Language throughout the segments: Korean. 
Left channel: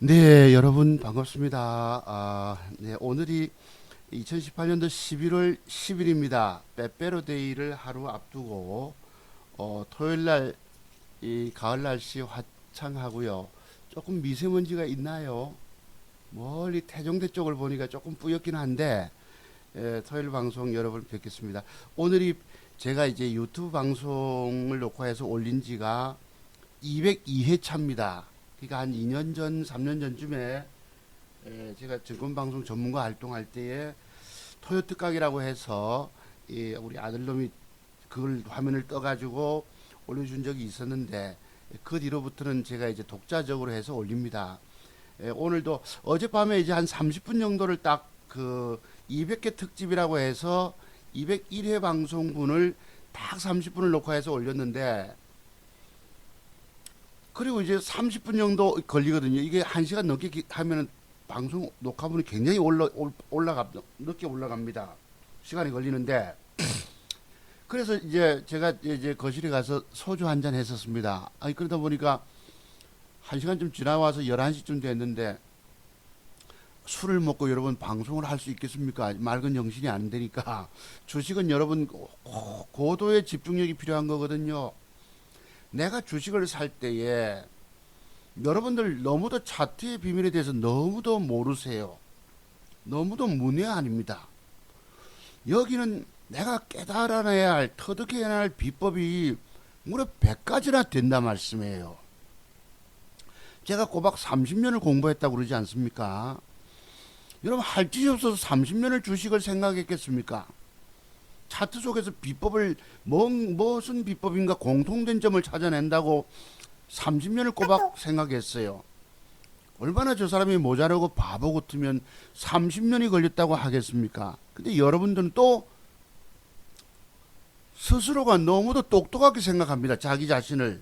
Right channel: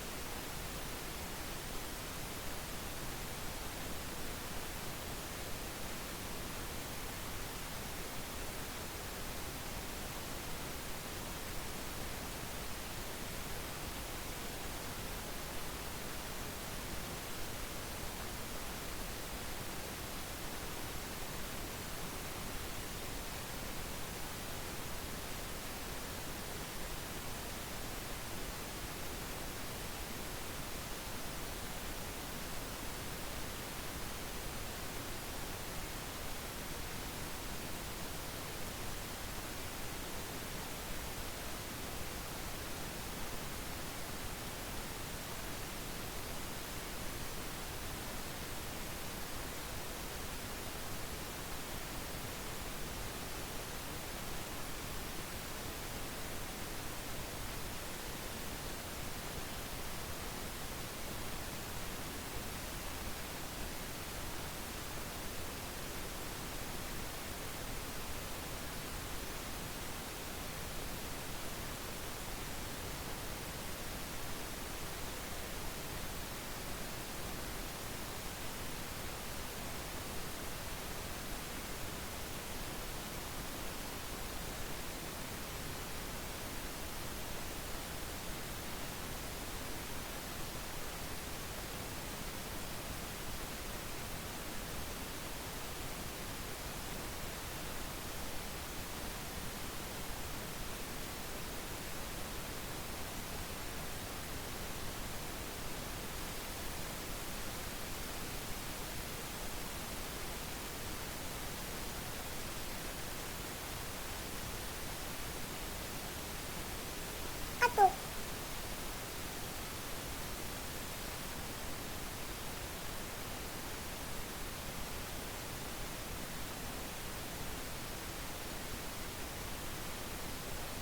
네, 여러분 반갑습니다. 예, 오늘이 2018년도 11월 10일입니다. 빼빼로데이를 하루 앞두고 토요일날 이 가을 날씨 화창하고요. 조금 미세먼지가 있나요? 멀리 태종대 쪽을 보니까 조금 뿌옇긴 한데 토요일 방송 여러분 뵙겠습니다. 오늘이 제가 이제 유튜브 방송을 녹화해서 올린 지가 202회차입니다. 그러니까 한 2년 전, 3년 전쯤에 제가 증권방송 전문가 활동할 때에 토요트 각이라고 해서 우리 아들놈이 그걸 화면을 떠가지고 올려준 적이 있었는데 그 뒤로부터는 제가 이제 독자적으로 해서 올립니다. 오늘도 어젯밤에 이제 한 30분 정도를 딱 그 200개 특집이라고 해서 201회 방송분을 딱 30분을 녹화해서 올렸는데 그리고 이제 30분 정도 걸리거든요. 이게 1시간 넘게 하면 방송 녹화분이 굉장히 늦게 올라갑니다. 시간이 걸리는데 그래서 이제 제가 이제 거실에 가서 소주 한잔 했었습니다. 아니 그러다 보니까 1시간쯤 지나와서 11시쯤 됐는데 술을 먹고 여러분 방송을 할 수 있겠습니까? 맑은 정신이 안 되니까 주식은 여러분 고도의 집중력이 필요한 거거든요. 내가 주식을 살 때에 여러분들 너무도 차트의 비밀에 대해서 너무도 모르세요. 너무도 문외한입니다. 여기는 내가 깨달아내야 할, 터득해야 할 비법이 무려 100가지나 된다 말씀이에요. 제가 꼬박 30년을 공부했다고 그러지 않습니까? 여러분 할 짓이 없어서 30년을 주식을 생각했겠습니까? 차트 속에서 비법을 무슨 비법인가 공통된 점을 찾아낸다고 30년을 꼬박 생각했어요. 얼마나 저 사람이 모자라고 바보 같으면 30년이 걸렸다고 하겠습니까? 근데 여러분들은 또 스스로가 너무도 똑똑하게 생각합니다. 자기 자신을.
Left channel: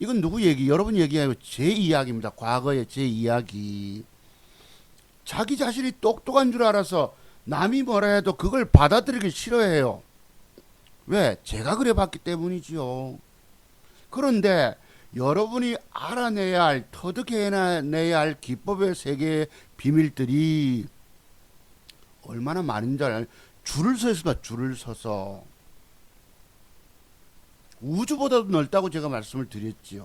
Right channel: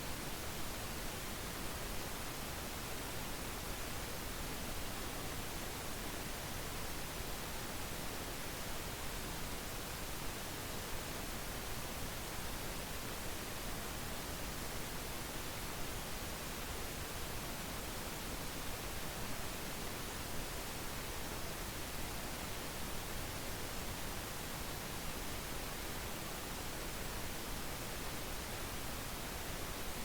이건 누구 얘기? 여러분 얘기예요. 제 이야기입니다. 과거의 제 이야기. 자기 자신이 똑똑한 줄 알아서 남이 뭐라 해도 그걸 받아들이기 싫어해요. 왜? 제가 그래 봤기 때문이지요. 그런데 여러분이 알아내야 할, 터득해내야 할 기법의 세계의 비밀들이 얼마나 많은지 알아요. 줄을 서 있습니다. 줄을 서서. 우주보다도 넓다고 제가 말씀을 드렸지요.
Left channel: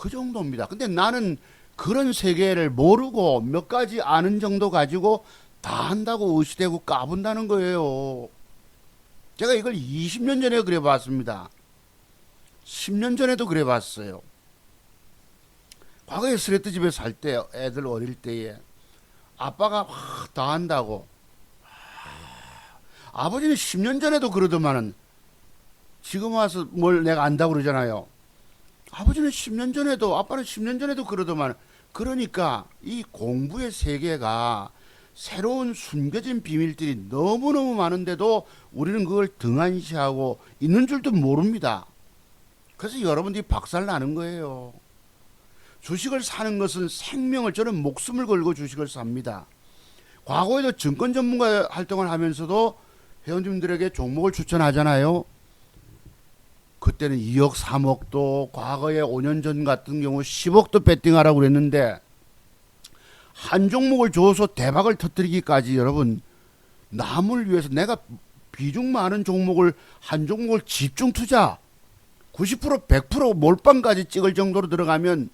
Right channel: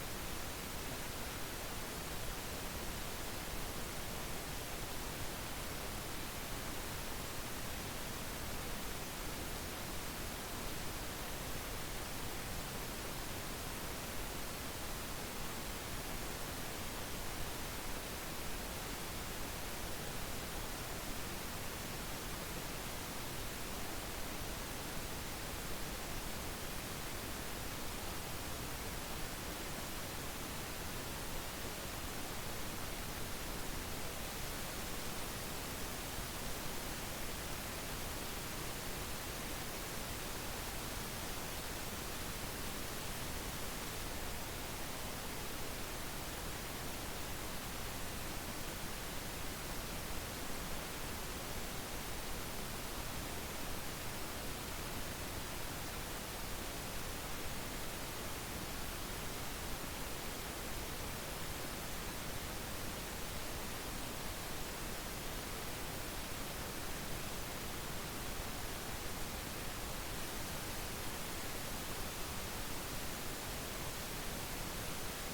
그 정도입니다. 근데 나는 그런 세계를 모르고 몇 가지 아는 정도 가지고 다 한다고 의시되고 까분다는 거예요. 제가 이걸 20년 전에 그래 봤습니다. 10년 전에도 그래 봤어요. 과거에 스레트 집에 살 때, 애들 어릴 때에 아빠가 다 한다고. 아버지는 10년 전에도 그러더만은 지금 와서 뭘 내가 안다고 그러잖아요. 아버지는 10년 전에도, 아빠는 10년 전에도 그러더만. 그러니까 이 공부의 세계가 새로운 숨겨진 비밀들이 너무너무 많은데도 우리는 그걸 등한시하고 있는 줄도 모릅니다. 그래서 여러분들이 박살 나는 거예요. 주식을 사는 것은 생명을, 저는 목숨을 걸고 주식을 삽니다. 과거에도 증권 전문가 활동을 하면서도 회원님들에게 종목을 추천하잖아요. 그때는 2억, 3억도, 과거에 5년 전 같은 경우 10억도 배팅하라고 그랬는데 한 종목을 줘서 대박을 터뜨리기까지 여러분, 남을 위해서 내가 비중 많은 종목을, 한 종목을 집중 투자 90% 100% 몰빵까지 찍을 정도로 들어가면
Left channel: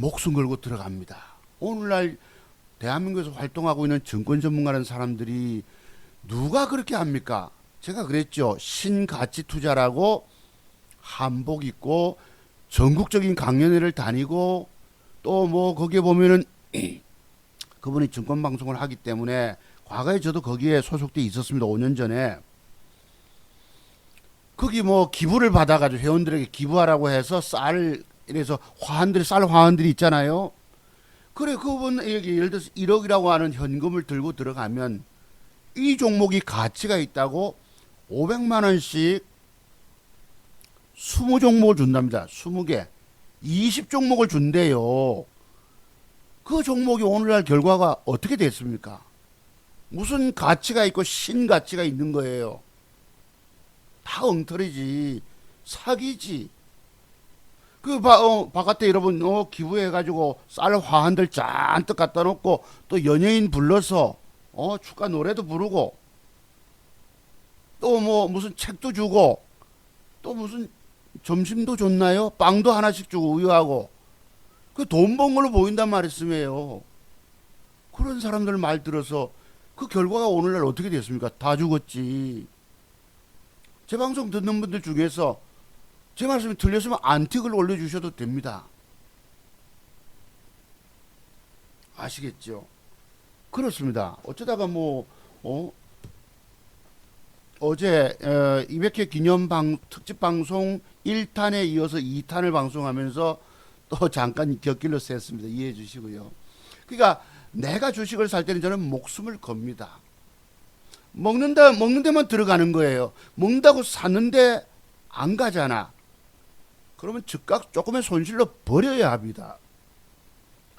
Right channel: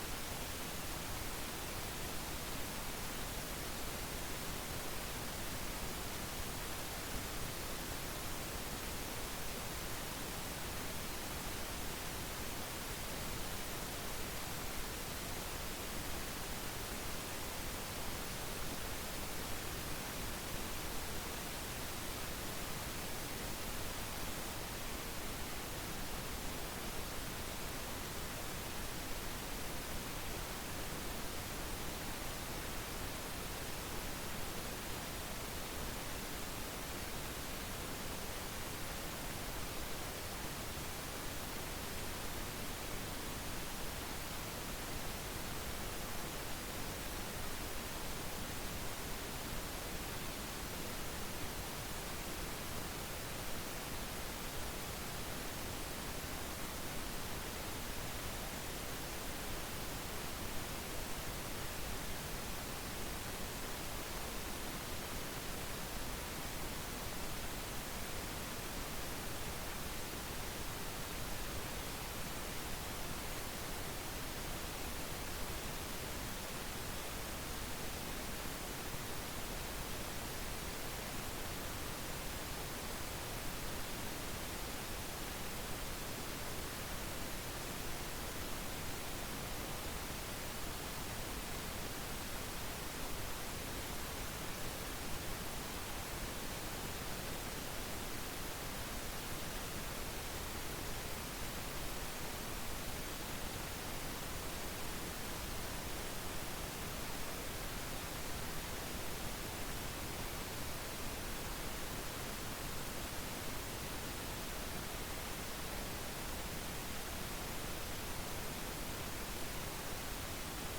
목숨 걸고 들어갑니다. 오늘날 대한민국에서 활동하고 있는 증권 전문가라는 사람들이 누가 그렇게 합니까? 제가 그랬죠. 신가치 투자라고 한복 입고 전국적인 강연회를 다니고 또 뭐 거기에 보면은 그분이 증권 방송을 하기 때문에 과거에 저도 거기에 소속돼 있었습니다. 5년 전에. 거기 뭐 기부를 받아가지고 회원들에게 기부하라고 해서 쌀, 이래서 화환들이, 쌀 화환들이 있잖아요. 그래, 그분 예를 들어서 1억이라고 하는 현금을 들고 들어가면 이 종목이 가치가 있다고 500만 원씩 20종목을 준답니다. 20개. 20종목을 준대요. 그 종목이 오늘날 결과가 어떻게 됐습니까? 무슨 가치가 있고 신가치가 있는 거예요. 다 엉터리지. 사기지. 바깥에 여러분 기부해가지고 쌀 화한들 잔뜩 갖다 놓고 또 연예인 불러서 축가 노래도 부르고 또 뭐 무슨 책도 주고 또 무슨 점심도 줬나요? 빵도 하나씩 주고 우유하고 그 돈 번 걸로 보인단 말씀이에요. 그런 사람들 말 들어서 그 결과가 오늘날 어떻게 됐습니까? 다 죽었지. 제 방송 듣는 분들 중에서 제 말씀이 틀렸으면 안틱을 올려주셔도 됩니다. 아시겠죠? 그렇습니다. 어쩌다가 어제 200회 기념 특집 방송 1탄에 이어서 2탄을 방송하면서 또 잠깐 곁길로 샜습니다. 이해해 주시고요. 그러니까 내가 주식을 살 때는 저는 목숨을 겁니다. 먹는 데만 들어가는 거예요. 먹는다고 샀는데 안 가잖아. 그러면 즉각 조금의 손실로 버려야 합니다.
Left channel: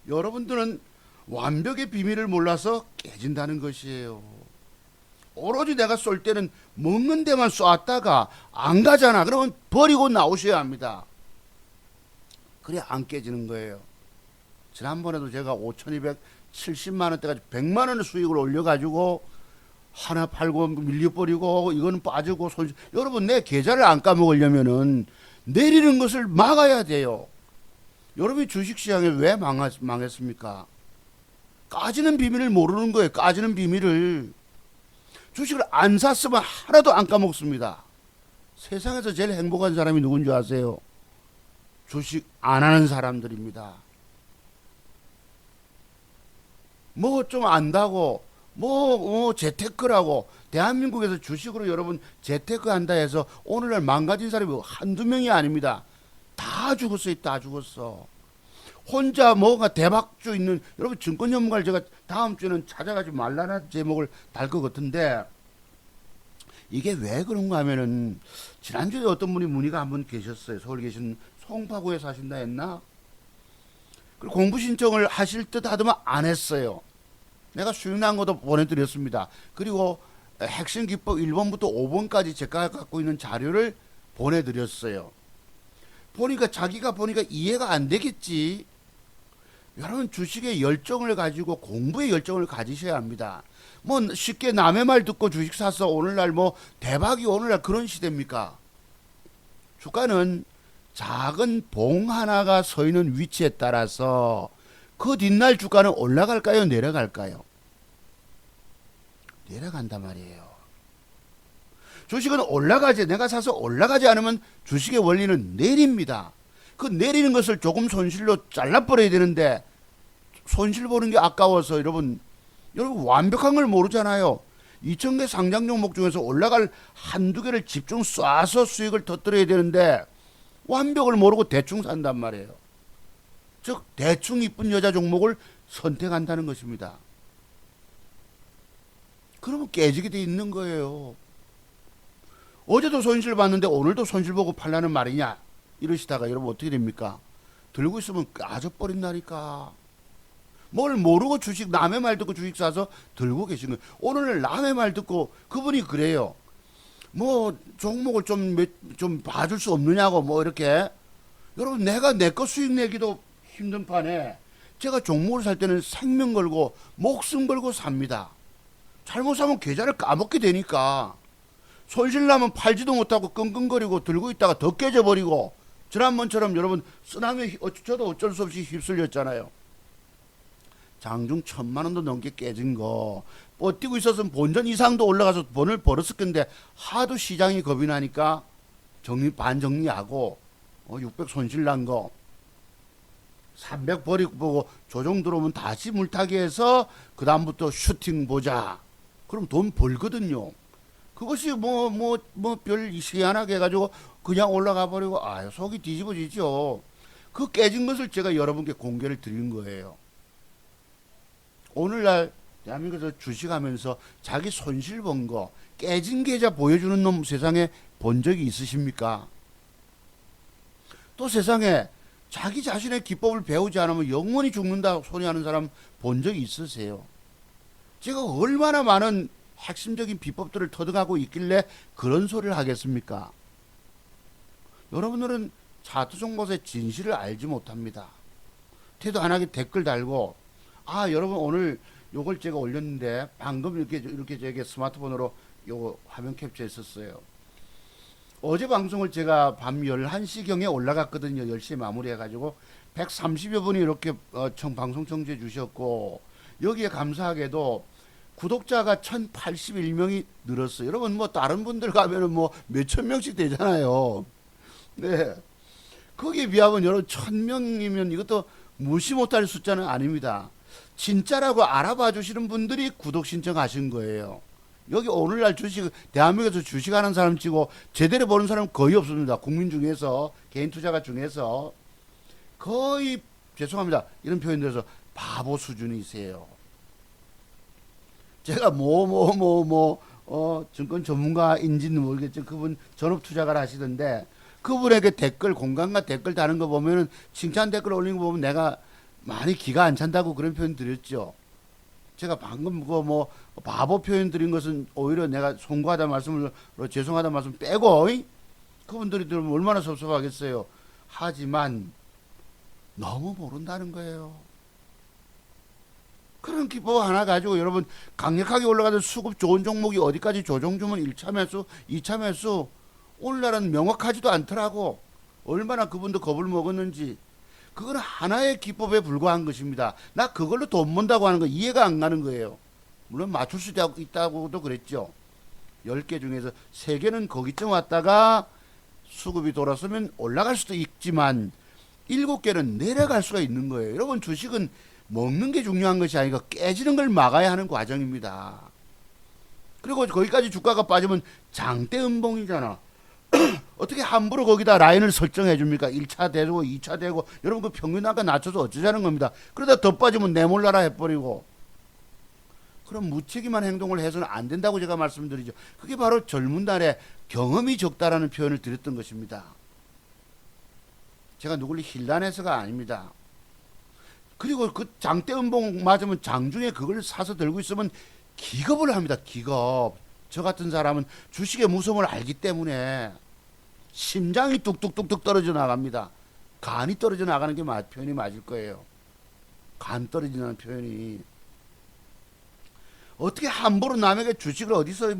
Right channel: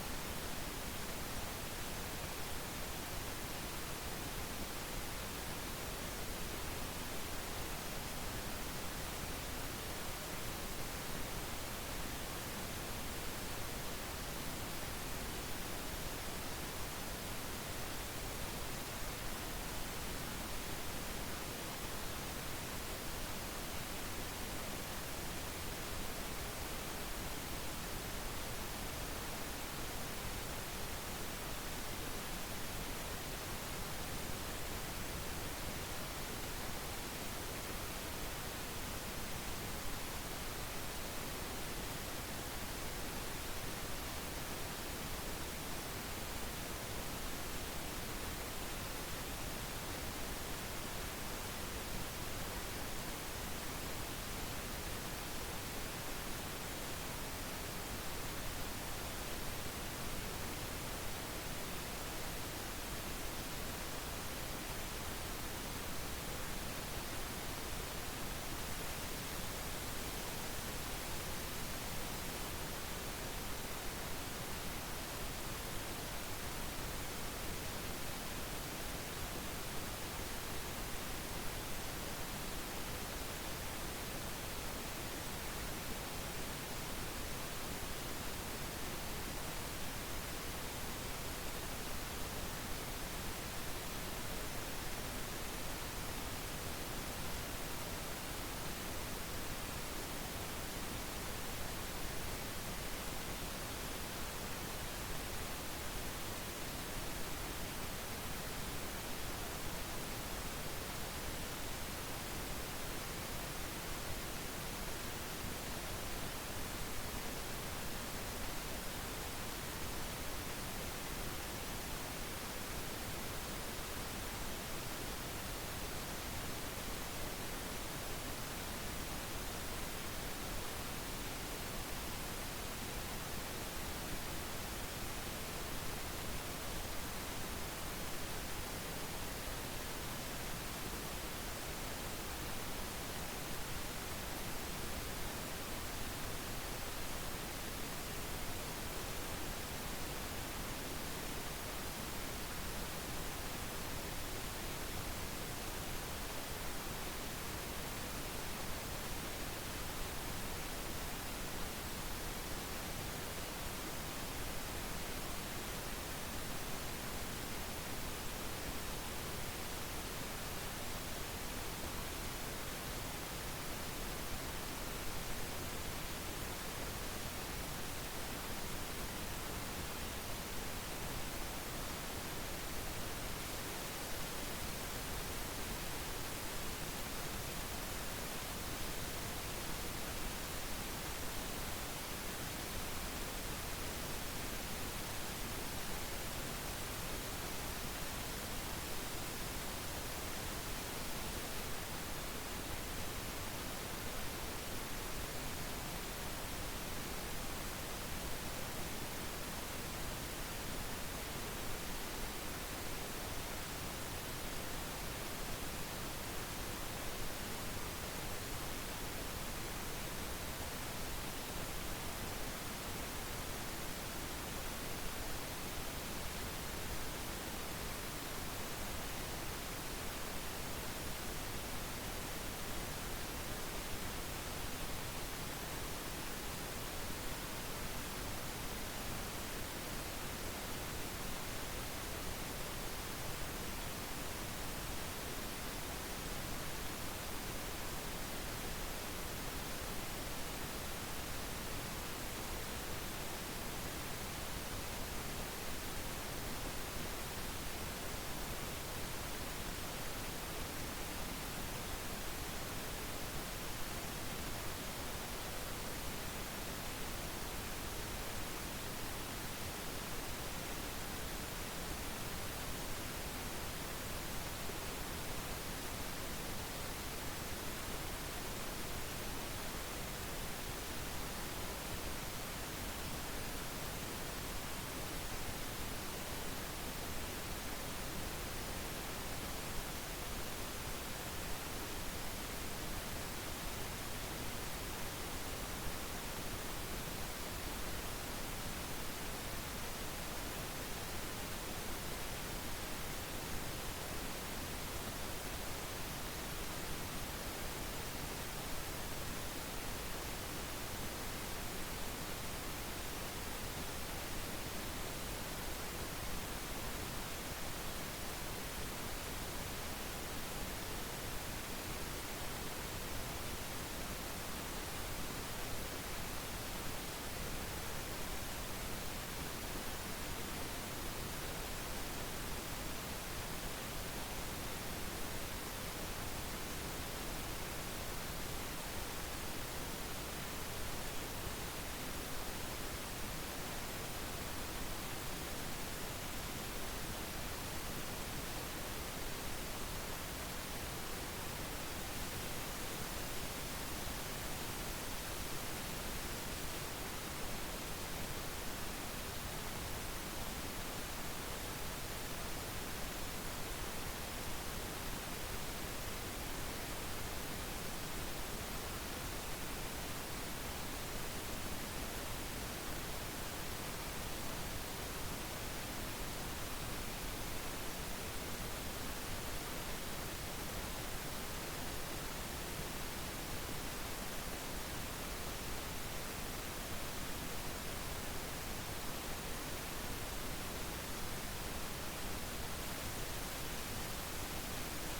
여러분들은 완벽의 비밀을 몰라서 깨진다는 것이에요. 오로지 내가 쏠 때는 먹는 데만 쏘았다가 안 가잖아. 그러면 버리고 나오셔야 합니다. 그래 안 깨지는 거예요. 지난번에도 제가 5,270만원대까지 100만원의 수익을 올려가지고 하나 팔고 밀려버리고 이거는 빠지고 손실. 여러분 내 계좌를 안 까먹으려면은 내리는 것을 막아야 돼요. 여러분이 주식시장에 왜 망했습니까? 까지는 비밀을 모르는 거예요. 까지는 비밀을. 주식을 안 샀으면 하나도 안 까먹습니다. 세상에서 제일 행복한 사람이 누군지 아세요? 주식 안 하는 사람들입니다. 뭐 좀 안다고 재테크라고 대한민국에서 주식으로 여러분 재테크 한다 해서 오늘날 망가진 사람이 한두 명이 아닙니다. 다 죽었어요. 다 죽었어. 혼자 뭐가 대박주 있는 여러분 증권 전문가를 제가 다음 주는 찾아가지 말라는 제목을 달 것 같은데 이게 왜 그런가 하면은 지난주에 어떤 분이 문의가 한 분 계셨어요. 서울에 계신 송파구에 사신다 했나? 공부 신청을 하실 듯 하더만 안 했어요. 내가 수익난 것도 보내드렸습니다. 그리고 핵심 기법 1번부터 5번까지 제가 갖고 있는 자료를 보내드렸어요. 보니까 자기가 보니까 이해가 안 되겠지. 여러분 주식의 열정을 가지고 공부의 열정을 가지셔야 합니다. 뭐 쉽게 남의 말 듣고 주식 사서 오늘날 뭐 대박이 오늘날 그런 시대입니까? 주가는 작은 봉 하나가 서 있는 위치에 따라서 그 뒷날 주가는 올라갈까요? 내려갈까요? 내려간단 말이에요. 주식은 올라가지, 내가 사서 올라가지 않으면 주식의 원리는 내립니다. 그 내리는 것을 조금 손실로 잘라버려야 되는데 손실 보는 게 아까워서 여러분 완벽한 걸 모르잖아요. 2,000개 상장 종목 중에서 올라갈 한두 개를 집중 쏴서 수익을 터뜨려야 되는데 완벽을 모르고 대충 산단 말이에요. 즉 대충 이쁜 여자 종목을 선택한다는 것입니다. 그러면 깨지게 돼 있는 거예요. 어제도 손실 봤는데 오늘도 손실 보고 팔라는 말이냐 이러시다가 여러분 어떻게 됩니까? 들고 있으면 까져버린다니까. 뭘 모르고 주식 남의 말 듣고 주식 사서 들고 계시는 거예요. 오늘 남의 말 듣고 그분이 그래요. 뭐 종목을 좀 봐줄 수 없느냐고 뭐 이렇게. 여러분 내가 내 거 수익 내기도 힘든 판에 제가 종목을 살 때는 생명 걸고 목숨 걸고 삽니다. 잘못 사면 계좌를 까먹게 되니까 손실 나면 팔지도 못하고 끙끙거리고 들고 있다가 더 깨져버리고 지난번처럼 여러분 쓰나미 저도 어쩔 수 없이 휩쓸렸잖아요. 장중 1,000만원도 넘게 깨진 거 버티고 있었으면 본전 이상도 올라가서 돈을 벌었을 건데 하도 시장이 겁이 나니까 반정리하고 600 손실 난 거 300 버리고 보고 조정 들어오면 다시 물타기 해서 그 다음부터 슈팅 보자. 그럼 돈 벌거든요. 그것이 별 희한하게 해가지고 그냥 올라가 버리고 속이 뒤집어지죠. 그 깨진 것을 제가 여러분께 공개를 드리는 거예요. 오늘날 대한민국에서 주식하면서 자기 손실 본 거 깨진 계좌 보여주는 놈 세상에 본 적이 있으십니까? 또 세상에 자기 자신의 기법을 배우지 않으면 영원히 죽는다 소리하는 사람 본 적이 있으세요? 제가 얼마나 많은 핵심적인 비법들을 터득하고 있길래 그런 소리를 하겠습니까? 여러분들은 사투종 곳의 진실을 알지 못합니다. 태도 안 하게 댓글 달고, 아, 여러분 오늘 요걸 제가 올렸는데 방금 이렇게 제가 스마트폰으로 요거 화면 캡처했었어요. 어제 방송을 제가 밤 11시경에 올라갔거든요. 10시에 마무리해가지고 130여 분이 이렇게 방송 청취해 주셨고, 여기에 감사하게도 구독자가 1081명이 늘었어요. 여러분 뭐 다른 분들 가면은 뭐 몇천 명씩 되잖아요. 네. 거기에 비하면 여러분 1000명이면 이것도 무시 못할 숫자는 아닙니다. 진짜라고 알아봐 주시는 분들이 구독 신청하신 거예요. 여기 오늘날 주식, 대한민국에서 주식하는 사람 치고 제대로 보는 사람 거의 없습니다. 국민 중에서, 개인 투자가 중에서 거의, 죄송합니다, 이런 표현들에서 바보 수준이세요. 제가 증권 전문가인지는 모르겠죠. 그분 전업 투자가를 하시던데, 그분에게 댓글, 공감과 댓글 다는 거 보면은, 칭찬 댓글 올린 거 보면 내가 많이 기가 안 찬다고 그런 표현 드렸죠. 제가 방금 바보 표현 드린 것은 오히려 내가 송구하다 말씀을, 죄송하다 말씀 빼고, 그분들이 들으면 얼마나 섭섭하겠어요. 하지만 너무 모른다는 거예요. 그런 기법 하나 가지고 여러분 강력하게 올라가는 수급 좋은 종목이 어디까지 조정 주면 1차 매수, 2차 매수, 오늘날은 명확하지도 않더라고. 얼마나 그분도 겁을 먹었는지. 그건 하나의 기법에 불과한 것입니다. 나 그걸로 돈 번다고 하는 거 이해가 안 가는 거예요. 물론 맞출 수 있다고도 그랬죠. 10개 중에서 3개는 거기쯤 왔다가 수급이 돌아서면 올라갈 수도 있지만 7개는 내려갈 수가 있는 거예요. 여러분, 주식은 먹는 게 중요한 것이 아니고 깨지는 걸 막아야 하는 과정입니다. 그리고 거기까지 주가가 빠지면 장대 음봉이잖아. 어떻게 함부로 거기다 라인을 설정해 줍니까? 1차 되고 2차 되고, 여러분 그 평균 단가 낮춰서 어쩌자는 겁니다. 그러다 더 빠지면 내몰라라 해버리고, 그럼 무책임한 행동을 해서는 안 된다고 제가 말씀드리죠. 그게 바로 젊은 날에 경험이 적다라는 표현을 드렸던 것입니다. 제가 누굴 힐난해서가 아닙니다. 그리고 그 장대 음봉 맞으면 장중에 그걸 사서 들고 있으면 기겁을 합니다. 기겁. 저 같은 사람은 주식의 무서움을 알기 때문에 심장이 뚝뚝뚝뚝 떨어져 나갑니다. 간이 떨어져 나가는 게 표현이 맞을 거예요. 간 떨어지는 표현이. 어떻게 함부로 남에게 주식을 어디서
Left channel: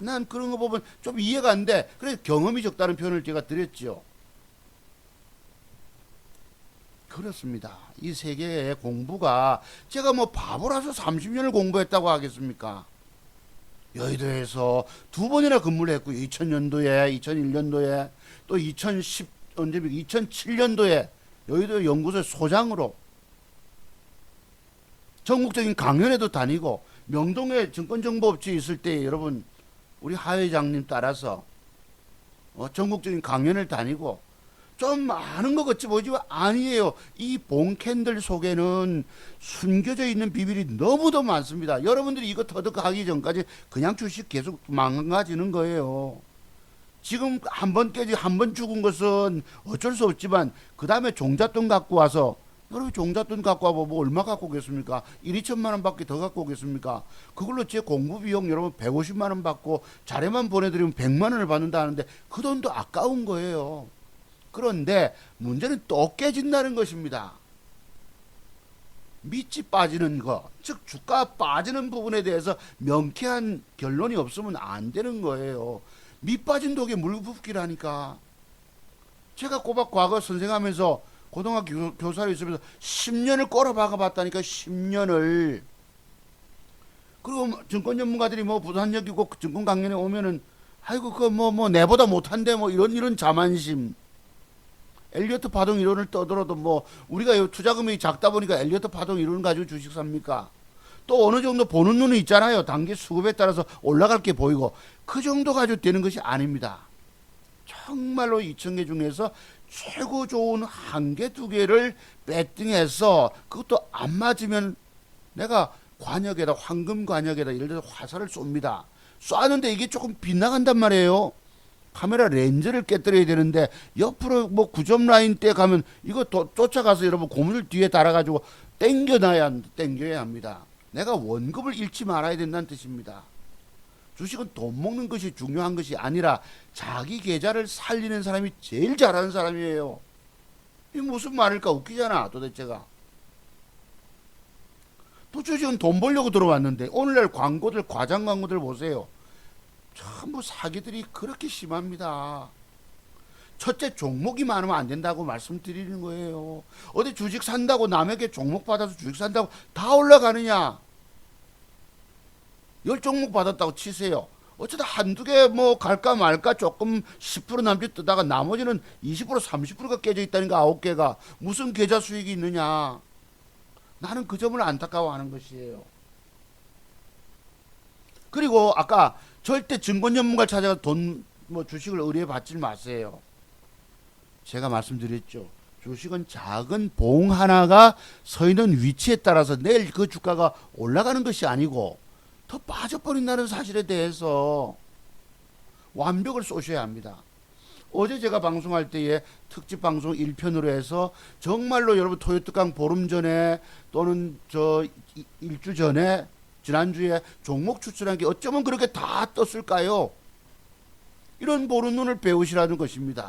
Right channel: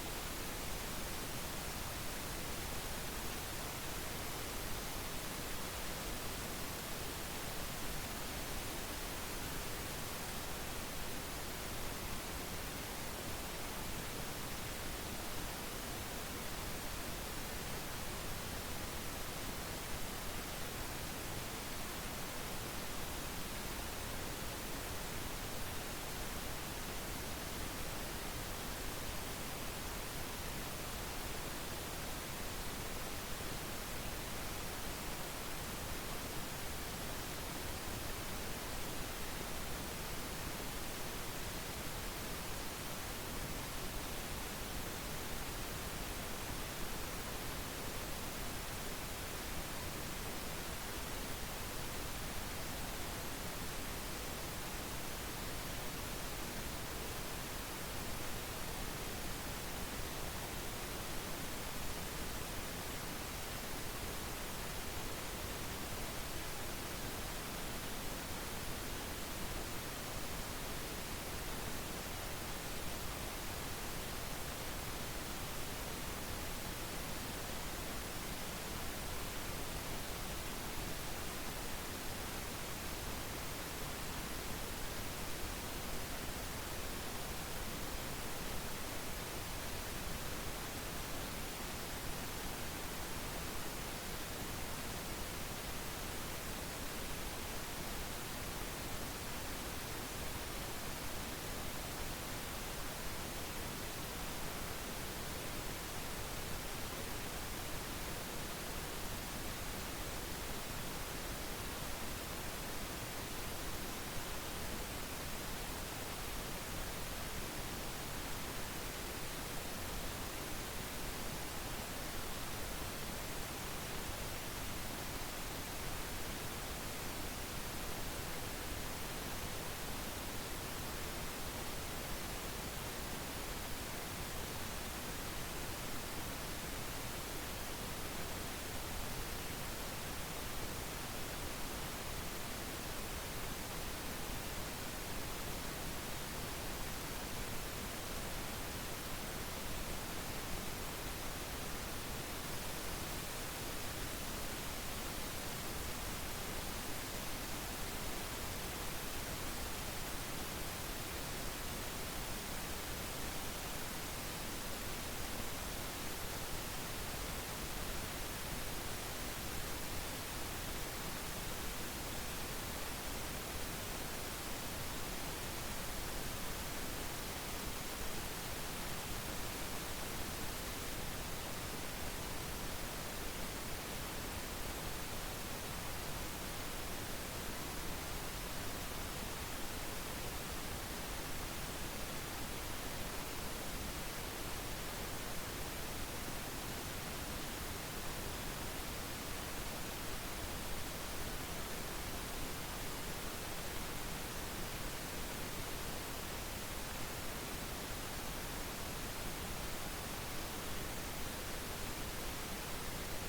난 그런 거 보면 좀 이해가 안 돼. 그래서 경험이 적다는 표현을 제가 드렸죠. 그렇습니다. 이 세계의 공부가, 제가 뭐 바보라서 30년을 공부했다고 하겠습니까? 여의도에서 2번이나 근무를 했고, 2000년도에, 2001년도에, 또 2007년도에 여의도 연구소 소장으로 전국적인 강연에도 다니고, 명동에 증권정보업체 있을 때 여러분, 우리 하 회장님 따라서 전국적인 강연을 다니고, 좀 아는 것 같지 보이지만 아니에요. 이 봉캔들 속에는 숨겨져 있는 비밀이 너무도 많습니다. 여러분들이 이거 터득하기 전까지 그냥 주식 계속 망가지는 거예요. 지금 한 번 깨지, 한 번 죽은 것은 어쩔 수 없지만, 그 다음에 종잣돈 갖고 와서, 여러분 종잣돈 갖고 와보면 뭐 얼마 갖고 오겠습니까? 1, 2천만 원 밖에 더 갖고 오겠습니까? 그걸로 제 공부 비용 여러분 150만 원 받고 자료만 보내드리면 100만 원을 받는다는데 그 돈도 아까운 거예요. 그런데 문제는 또 깨진다는 것입니다. 밑이 빠지는 거, 즉 주가 빠지는 부분에 대해서 명쾌한 결론이 없으면 안 되는 거예요. 밑 빠진 독에 물 붓기라니까. 제가 꼬박 과거 선생하면서 고등학교 교사로 있으면서 10년을 꼬라박아 봤다니까. 10년을. 그리고 증권 전문가들이 부산역이고 증권 강연에 오면은, 아이고 그거 내보다 못한데 이런 자만심. 엘리어트 파동 이론을 떠들어도 우리가 투자 금액이 작다 보니까 엘리어트 파동 이론 가지고 주식 삽니까? 또 어느 정도 보는 눈이 있잖아요. 단기 수급에 따라서 올라갈 게 보이고, 그 정도 가지고 되는 것이 아닙니다. 정말로 2,000개 중에서 최고 좋은 1개, 2개를 배팅해서, 그것도 안 맞으면 내가 관역에다, 황금 관역에다 예를 들어서 화살을 쏩니다. 쏘는데 이게 조금 빗나간단 말이에요. 카메라 렌즈를 깨뜨려야 되는데 옆으로 9점 라인 때 가면 이거 쫓아가서 여러분 고무줄 뒤에 달아가지고 땡겨야 합니다. 내가 원급을 잃지 말아야 된다는 뜻입니다. 주식은 돈 먹는 것이 중요한 것이 아니라 자기 계좌를 살리는 사람이 제일 잘하는 사람이에요. 이 무슨 말일까? 웃기잖아 도대체가. 도대체 지금 돈 벌려고 들어왔는데 오늘날 광고들, 과장 광고들 보세요. 전부 사기들이 그렇게 심합니다. 첫째, 종목이 많으면 안 된다고 말씀드리는 거예요. 어디 주식 산다고 남에게 종목 받아서 주식 산다고 다 올라가느냐? 10종목 받았다고 치세요. 어쩌다 한두 개 뭐 갈까 말까 조금 10% 남짓 뜨다가 나머지는 20% 30%가 깨져 있다니까 9개가. 무슨 계좌 수익이 있느냐? 나는 그 점을 안타까워하는 것이에요. 그리고 아까 절대 증권 전문가를 찾아가 돈 뭐 주식을 의뢰 받지 마세요. 제가 말씀드렸죠. 주식은 작은 봉 하나가 서 있는 위치에 따라서 내일 그 주가가 올라가는 것이 아니고 더 빠져버린다는 사실에 대해서 완벽을 쏘셔야 합니다. 어제 제가 방송할 때에 특집 방송 1편으로 해서 정말로 여러분 토요특강 보름 전에 또는 저 일주 전에 지난주에 종목 추출한 게 어쩌면 그렇게 다 떴을까요? 이런 보는 눈을 배우시라는 것입니다.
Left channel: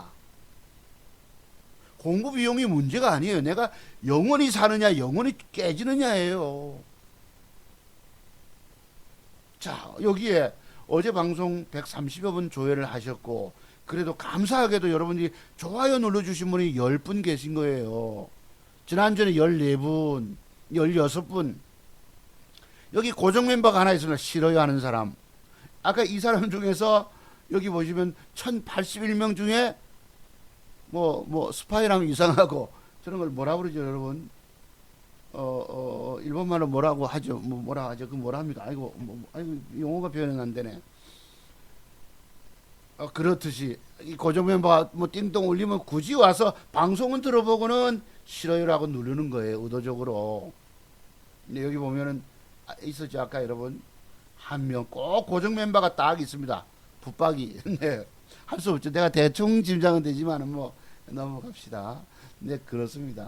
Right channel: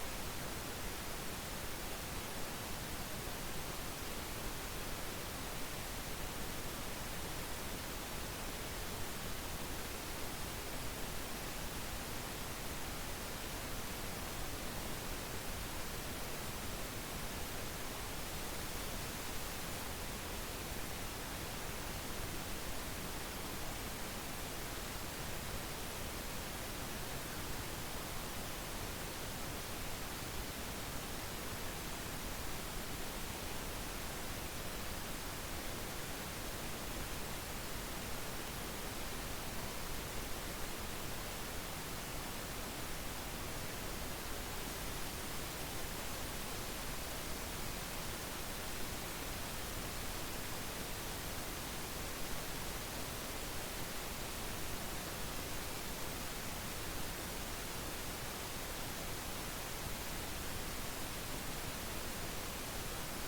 공부 비용이 문제가 아니에요. 내가 영원히 사느냐 영원히 깨지느냐예요. 자, 여기에 어제 방송 130여 분 조회를 하셨고 그래도 감사하게도 여러분들이 좋아요 눌러주신 분이 10분 계신 거예요. 지난주에 14분 16분. 여기 고정 멤버가 하나 있으면 싫어요 하는 사람. 아까 이 사람 중에서 여기 보시면 1081명 중에 뭐 스파이라면 이상하고 저런 걸 뭐라 그러죠 여러분? 일본말로 뭐라고 하죠? 뭐라 하죠? 그 뭐라 합니까? 아이고, 용어가 표현이 안 되네. 그렇듯이 이 고정 멤버가 뭐 띵동 울리면 굳이 와서 방송은 들어보고는 싫어요라고 누르는 거예요, 의도적으로. 근데 여기 보면은 있었죠, 아까 여러분. 한 명 꼭 고정 멤버가 딱 있습니다. 붙박이. 네. 할 수 없죠. 내가 대충 짐작은 되지만은 뭐 넘어갑시다. 이제 그렇습니다.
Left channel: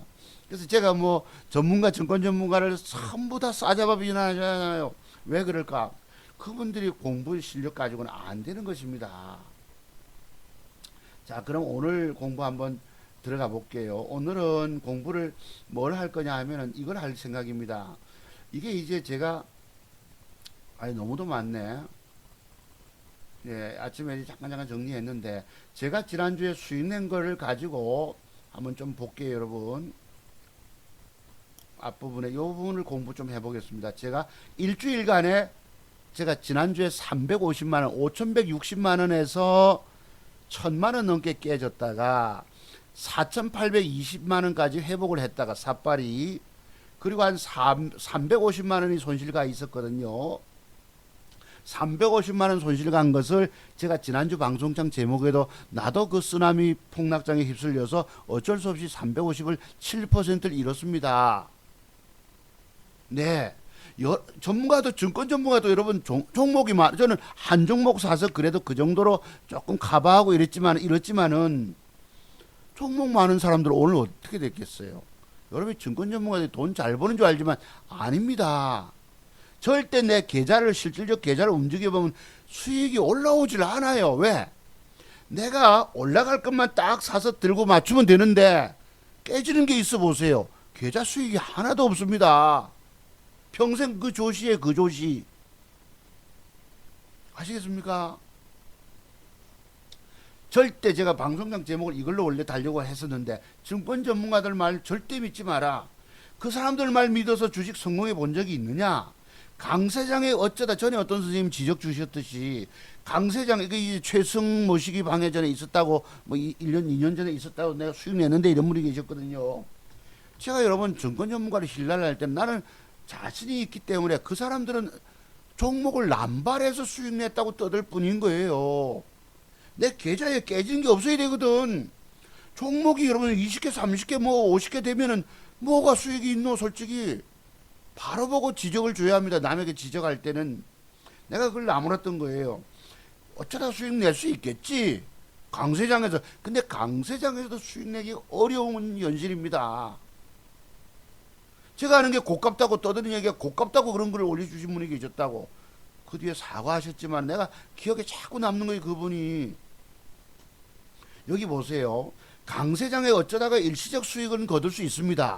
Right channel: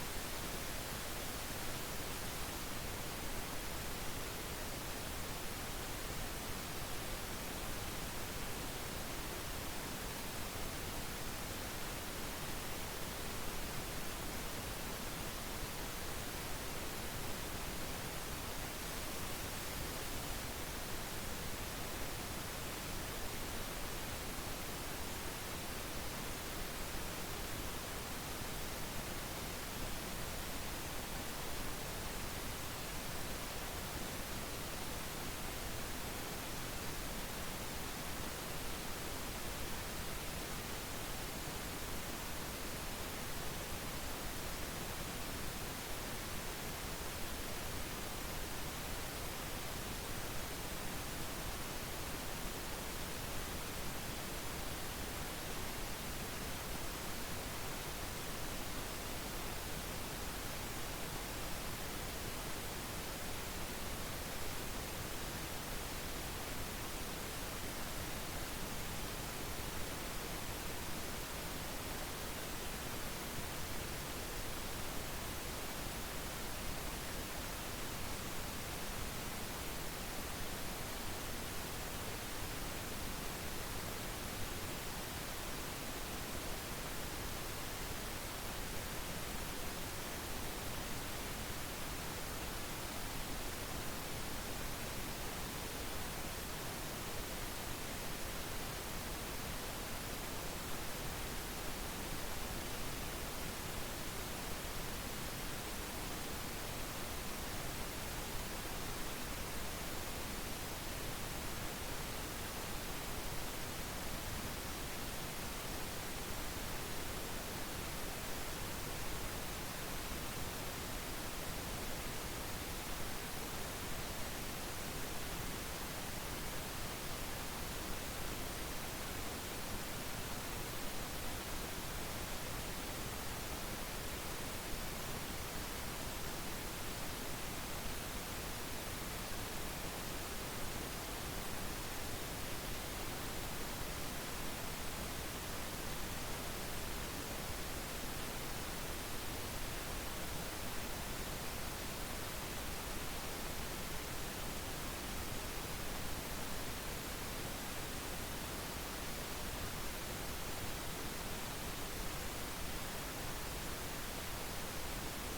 그래서 제가 뭐 전문가, 증권 전문가를 전부 다 싸잡아 비난하잖아요. 왜 그럴까? 그분들이 공부 실력 가지고는 안 되는 것입니다. 자, 그럼 오늘 공부 한번 들어가 볼게요. 오늘은 공부를 뭘 할 거냐 하면은 이걸 할 생각입니다. 이게 이제 제가 너무도 많네. 예, 아침에 잠깐 정리했는데 제가 지난주에 수익 낸 거를 가지고 한번 좀 볼게요, 여러분. 앞부분에 이 부분을 공부 좀 해보겠습니다. 제가 일주일간에 제가 지난주에 350만원, 5160만원에서 1000만원 넘게 깨졌다가 4820만원까지 회복을 했다가 삿발이, 그리고 한 350만원이 손실가 있었거든요. 350만원 손실 간 것을 제가 지난주 방송장 제목에도 나도 그 쓰나미 폭락장에 휩쓸려서 어쩔 수 없이 350을 7%를 잃었습니다. 네. 전문가도, 증권 전문가도 여러분 종목이 많아. 저는 한 종목 사서 그래도 그 정도로 조금 커버하고 이랬지만은 종목 많은 사람들은 오늘 어떻게 됐겠어요? 여러분 증권 전문가들이 돈 잘 버는 줄 알지만 아닙니다. 절대 내 계좌를, 실질적 계좌를 움직여보면 수익이 올라오질 않아요. 왜? 내가 올라갈 것만 딱 사서 들고 맞추면 되는데 깨지는 게 있어 보세요. 계좌 수익이 하나도 없습니다. 평생 그 조시에 그 조시. 아시겠습니까? 절대 제가 방송장 제목을 이걸로 원래 달려고 했었는데 증권 전문가들 말 절대 믿지 마라. 그 사람들 말 믿어서 주식 성공해 본 적이 있느냐? 강세장에 어쩌다 전에 어떤 선생님 지적 주셨듯이 강세장, 그 최승 모시기 방해 전에 있었다고, 뭐 1년 2년 전에 있었다고 내가 수익 냈는데 이런 분이 계셨거든요. 제가 여러분 증권 전문가를 신뢰를 할 때는 나는 자신이 있기 때문에 그 사람들은 종목을 남발해서 수익 냈다고 떠들 뿐인 거예요. 내 계좌에 깨진 게 없어야 되거든. 종목이 여러분 20개, 30개, 뭐 50개 되면은 뭐가 수익이 있노, 솔직히. 바로 보고 지적을 줘야 합니다. 남에게 지적할 때는. 내가 그걸 나무랐던 거예요. 어쩌다 수익 낼 수 있겠지. 강세장에서. 근데 강세장에서도 수익 내기 어려운 현실입니다. 제가 아는 게 고깝다고 떠드는 얘기가 고깝다고 그런 글을 올려주신 분이 계셨다고. 그 뒤에 사과하셨지만 내가 기억에 자꾸 남는 거예요, 그분이. 여기 보세요. 강세장에 어쩌다가 일시적 수익은 거둘 수 있습니다.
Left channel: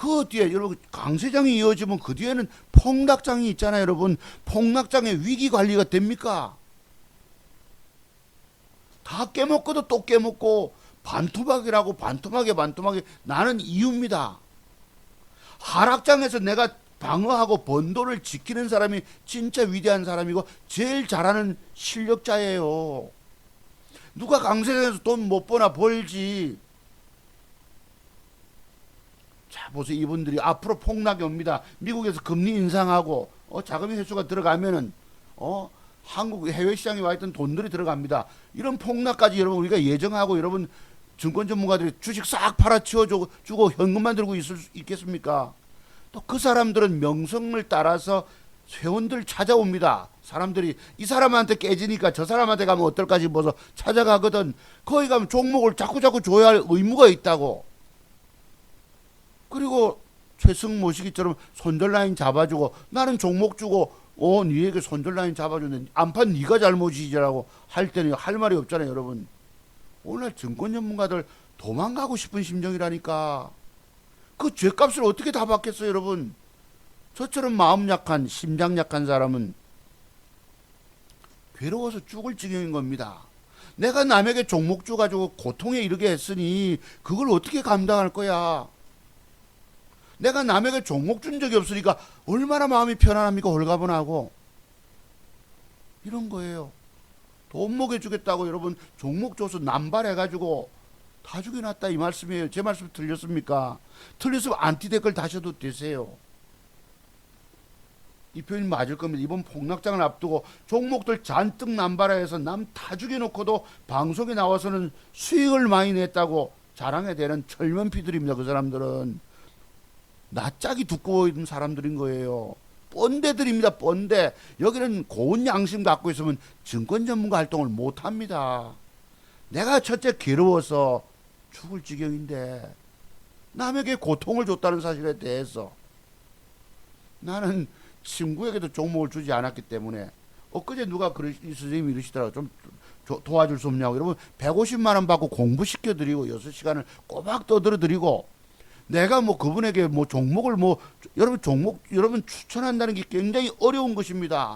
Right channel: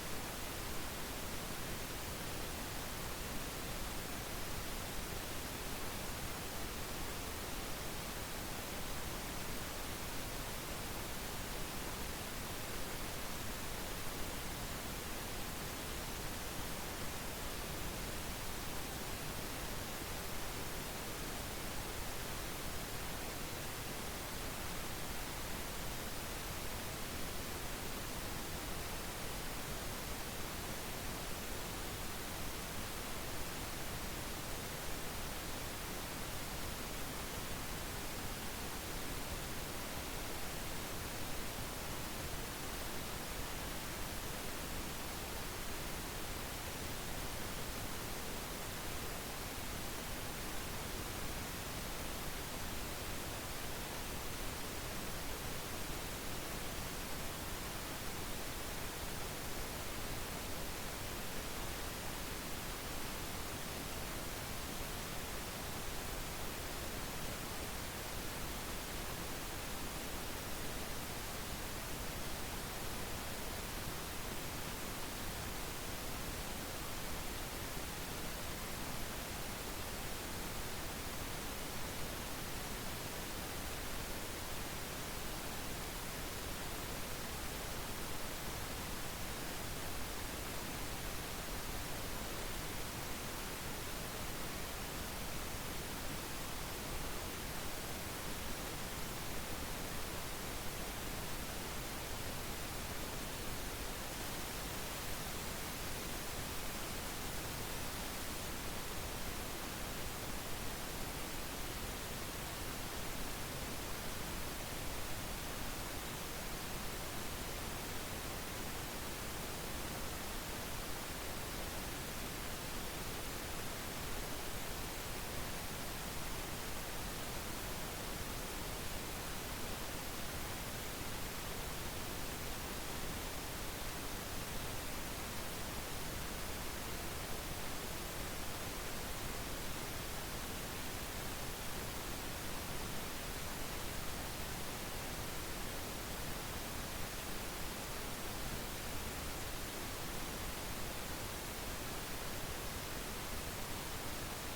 그 뒤에 여러분 강세장이 이어지면 그 뒤에는 폭락장이 있잖아요. 여러분 폭락장의 위기 관리가 됩니까? 다 깨먹고도 또 깨먹고 반토막이라고 반토막에 나는 이유입니다. 하락장에서 내가 방어하고 번도를 지키는 사람이 진짜 위대한 사람이고 제일 잘하는 실력자예요. 누가 강세장에서 돈 못 버나 벌지. 자 보세요. 이분들이 앞으로 폭락이 옵니다. 미국에서 금리 인상하고 자금이 회수가 들어가면은 한국 해외 시장에 와 있던 돈들이 들어갑니다. 이런 폭락까지 여러분 우리가 예정하고 여러분 증권 전문가들이 주식 싹 팔아치워 주고 현금만 들고 있을 수 있겠습니까? 또 그 사람들은 명성을 따라서 회원들 찾아옵니다. 사람들이 이 사람한테 깨지니까 저 사람한테 가면 어떨까 싶어서 찾아가거든. 거기 가면 종목을 자꾸 줘야 할 의무가 있다고. 그리고 최승 모시기처럼 손절라인 잡아주고 나는 종목 주고 니에게 손절라인 잡아주는 안판 네가 잘못이지라고 할 때는 할 말이 없잖아요. 여러분 오늘 증권 전문가들 도망가고 싶은 심정이라니까. 그 죗값을 어떻게 다 받겠어요. 여러분 저처럼 마음 약한 심장 약한 사람은 괴로워서 죽을 지경인 겁니다. 내가 남에게 종목 줘가지고 고통에 이르게 했으니 그걸 어떻게 감당할 거야. 내가 남에게 종목 준 적이 없으니까 얼마나 마음이 편안합니까. 홀가분하고 이런 거예요. 돈 먹여주겠다고 여러분 종목 줘서 남발해가지고 다 죽여놨다 이 말씀이에요. 제 말씀 틀렸습니까? 틀렸으면 안티 댓글 다셔도 되세요. 이 표현 맞을 겁니다. 이번 폭락장을 앞두고 종목들 잔뜩 남발해서 남 다 죽여놓고도 방송에 나와서는 수익을 많이 냈다고 자랑해 대는 철면피들입니다. 그 사람들은 낯짝이 두꺼워 있는 사람들인 거예요. 뻔대들입니다. 뻔대. 여기는 고운 양심 갖고 있으면 증권 전문가 활동을 못합니다. 내가 첫째 괴로워서 죽을 지경인데 남에게 고통을 줬다는 사실에 대해서 나는 친구에게도 종목을 주지 않았기 때문에 엊그제 누가 선생님이 이러시더라고요. 좀 도와줄 수 없냐고. 여러분 150만원 받고 공부시켜드리고 6시간을 꼬박 떠들어드리고 내가 뭐 그분에게 뭐 종목을 여러분 추천한다는 게 굉장히 어려운 것입니다.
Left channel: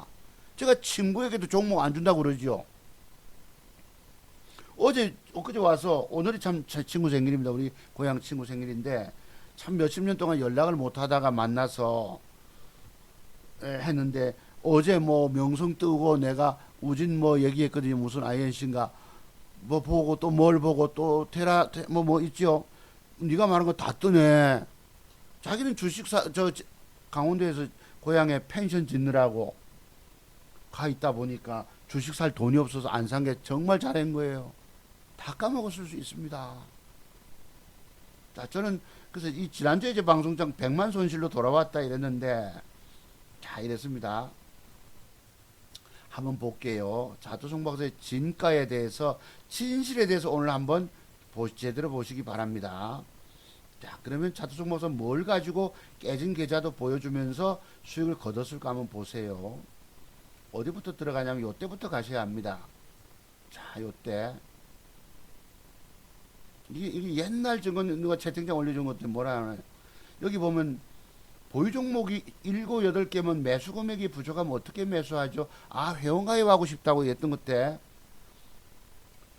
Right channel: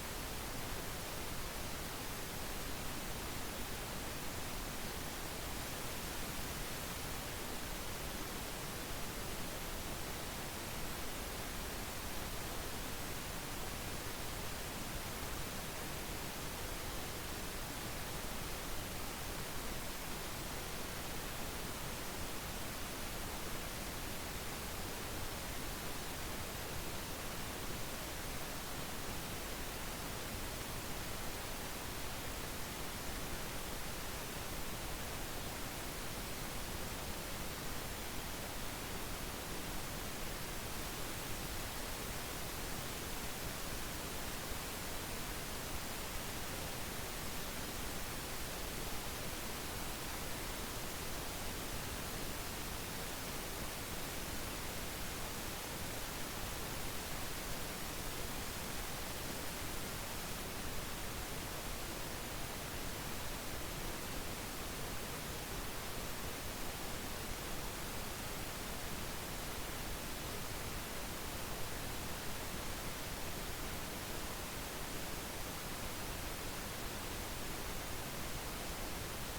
제가 친구에게도 종목 안 준다고 그러죠. 엊그제 와서 오늘이 참 제 친구 생일입니다. 우리 고향 친구 생일인데 참 몇십 년 동안 연락을 못 하다가 만나서 했는데 어제 뭐 명성 뜨고 내가 우진 뭐 얘기했거든요. 무슨 INC인가 뭐 보고 또 뭘 보고 또 테라 뭐 있죠. 네가 말한 거 다 뜨네. 자기는 저 강원도에서 고향에 펜션 짓느라고 가 있다 보니까 주식 살 돈이 없어서 안 산 게 정말 잘한 거예요. 다 까먹었을 수 있습니다. 자, 저는 그래서 이 지난주에 이제 방송장 100만 손실로 돌아왔다 이랬는데 자 이랬습니다. 한번 볼게요. 자투성 박사의 진가에 대해서 진실에 대해서 오늘 한번 제대로 보시기 바랍니다. 자, 그러면 자투성 박사 뭘 가지고 깨진 계좌도 보여주면서 수익을 거뒀을까 한번 보세요. 어디부터 들어가냐면 요때부터 가셔야 합니다. 자, 요때 이게 옛날 저건 누가 채팅창 올려준 것도 뭐라 하나. 여기 보면 보유 종목이 7, 8개면 매수 금액이 부족하면 어떻게 매수하죠? 아, 회원가입하고 싶다고 했던 것때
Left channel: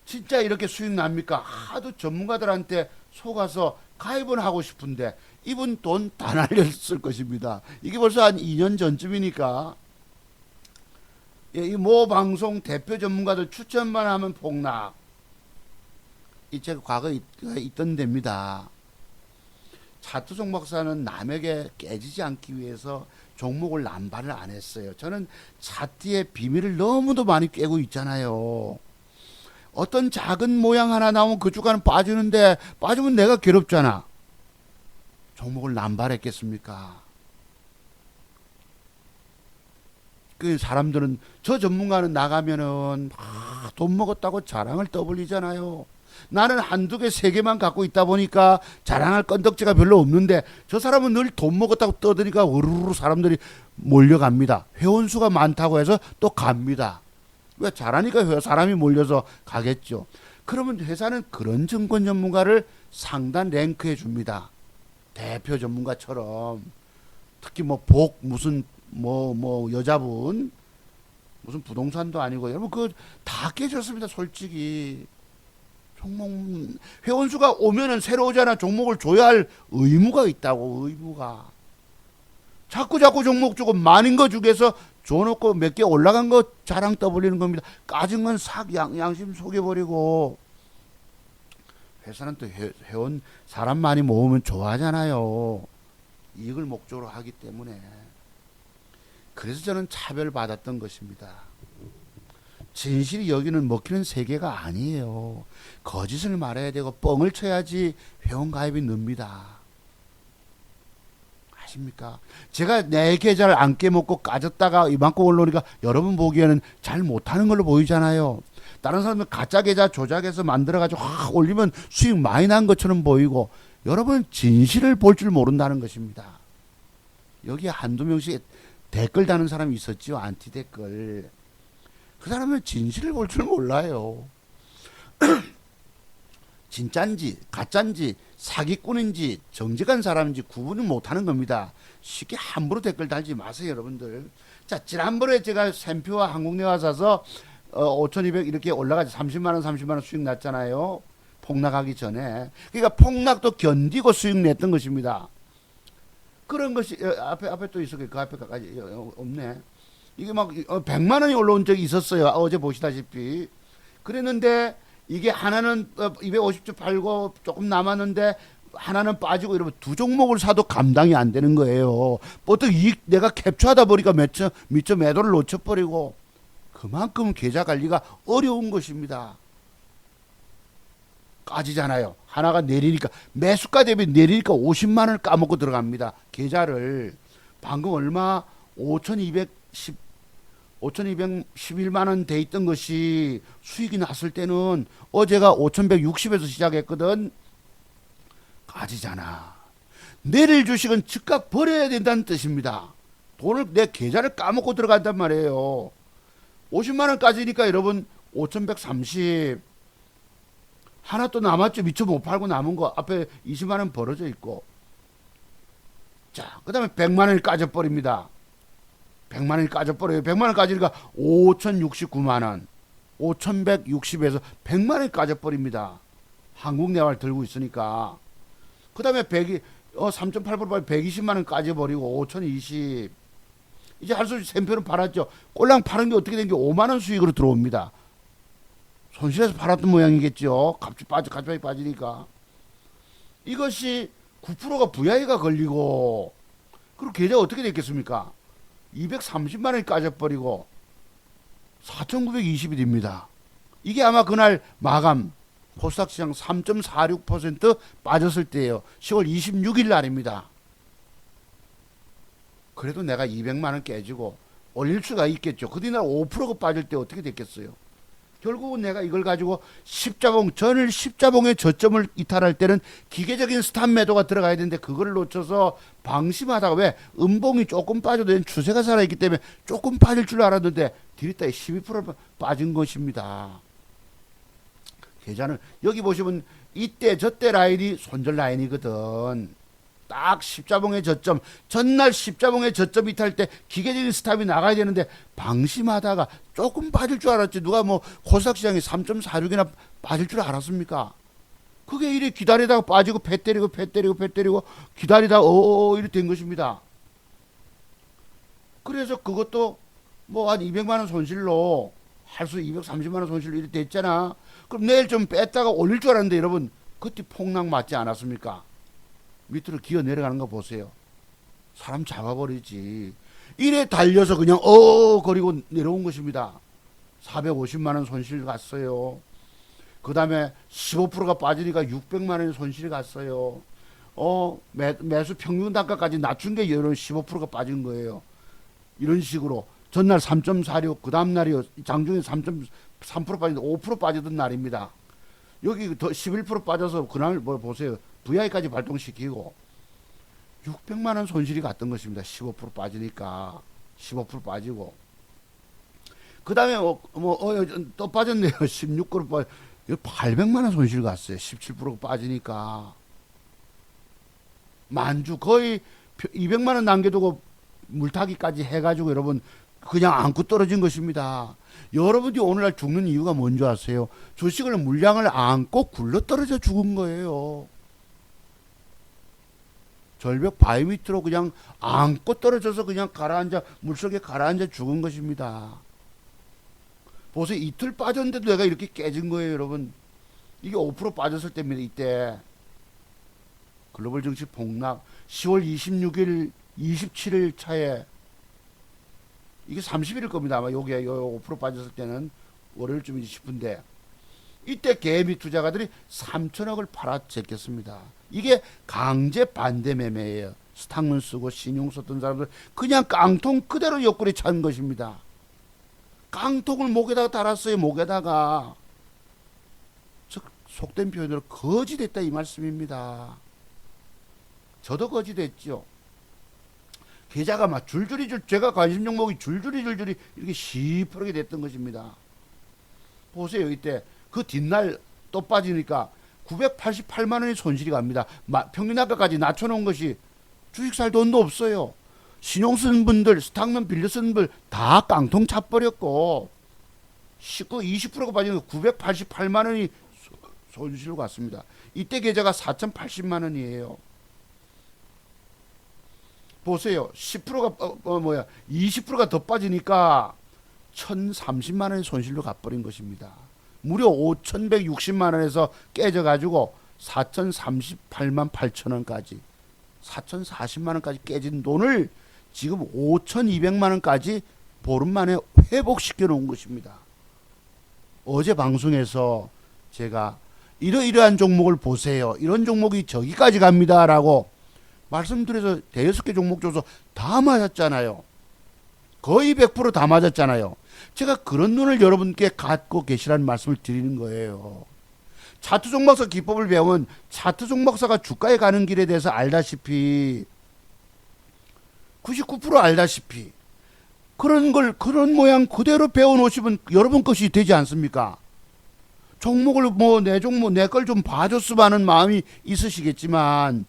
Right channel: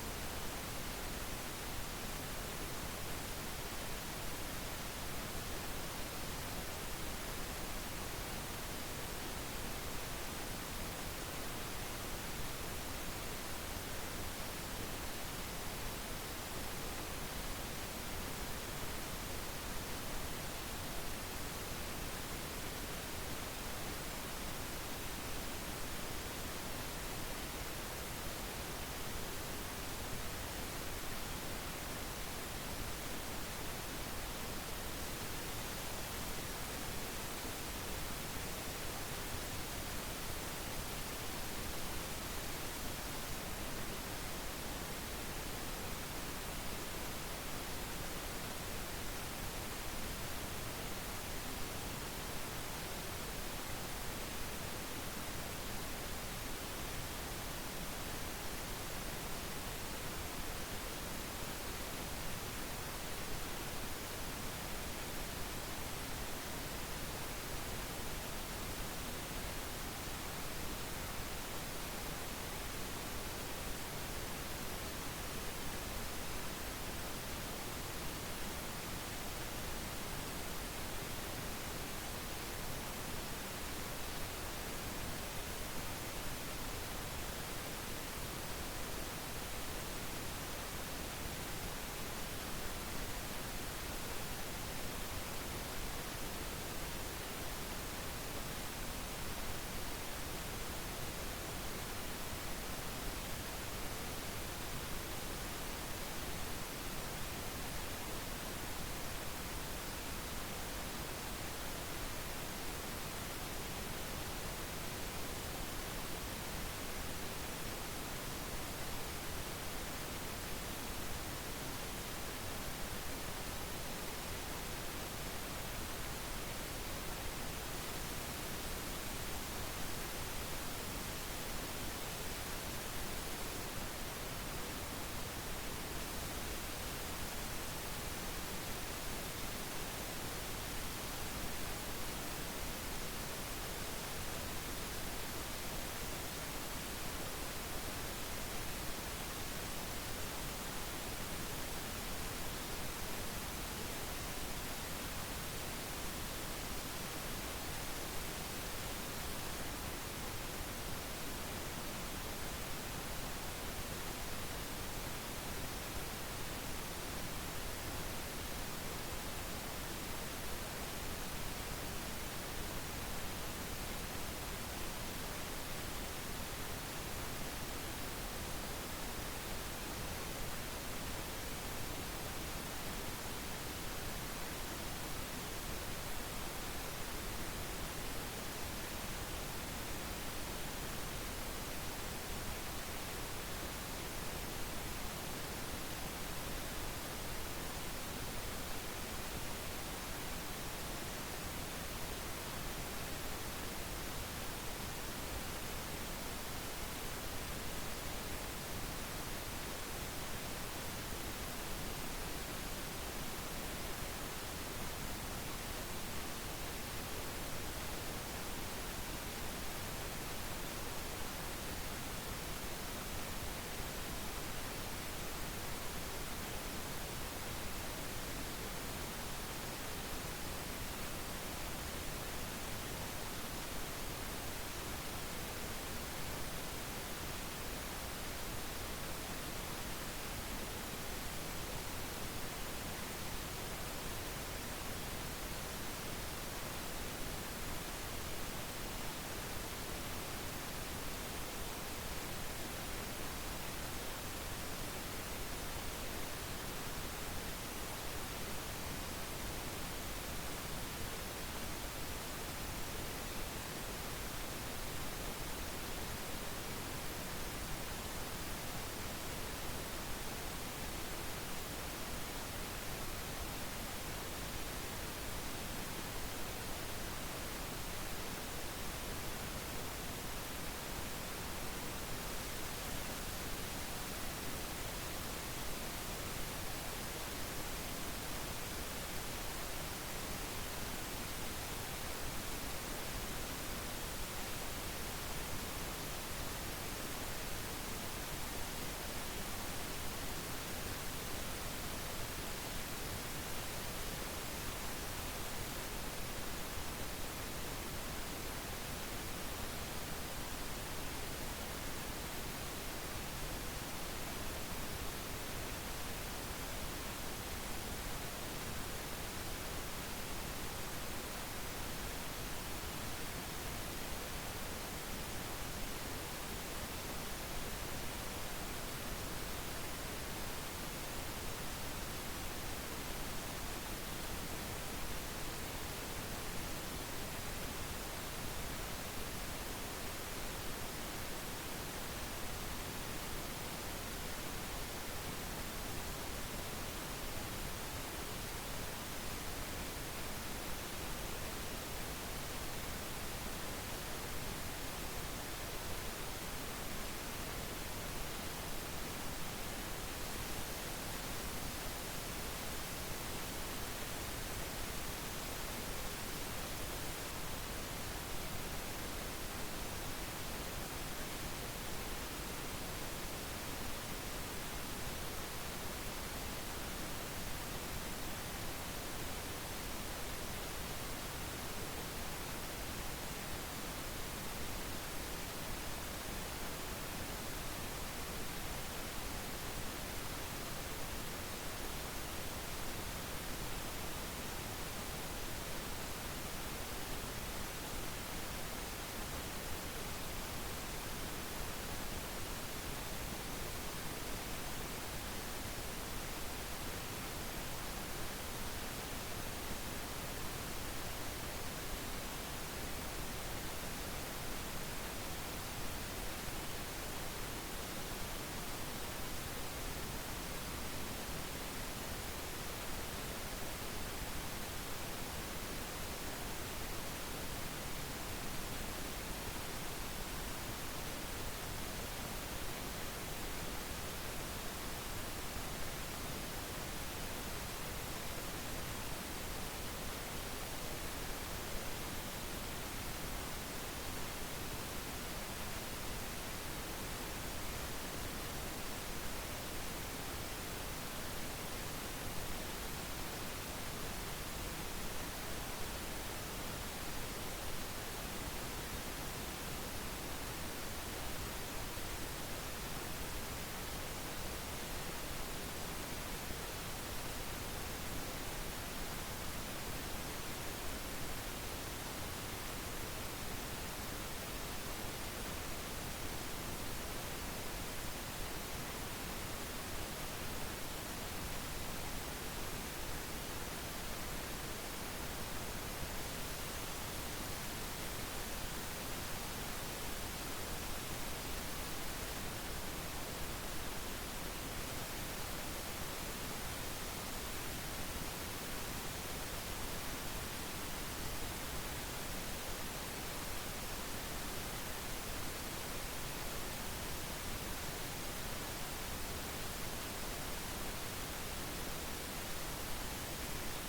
진짜 이렇게 수익 납니까? 하도 전문가들한테 속아서 가입은 하고 싶은데 이분 돈 다 날렸을 것입니다. 이게 벌써 한 2년 전쯤이니까. 이 모 방송 대표 전문가들 추천만 하면 폭락. 이 책 과거에 있던 데입니다. 차투종 박사는 남에게 깨지지 않기 위해서 종목을 남발을 안 했어요. 저는 차트의 비밀을 너무도 많이 깨고 있잖아요. 어떤 작은 모양 하나 나오면 그 주가는 빠지는데 빠지면 내가 괴롭잖아. 종목을 남발했겠습니까? 그 사람들은 저 전문가는 나가면은 돈 먹었다고 자랑을 떠벌리잖아요. 나는 한두 개, 세 개만 갖고 있다 보니까 자랑할 건덕지가 별로 없는데 저 사람은 늘 돈 먹었다고 떠드니까 우르르 사람들이 몰려갑니다. 회원수가 많다고 해서 또 갑니다. 왜 잘하니까 사람이 몰려서 가겠죠. 그러면 회사는 그런 증권 전문가를 상단 랭크해 줍니다. 대표 전문가처럼. 특히 뭐 복 무슨 뭐 여자분 무슨 부동산도 아니고 여러분 그 다 깨졌습니다. 솔직히 회원수가 오면은 새로 오잖아. 종목을 줘야 할 의무가 있다고. 의무가 자꾸 종목 주고 많은 거 중에서 줘놓고 몇 개 올라간 거 자랑 떠벌리는 겁니다. 까진 건 싹 양심 속여버리고. 회사는 또 회원 사람 많이 모으면 좋아하잖아요. 이걸 목적으로 하기 때문에. 그래서 저는 차별받았던 것입니다. 진실이 여기는 먹히는 세계가 아니에요. 거짓을 말해야 되고 뻥을 쳐야지 회원 가입이 늡니다. 아십니까? 제가 내 계좌를 안 깨먹고 까졌다가 이만큼 올라오니까 여러분 보기에는 잘 못하는 걸로 보이잖아요. 다른 사람은 가짜 계좌 조작해서 만들어가지고 확 올리면 수익 많이 난 것처럼 보이고, 여러분은 진실을 볼 줄 모른다는 것입니다. 여기 한두 명씩 댓글 다는 사람이 있었지요. 안티 댓글. 그 사람은 진실을 볼 줄 몰라요. 진짠지 가짠지 사기꾼인지 정직한 사람인지 구분을 못하는 겁니다. 쉽게 함부로 댓글 달지 마세요, 여러분들. 자, 지난번에 제가 샘표와 한국내화 사서 5,200 이렇게 올라가지 30만원 수익 났잖아요. 폭락하기 전에. 그러니까 폭락도 견디고 수익 냈던 것입니다. 그런 것이 앞에 또 있었고 그 앞에 또까지 없네. 이게 막 100만원이 올라온 적이 있었어요. 어제 보시다시피. 그랬는데 이게 하나는 250주 팔고 조금 남았는데 하나는 빠지고 이러면 두 종목을 사도 감당이 안 되는 거예요. 보통 이익 내가 캡처하다 보니까 미처 매도를 놓쳐버리고, 그만큼 계좌 관리가 어려운 것입니다. 까지잖아요. 하나가 내리니까 매수가 대비 내리니까 50만원을 까먹고 들어갑니다. 계좌를. 방금 얼마 5,211만원 돼 있던 것이 수익이 났을 때는 어제가 5,160에서 시작했거든. 가지잖아. 내릴 주식은 즉각 버려야 된다는 뜻입니다. 오늘 내 계좌를 까먹고 들어간단 말이에요. 50만원까지니까 여러분 5,130 하나 또 남았죠. 미처 못 팔고 남은 거 앞에 20만원 벌어져 있고. 자, 그 다음에 100만원이 까져버립니다. 100만원이 까져버려요. 100만원 까지니까 5,069만원 5,160에서 100만원이 까져버립니다. 한국내화를 들고 있으니까. 그 다음에 3.8% 120만원 까져버리고 5,020. 이제 할 수 없이 샘표를 팔았죠. 꼴랑 파는 게 어떻게 된 게 5만원 수익으로 들어옵니다. 손실해서 팔았던 모양이겠죠. 갑자기 빠지니까. 이것이 9%가 VI가 걸리고, 그리고 계좌가 어떻게 됐겠습니까? 230만원이 까져버리고 4,920이 됩니다. 이게 아마 그날 마감 코스닥 시장 3.46% 빠졌을 때예요. 10월 26일 날입니다. 그래도 내가 200만원 깨지고 올릴 수가 있겠죠. 그 뒤날 5%가 빠질 때 어떻게 됐겠어요? 결국은 내가 이걸 가지고 전일 십자봉의 저점을 이탈할 때는 기계적인 스탑 매도가 들어가야 되는데 그걸 놓쳐서 방심하다가, 왜? 음봉이 조금 빠져도 추세가 살아있기 때문에 조금 빠질 줄 알았는데 길이따위 12% 빠진 것입니다. 계좌는 여기 보시면 이때 저때 라인이 손절 라인이거든. 딱 십자봉의 저점, 전날 십자봉의 저점 이탈 때 기계적인 스탑이 나가야 되는데 방심하다가 조금 빠질 줄 알았지. 누가 뭐 코스닥 시장이 3.46이나 빠질 줄 알았습니까? 그게 이래 기다리다가 빠지고 배 때리고 기다리다가 이렇게 된 것입니다. 그래서 그것도 뭐 한 200만원 손실로 할 수 230만원 손실로 이렇게 됐잖아. 그럼 내일 좀 뺐다가 올릴 줄 알았는데 여러분, 그때 폭락 맞지 않았습니까? 밑으로 기어 내려가는 거 보세요. 사람 잡아버리지. 이래 달려서 그냥 거리고 내려온 것입니다. 450만원 손실 갔어요. 그 다음에 15%가 빠지니까 600만원의 손실이 갔어요. 매수 평균 단가까지 낮춘 게 이런 15%가 빠진 거예요. 이런 식으로 전날 3.46, 그 다음 날이 장중에 3.3% 빠지고 5% 빠지던 날입니다. 여기 더 11% 빠져서 그날 뭐 보세요. VI까지 발동시키고 600만원 손실이 갔던 것입니다. 15% 빠지니까 15% 빠지고, 그 다음에 또 빠졌네요. 16% 800만 원 손실 갔어요. 17% 빠지니까. 만주 거의 200만 원 남겨두고 물타기까지 해가지고 여러분 그냥 안고 떨어진 것입니다. 여러분이 오늘날 죽는 이유가 뭔지 아세요? 주식을 물량을 안고 굴러 떨어져 죽은 거예요. 절벽 바위 밑으로 그냥 안고 떨어져서 그냥 가라앉아 물속에 가라앉아 죽은 것입니다. 보세요. 이틀 빠졌는데도 내가 이렇게 깨진 거예요, 여러분. 이게 5% 빠졌을 때입니다. 이때 글로벌 증시 폭락 10월 26일 27일 차에 이게 30일일 겁니다. 아마 요게 5% 빠졌을 때는 월요일쯤이지 싶은데 이때 개미 투자가들이 3천억을 팔아 제꼈습니다. 이게 강제 반대 매매예요. 스탁문 쓰고 신용 썼던 사람들 그냥 깡통 그대로 옆구리 찬 것입니다. 깡통을 목에다가 달았어요. 목에다가. 즉 속된 표현으로 거지됐다 이 말씀입니다. 저도 거지됐죠. 계좌가 막 줄줄이 제가 관심 종목이 줄줄이 이렇게 시퍼렇게 됐던 것입니다. 보세요. 이때 그 뒷날 또 빠지니까 988만 원의 손실이 갑니다. 평균가까지 낮춰놓은 것이 주식 살 돈도 없어요. 신용 쓴 분들, 스탁만 빌려 쓴 분들 다 깡통 차버렸고 20%가 빠지는 988만 원이 손실로 갔습니다. 이때 계좌가 4,080만 원이에요. 보세요. 10%가 20%가 더 빠지니까 1,030만 원의 손실로 가버린 것입니다. 무려 5,160만 원에서 깨져가지고 4,038만 8천 원까지 4,040만 원까지 깨진 돈을 지금 5,200만 원까지 보름 만에 회복시켜 놓은 것입니다. 어제 방송에서 제가 이러이러한 종목을 보세요. 이런 종목이 저기까지 갑니다. 라고 말씀드려서 대여섯 개 종목 줘서 다 맞았잖아요. 거의 100% 다 맞았잖아요. 제가 그런 눈을 여러분께 갖고 계시라는 말씀을 드리는 거예요. 차트 종목사 기법을 배운 차트 종목사가 주가에 가는 길에 대해서 알다시피 99% 알다시피 그런 모양 그대로 배워놓으시면 여러분 것이 되지 않습니까? 종목을 내 종목 내 걸 좀 봐줬으면 하는 마음이 있으시겠지만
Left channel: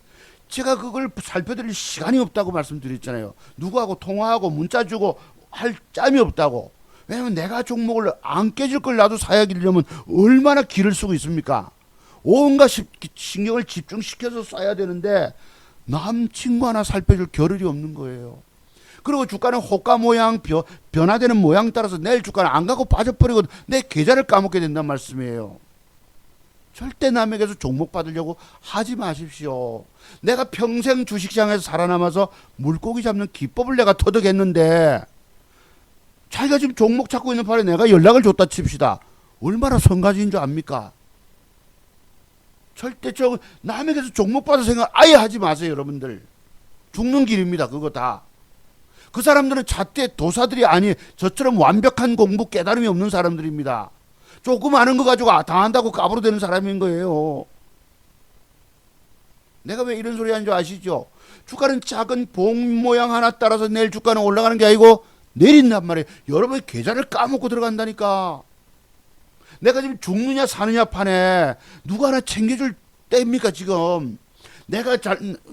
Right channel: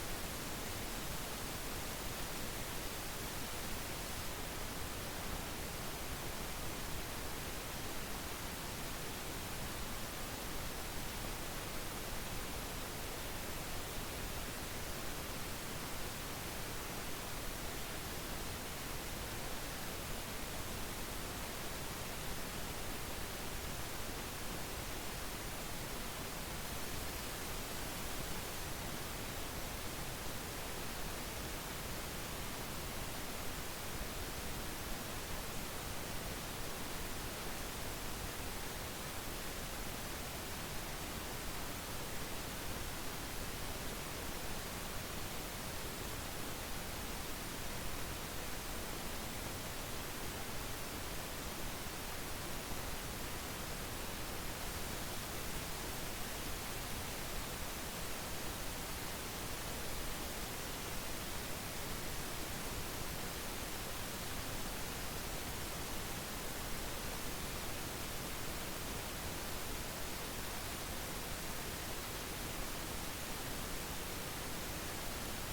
제가 그걸 살펴드릴 시간이 없다고 말씀드렸잖아요. 누구하고 통화하고 문자 주고 할 짬이 없다고. 왜냐면 내가 종목을 안 깨질 걸 나도 사야기려면 얼마나 기를 쓰고 있습니까? 온갖 신경을 집중시켜서 써야 되는데 남 친구 하나 살펴줄 겨를이 없는 거예요. 그리고 주가는 호가 모양 변화되는 모양 따라서 내일 주가는 안 가고 빠져버리고 내 계좌를 까먹게 된단 말씀이에요. 절대 남에게서 종목 받으려고 하지 마십시오. 내가 평생 주식시장에서 살아남아서 물고기 잡는 기법을 내가 터득했는데 자기가 지금 종목 찾고 있는 판에 내가 연락을 줬다 칩시다. 얼마나 성가지인 줄 압니까? 절대 남에게서 종목 받을 생각 아예 하지 마세요. 여러분들 죽는 길입니다. 그거 다. 그 사람들은 잣대 도사들이 아니 저처럼 완벽한 공부 깨달음이 없는 사람들입니다. 조금 아는 거 가지고 다 한다고 까부러대는 사람인 거예요. 내가 왜 이런 소리 하는 줄 아시죠? 주가는 작은 봉 모양 하나 따라서 내일 주가는 올라가는 게 아니고 내린단 말이에요. 여러분의 계좌를 까먹고 들어간다니까. 내가 지금 죽느냐 사느냐 판에 누가 하나 챙겨줄 때입니까 지금.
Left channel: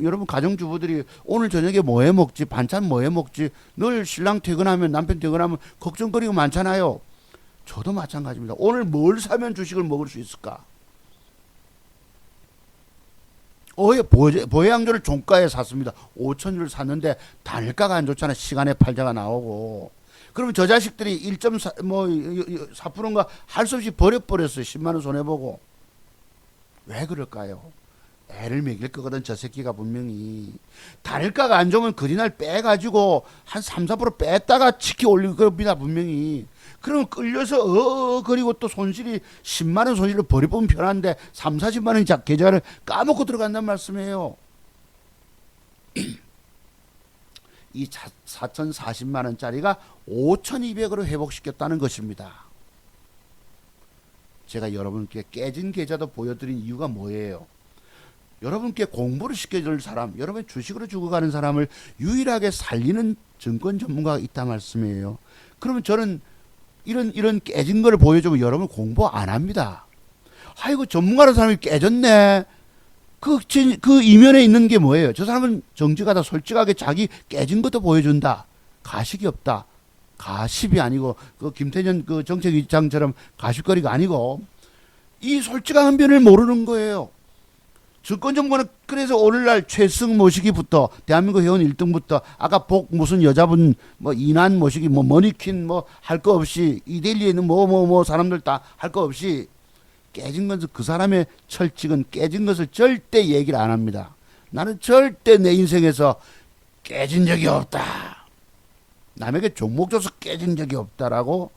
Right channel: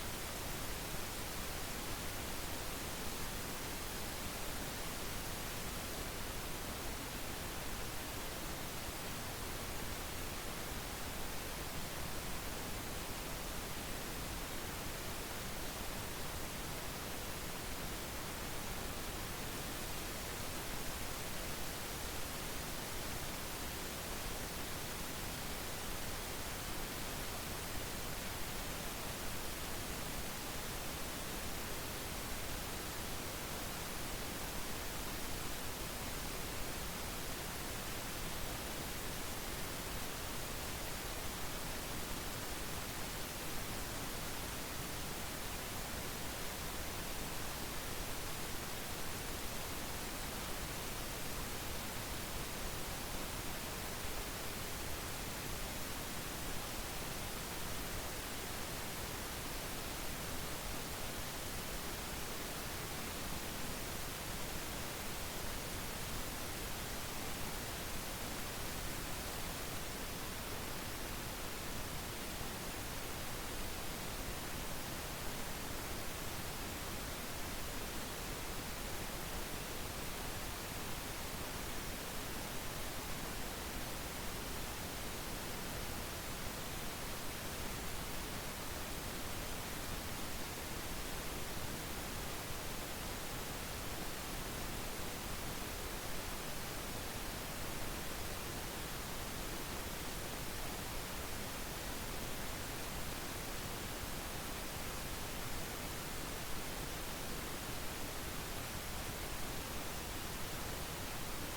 여러분 가정주부들이 오늘 저녁에 뭐 해 먹지, 반찬 뭐 해 먹지, 늘 신랑 퇴근하면 남편 퇴근하면 걱정거리고 많잖아요. 저도 마찬가지입니다. 오늘 뭘 사면 주식을 먹을 수 있을까? 보혜양조를 종가에 샀습니다. 5천주를 샀는데 단가가 안 좋잖아. 시간에 팔자가 나오고. 그러면 저 자식들이 4%인가 할 수 없이 버려버렸어요. 10만원 손해보고. 왜 그럴까요? 애를 먹일 거거든 저 새끼가 분명히. 단가가 안 좋으면 그리날 빼가지고 한 3, 4% 뺐다가 치키 올릴 겁니다. 분명히. 그러면 끌려서 그리고 또 손실이 10만원 손실을 버려보면 편한데 3, 40만원 계좌를 까먹고 들어간단 말씀이에요. 이 4,040만원짜리가 5,200으로 회복시켰다는 것입니다. 제가 여러분께 깨진 계좌도 보여드린 이유가 뭐예요? 여러분께 공부를 시켜줄 사람, 여러분의 주식으로 죽어가는 사람을 유일하게 살리는 증권 전문가가 있다 말씀이에요. 그러면 저는 이런 깨진 걸 보여주면 여러분 공부 안 합니다. 아이고 전문가라는 사람이 깨졌네. 그 이면에 있는 게 뭐예요? 저 사람은 정직하다, 솔직하게 자기 깨진 것도 보여준다. 가식이 없다. 가십이 아니고 그 김태년 그 정책위장처럼 가십거리가 아니고 이 솔직한 면을 모르는 거예요. 주권정부는 그래서 오늘날 최승 모시기부터 대한민국 회원 1등부터 아까 복 무슨 여자분 뭐 이난 모시기 뭐 머니퀸 뭐 할 거 없이 이데일리에 있는 뭐 사람들 다 할 거 없이 깨진 것은 그 사람의 철칙은 깨진 것을 절대 얘기를 안 합니다. 나는 절대 내 인생에서 깨진 적이 없다. 남에게 종목 줘서 깨진 적이 없다라고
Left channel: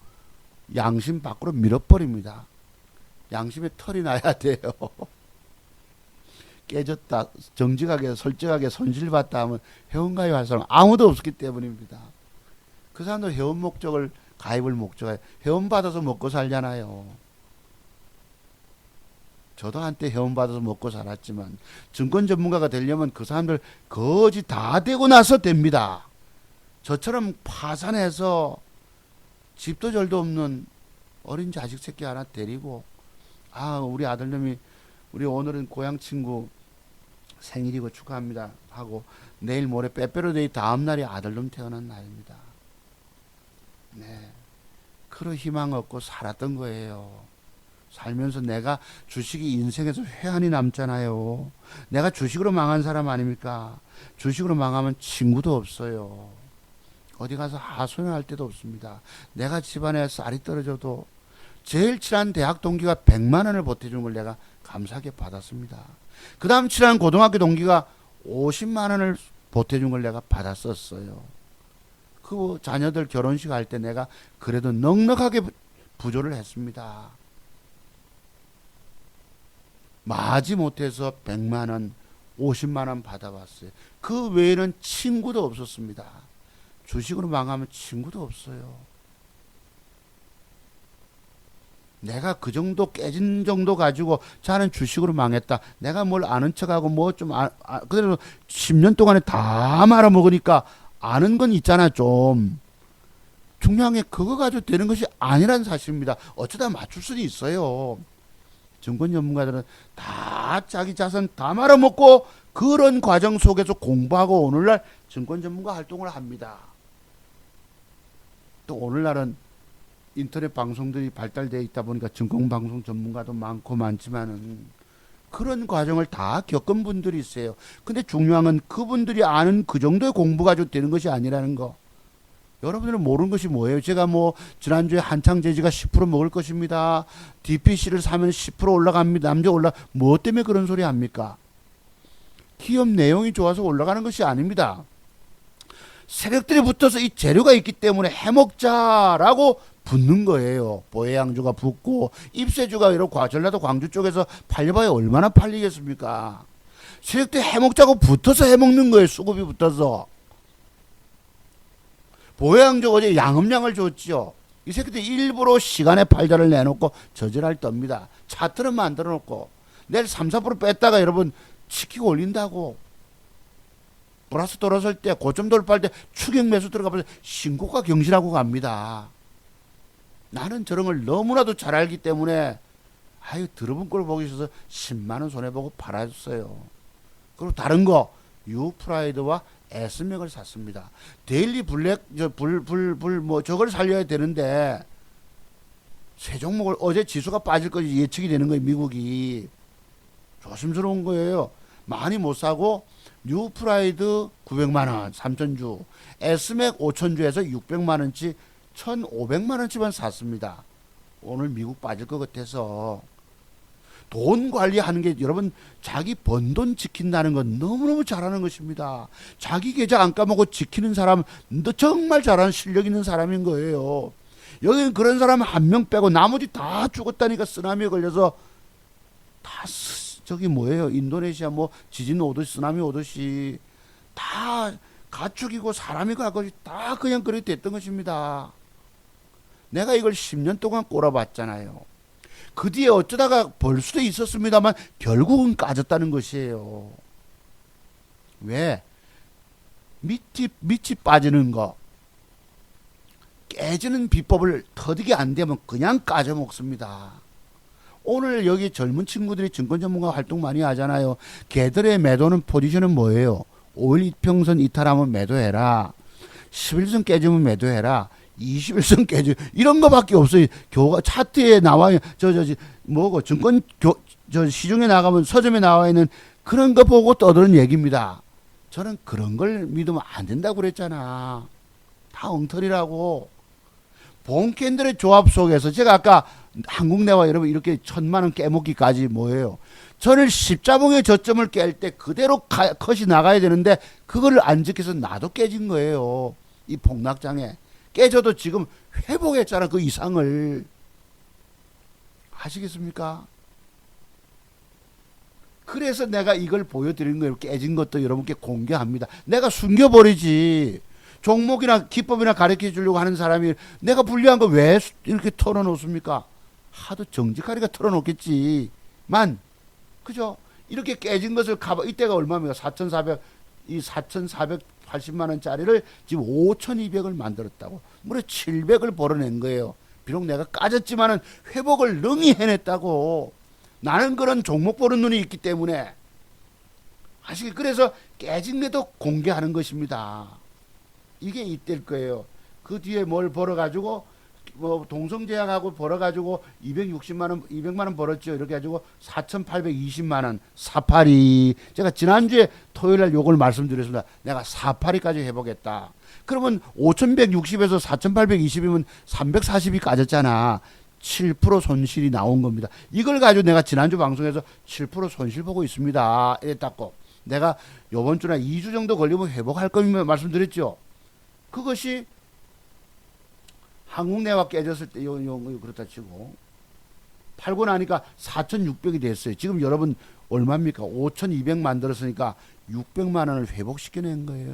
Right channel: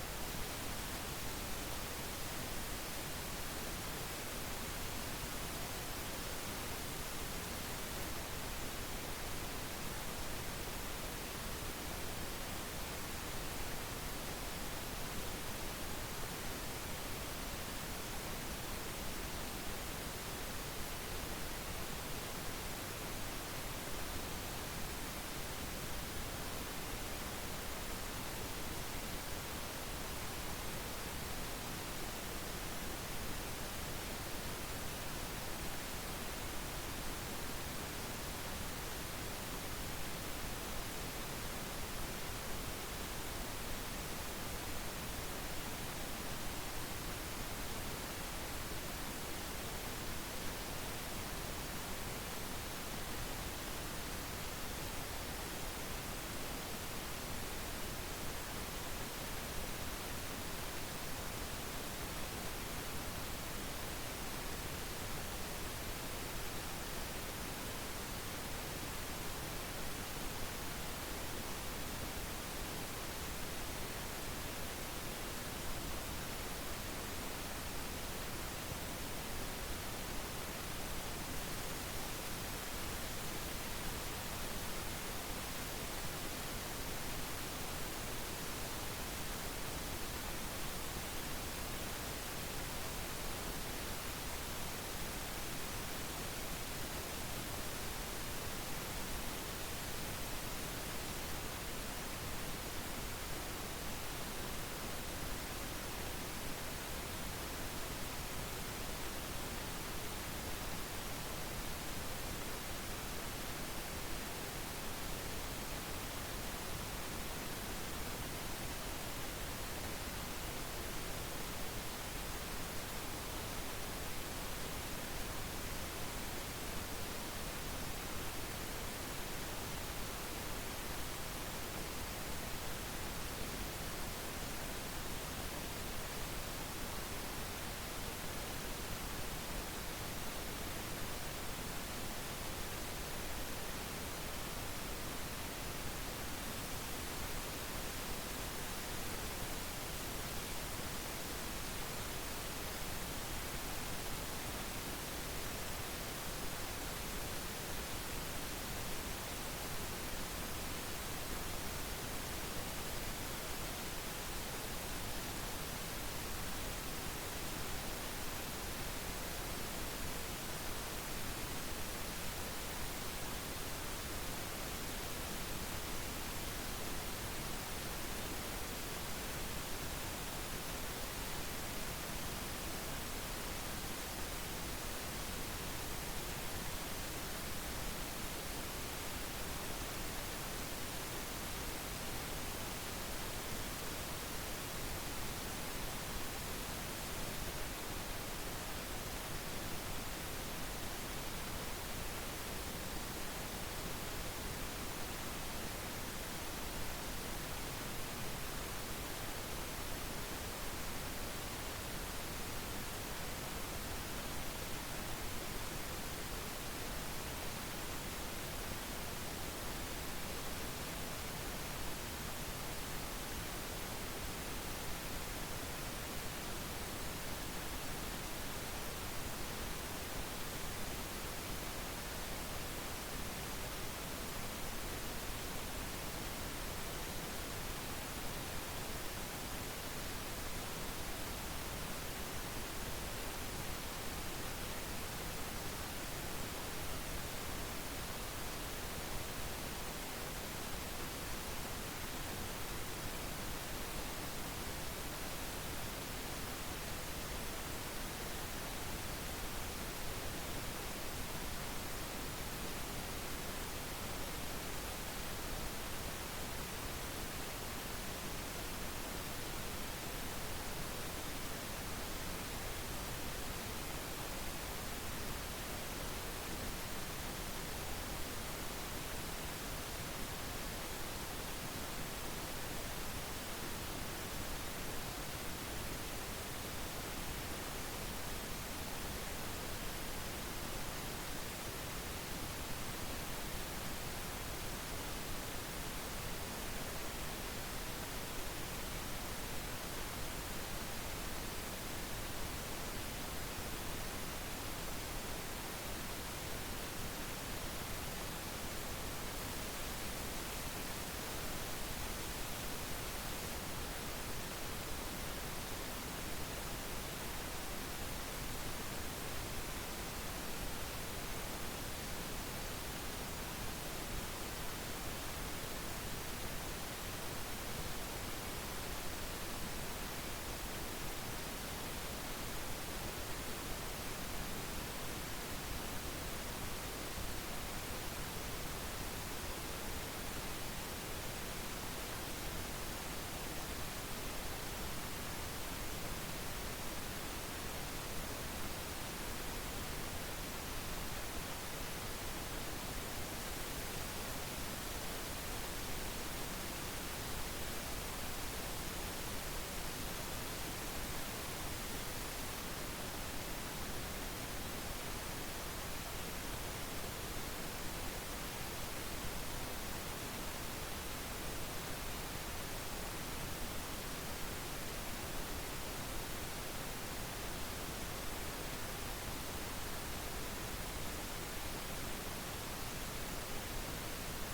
양심 밖으로 밀어버립니다. 양심에 털이 나야 돼요. 깨졌다, 정직하게 솔직하게 손실봤다 하면 회원 가입할 사람 아무도 없었기 때문입니다. 그 사람도 회원 목적을 가입을 목적에 회원 받아서 먹고 살잖아요. 저도 한때 회원 받아서 먹고 살았지만 증권 전문가가 되려면 그 사람들 거지 다 되고 나서 됩니다. 저처럼 파산해서 집도 절도 없는 어린 자식 새끼 하나 데리고 우리 아들놈이 우리 오늘은 고향 친구 생일이고 축하합니다 하고 내일 모레 빼빼로데이 다음날이 아들놈 태어난 날입니다. 네. 그런 희망 없고 살았던 거예요. 살면서 내가 주식이 인생에서 회한이 남잖아요. 내가 주식으로 망한 사람 아닙니까? 주식으로 망하면 친구도 없어요. 어디 가서 하소연할 데도 없습니다. 내가 집안에 쌀이 떨어져도 제일 친한 대학 동기가 100만 원을 보태준 걸 내가 감사하게 받았습니다. 그 다음 친한 고등학교 동기가 50만 원을 보태준 걸 내가 받았었어요. 그 자녀들 결혼식 할 때 내가 그래도 넉넉하게 부조를 했습니다. 마지 못해서 100만 원, 50만 원 받아봤어요. 그 외에는 친구도 없었습니다. 주식으로 망하면 친구도 없어요. 내가 그 정도 깨진 정도 가지고 자는 주식으로 망했다. 내가 뭘 아는 척하고 뭐 좀 그대로 10년 동안에 다 말아먹으니까 아는 건 있잖아 좀. 중요한 게 그거 가지고 되는 것이 아니란 사실입니다. 어쩌다 맞출 수도 있어요. 증권 전문가들은 다 자기 자산 다 말아먹고 그런 과정 속에서 공부하고 오늘날 증권 전문가 활동을 합니다. 또 오늘날은 인터넷 방송들이 발달되어 있다 보니까 증권방송 전문가도 많고 많지만은 그런 과정을 다 겪은 분들이 있어요. 근데 중요한 건 그분들이 아는 그 정도의 공부 가지고 되는 것이 아니라는 거. 여러분들은 모르는 것이 뭐예요? 제가 뭐 지난주에 한창제지가 10% 먹을 것입니다. DPC를 사면 10% 올라갑니다. 남자 뭐 때문에 그런 소리 합니까? 기업 내용이 좋아서 올라가는 것이 아닙니다. 세력들이 붙어서 이 재료가 있기 때문에 해먹자라고 붙는 거예요. 보해양주가 붙고 입세주가 이렇게 전라도 광주 쪽에서 팔려봐야 얼마나 팔리겠습니까? 세력들이 해먹자고 붙어서 해먹는 거예요. 수급이 붙어서. 보해양주 어제 양음량을 줬지요. 이 새끼들 일부러 시간에 팔자를 내놓고 저질할 겁니다. 차트는 만들어 놓고 내일 3, 4% 뺐다가 여러분 시키고 올린다고. 플러스 돌아설 때 고점 돌파할 때 추격 매수 들어가면 신고가 경신하고 갑니다. 나는 저런 걸 너무나도 잘 알기 때문에 들어본 걸 보기 있어서 10만원 손해보고 팔아줬어요. 그리고 다른 거 유프라이드와 S맥을 샀습니다. 데일리 블랙 뭐 저걸 살려야 되는데 세 종목을 어제 지수가 빠질 것이 예측이 되는 거예요. 미국이 조심스러운 거예요. 많이 못 사고 유프라이드 900만원 3천주 S맥 5천주에서 600만원치 1,500만원치만 샀습니다. 오늘 미국 빠질 것 같아서. 돈 관리하는 게 여러분 자기 번 돈 지킨다는 건 너무너무 잘하는 것입니다. 자기 계좌 안 까먹고 지키는 사람 정말 잘하는 실력 있는 사람인 거예요. 여기는 그런 사람 한 명 빼고 나머지 다 죽었다니까. 쓰나미에 걸려서 다 저기 뭐예요, 인도네시아 뭐 지진 오듯이 쓰나미 오듯이 다 가축이고 사람이고 하고 다 그냥 그렇게 됐던 것입니다. 내가 이걸 10년 동안 꼬라봤잖아요. 그 뒤에 어쩌다가 벌 수도 있었습니다만 결국은 까졌다는 것이에요. 왜? 밑이 빠지는 거, 깨지는 비법을 터득이 안 되면 그냥 까져 먹습니다. 오늘 여기 젊은 친구들이 증권 전문가 활동 많이 하잖아요. 걔들의 매도는 포지션은 뭐예요? 5일 이평선 이탈하면 매도해라. 11선 깨지면 매도해라. 21선 깨지 이런 거밖에 없어요. 교과 차트에 나와요. 뭐고 증권 시중에 나가면 서점에 나와 있는 그런 거 보고 떠드는 얘기입니다. 저는 그런 걸 믿으면 안 된다고 그랬잖아. 다 엉터리라고. 본캔들의 조합 속에서 제가 아까 한국내와 여러분 이렇게 1000만원 깨먹기까지 뭐예요? 저는 십자봉의 저점을 깰 때 그대로 컷이 나가야 되는데 그걸 안 지켜서 나도 깨진 거예요. 이 폭락장에 깨져도 지금 회복했잖아. 그 이상을. 아시겠습니까? 그래서 내가 이걸 보여드리는 거예요. 깨진 것도 여러분께 공개합니다. 내가 숨겨버리지. 종목이나 기법이나 가르쳐 주려고 하는 사람이 내가 불리한 거 왜 이렇게 털어놓습니까? 하도 정직하니까 털어놓겠지만, 그죠? 이렇게 깨진 것을 이때가 얼마입니까? 4,480만 원짜리를 지금 5,200을 만들었다고. 무려 700을 벌어낸 거예요. 비록 내가 까졌지만은 회복을 능히 해냈다고. 나는 그런 종목 보는 눈이 있기 때문에. 그래서 깨진 것도 공개하는 것입니다. 이게 이때일 거예요. 그 뒤에 뭘 벌어가지고, 뭐, 동성제약하고 벌어가지고 260만원, 200만원 벌었죠. 이렇게 해가지고 4,820만원, 사파리. 제가 지난주에 토요일날 요걸 말씀드렸습니다. 내가 사파리까지 해보겠다. 그러면 5,160에서 4,820이면 340이 까졌잖아. 7% 손실이 나온 겁니다. 이걸 가지고 내가 지난주 방송에서 7% 손실 보고 있습니다. 이랬다고. 내가 요번 주나 2주 정도 걸리면 회복할 겁니다. 말씀드렸죠. 그것이 한국내와 깨졌을 때 그렇다 치고 팔고 나니까 4,600이 됐어요. 지금 여러분 얼마입니까? 5,200 만들었으니까 600만 원을 회복시켜낸 거예요.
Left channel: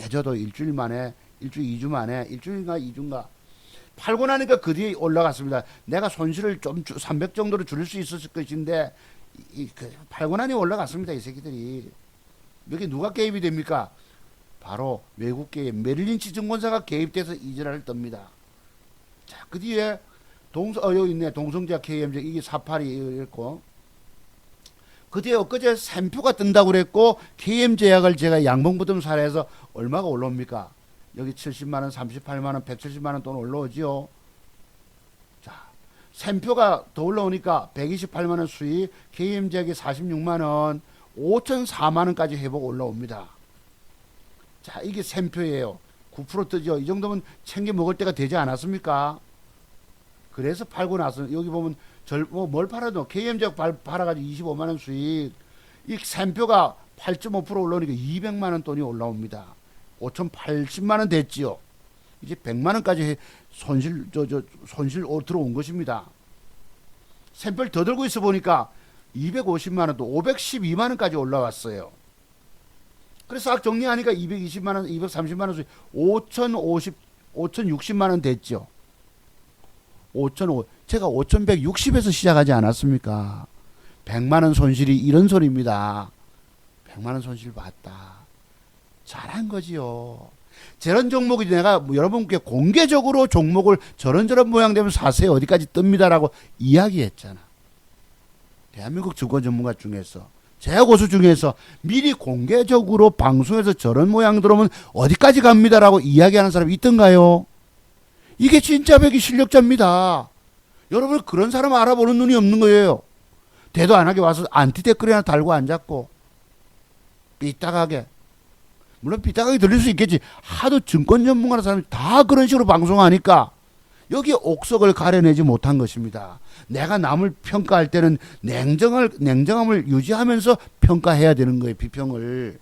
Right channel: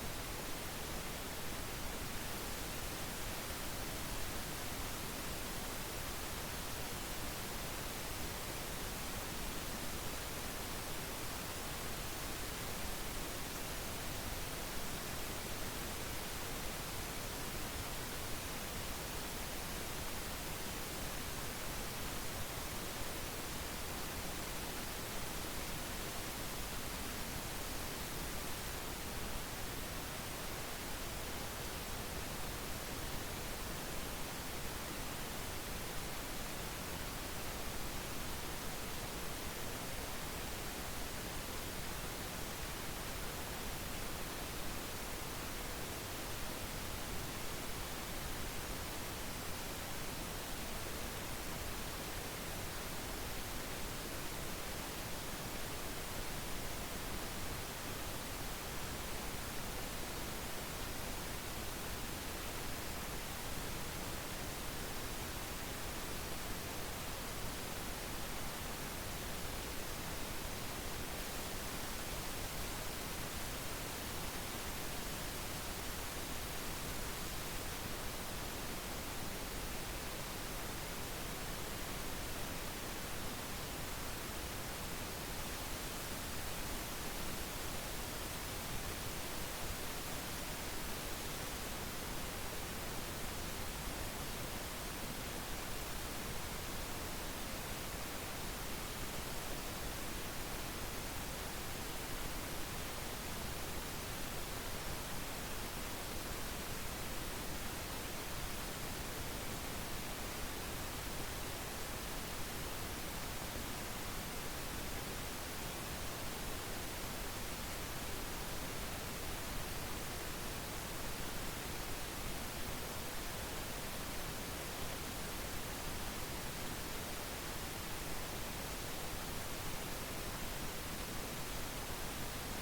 깨져도 일주일 만에, 일주일 2주 만에, 일주일인가 2주인가 팔고 나니까 그 뒤에 올라갔습니다. 내가 손실을 좀 300 정도로 줄일 수 있었을 것인데 팔고 나니 올라갔습니다. 이 새끼들이. 여기 누가 개입이 됩니까? 바로 외국 개입, 메릴린치 증권사가 개입돼서 이지랄을 떱니다. 자, 그 뒤에 여기 있네. 동성제약 KMJ, 이게 사파리 있고. 그 뒤에 엊그제 샘표가 뜬다고 그랬고, KM제약을 제가 양봉부동 사례해서 얼마가 올라옵니까? 여기 70만원, 38만원, 170만원 돈 올라오지요. 자, 샘표가 더 올라오니까 128만원 수익, KM제약이 46만원, 5,004만원까지 회복 올라옵니다. 자, 이게 샘표예요. 9% 뜨죠. 이 정도면 챙겨 먹을 때가 되지 않았습니까? 그래서 팔고 나서 여기 보면 뭘 팔아도 KM제약 팔아가지고 25만원 수익. 이 샘표가 8.5% 올라오니까 200만원 돈이 올라옵니다. 5,080만원 됐지요. 이제 100만원까지 손실 들어온 것입니다. 샘표를 더 들고 있어 보니까 250만원 또 512만원까지 올라왔어요. 그래서 싹 정리하니까 220만원, 230만원, 5,060만원 됐죠. 제가 5,160에서 시작하지 않았습니까? 100만원 손실이 이런 소리입니다. 100만원 손실 봤다. 잘한 거지요. 저런 종목이 내가 여러분께 공개적으로 종목을 저런 모양 되면 사세요. 어디까지 뜹니다라고 이야기했잖아. 대한민국 증권 전문가 중에서. 제가 고수 중에서 미리 공개적으로 방송에서 저런 모양 들어오면 어디까지 갑니다라고 이야기하는 사람이 있던가요? 이게 진짜 배기 실력자입니다. 여러분 그런 사람 알아보는 눈이 없는 거예요. 대도 안 하게 와서 안티 댓글이나 달고 앉았고 삐딱하게. 물론 삐딱하게 들릴 수 있겠지. 하도 증권 전문가라는 사람이 다 그런 식으로 방송하니까 여기 옥석을 가려내지 못한 것입니다. 내가 남을 평가할 때는 냉정함을 유지하면서 평가해야 되는 거예요. 비평을.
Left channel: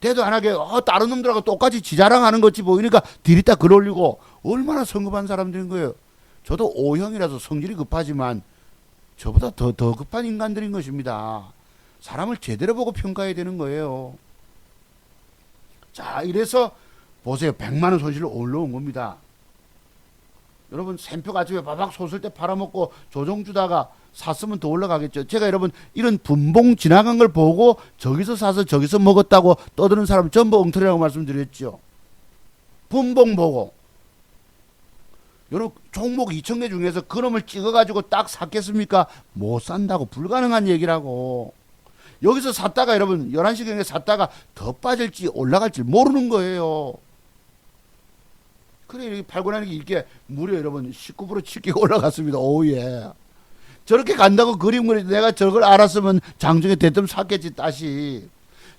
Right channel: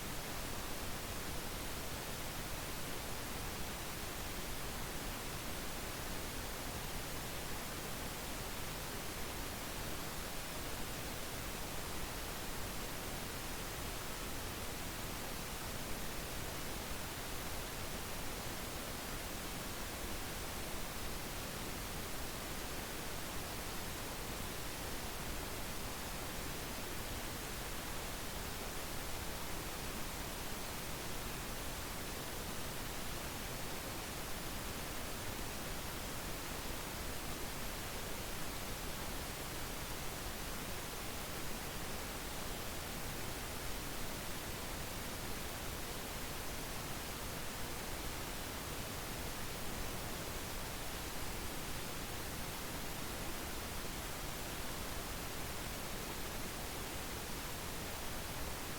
대도 안 하게 다른 놈들하고 똑같이 지자랑하는 것이 보이니까 디리다 글 올리고 얼마나 성급한 사람들인 거예요. 저도 O형이라서 성질이 급하지만 저보다 더 급한 인간들인 것입니다. 사람을 제대로 보고 평가해야 되는 거예요. 자, 이래서 보세요. 100만원 손실로 올라온 겁니다. 여러분 샘표 가지고 바박 솟을 때 팔아먹고 조정 주다가 샀으면 더 올라가겠죠. 제가 여러분 이런 분봉 지나간 걸 보고 저기서 사서 저기서 먹었다고 떠드는 사람 전부 엉터리라고 말씀드렸죠. 분봉 보고 여러분 종목 2,000개 중에서 그놈을 찍어가지고 딱 샀겠습니까? 못 산다고. 불가능한 얘기라고. 여기서 샀다가 여러분 11시경에 샀다가 더 빠질지 올라갈지 모르는 거예요. 그래 여기 팔고 나는 게 이게 무려 여러분 19% 치기 올라갔습니다. 오예. 저렇게 간다고 그림 그리 내가 저걸 알았으면 장중에 대뜸 샀겠지. 다시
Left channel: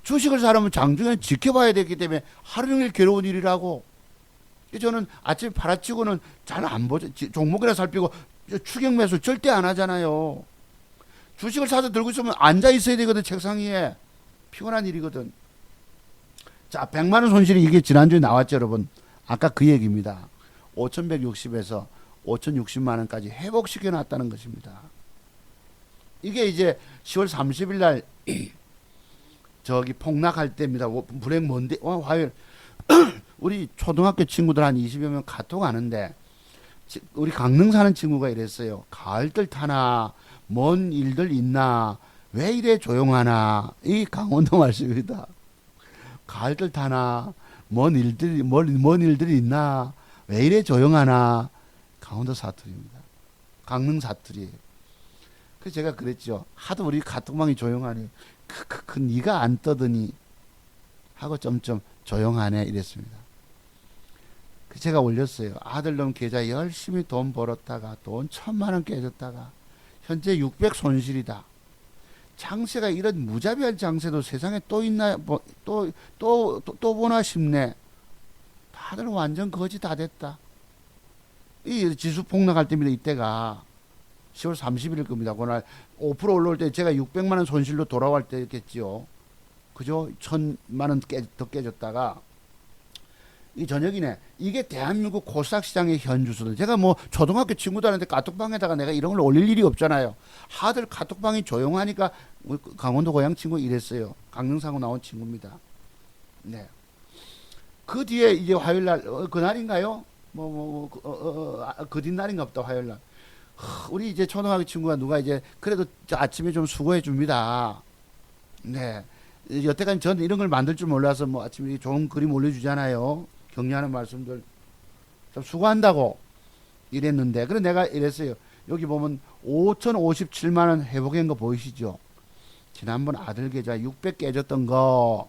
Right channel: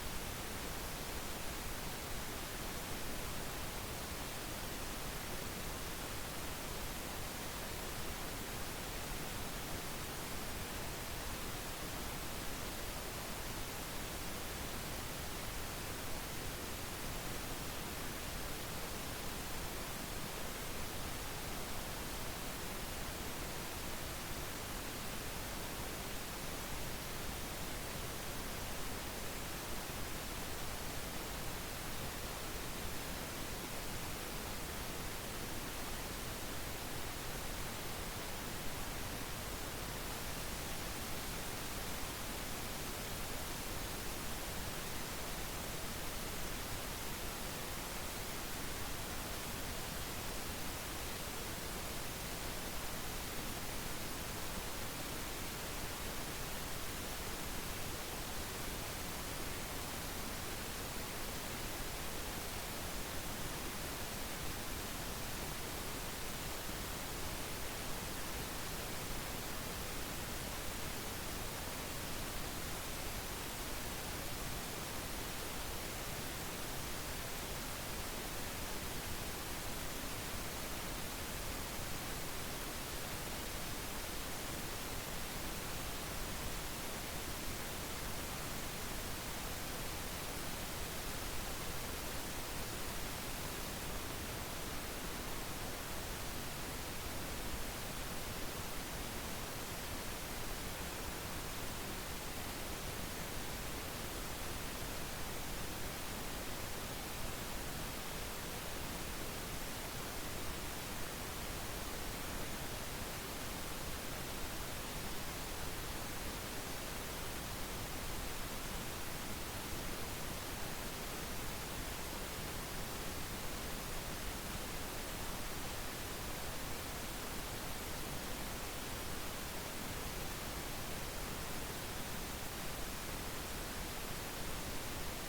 주식을 사려면 장중에 지켜봐야 되기 때문에 하루 종일 괴로운 일이라고. 저는 아침에 팔아치고는 잘 안 보죠. 종목이나 살피고 추격 매수 절대 안 하잖아요. 주식을 사서 들고 있으면 앉아 있어야 되거든. 책상 위에. 피곤한 일이거든. 자, 100만원 손실이 이게 지난주에 나왔죠, 여러분. 아까 그 얘기입니다. 5,160에서 5,060만원까지 회복시켜 놨다는 것입니다. 이게 이제 10월 30일 날 저기 폭락할 때입니다. 불행 뭔데? 화요일. 우리 초등학교 친구들 한 20여 명 카톡 하는데 우리 강릉 사는 친구가 이랬어요. 가을들 타나 먼 일들 있나 왜 이래 조용하나. 이 강원도 말씀입니다. 가을들 타나 먼 일들이 있나 왜 이래 조용하나. 강원도 사투리입니다. 강릉 사투리. 그래서 제가 그랬죠. 하도 우리 카톡방이 조용하니 크크크 니가 안 떠드니 하고 점점 조용하네 이랬습니다. 제가 올렸어요. 아들놈 계좌 열심히 돈 벌었다가 돈 1,000만원 깨졌다가 현재 600 손실이다. 장세가 이런 무자비한 장세도 세상에 또 있나 또 보나 싶네. 아들 완전 거지 다 됐다. 이 지수 폭락할 때입니다. 이때가 10월 30일일 겁니다. 그날 5% 올라올 때 제가 600만원 손실로 돌아갈 때였겠지요. 그죠? 1,000만원 더 깨졌다가 이 저녁이네. 이게 대한민국 코스닥 시장의 현주소들. 제가 뭐 초등학교 친구들한테 카톡방에다가 내가 이런 걸 올릴 일이 없잖아요. 하들 카톡방이 조용하니까 강원도 고향 친구 이랬어요. 강릉사고 나온 친구입니다. 네. 그 뒤에 이제 화요일날 그날인가요? 그 뒷날인가 보다. 화요일날 우리 이제 초등학교 친구가 누가 이제 그래도 아침에 좀 수고해 줍니다. 네. 여태까지 전 이런 걸 만들 줄 몰라서 뭐 아침에 좋은 그림 올려주잖아요. 격려하는 말씀들 좀 수고한다고 이랬는데, 그래 내가 이랬어요. 여기 보면 5,057만원 회복한 거 보이시죠? 지난번 아들 계좌 600 깨졌던 거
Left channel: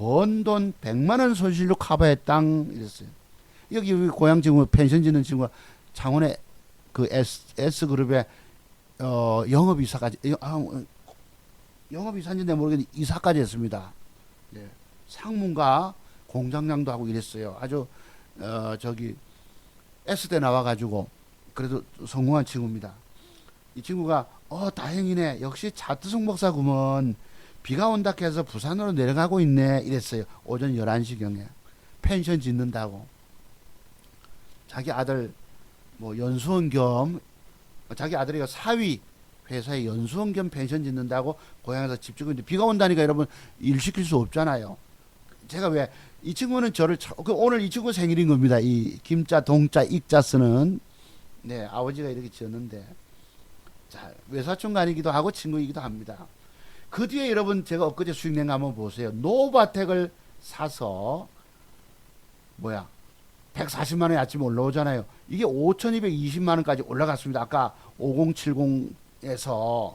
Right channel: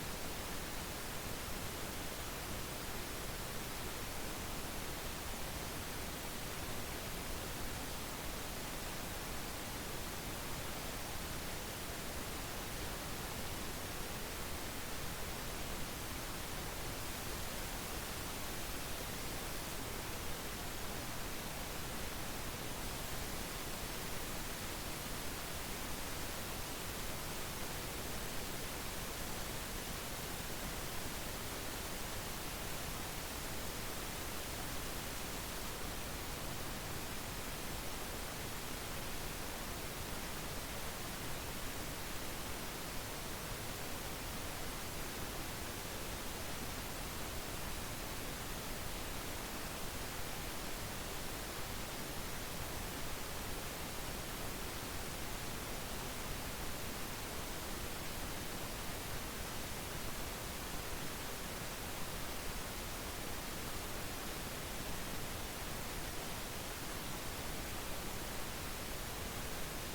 번 돈 100만원 손실로 커버했당 이랬어요. 여기 우리 고향 친구 펜션 짓는 친구가 창원의 그 S그룹의 영업이사까지 영업이사인지 모르겠는데 이사까지 했습니다. 네. 상무가 공장장도 하고 이랬어요. 아주 저기 S대 나와가지고 그래도 성공한 친구입니다. 이 친구가 다행이네. 역시 차트송 목사구먼. 비가 온다 해서 부산으로 내려가고 있네 이랬어요. 오전 11시경에 펜션 짓는다고. 자기 아들 뭐 연수원 겸 자기 아들이 사위 회사에 연수원 겸 펜션 짓는다고 고향에서 집 짓고 있는데 비가 온다니까 여러분 일 시킬 수 없잖아요. 제가 왜 이 친구는 저를 오늘 이 친구 생일인 겁니다. 이 김자 동자 익자 쓰는 네 아버지가 이렇게 지었는데 자, 외사촌간이기도 하고 친구이기도 합니다. 그 뒤에 여러분 제가 엊그제 수익낸 거 한번 보세요. 노바텍을 사서 140만원이 아침에 올라오잖아요. 이게 5,220만원까지 올라갔습니다. 아까 5070에서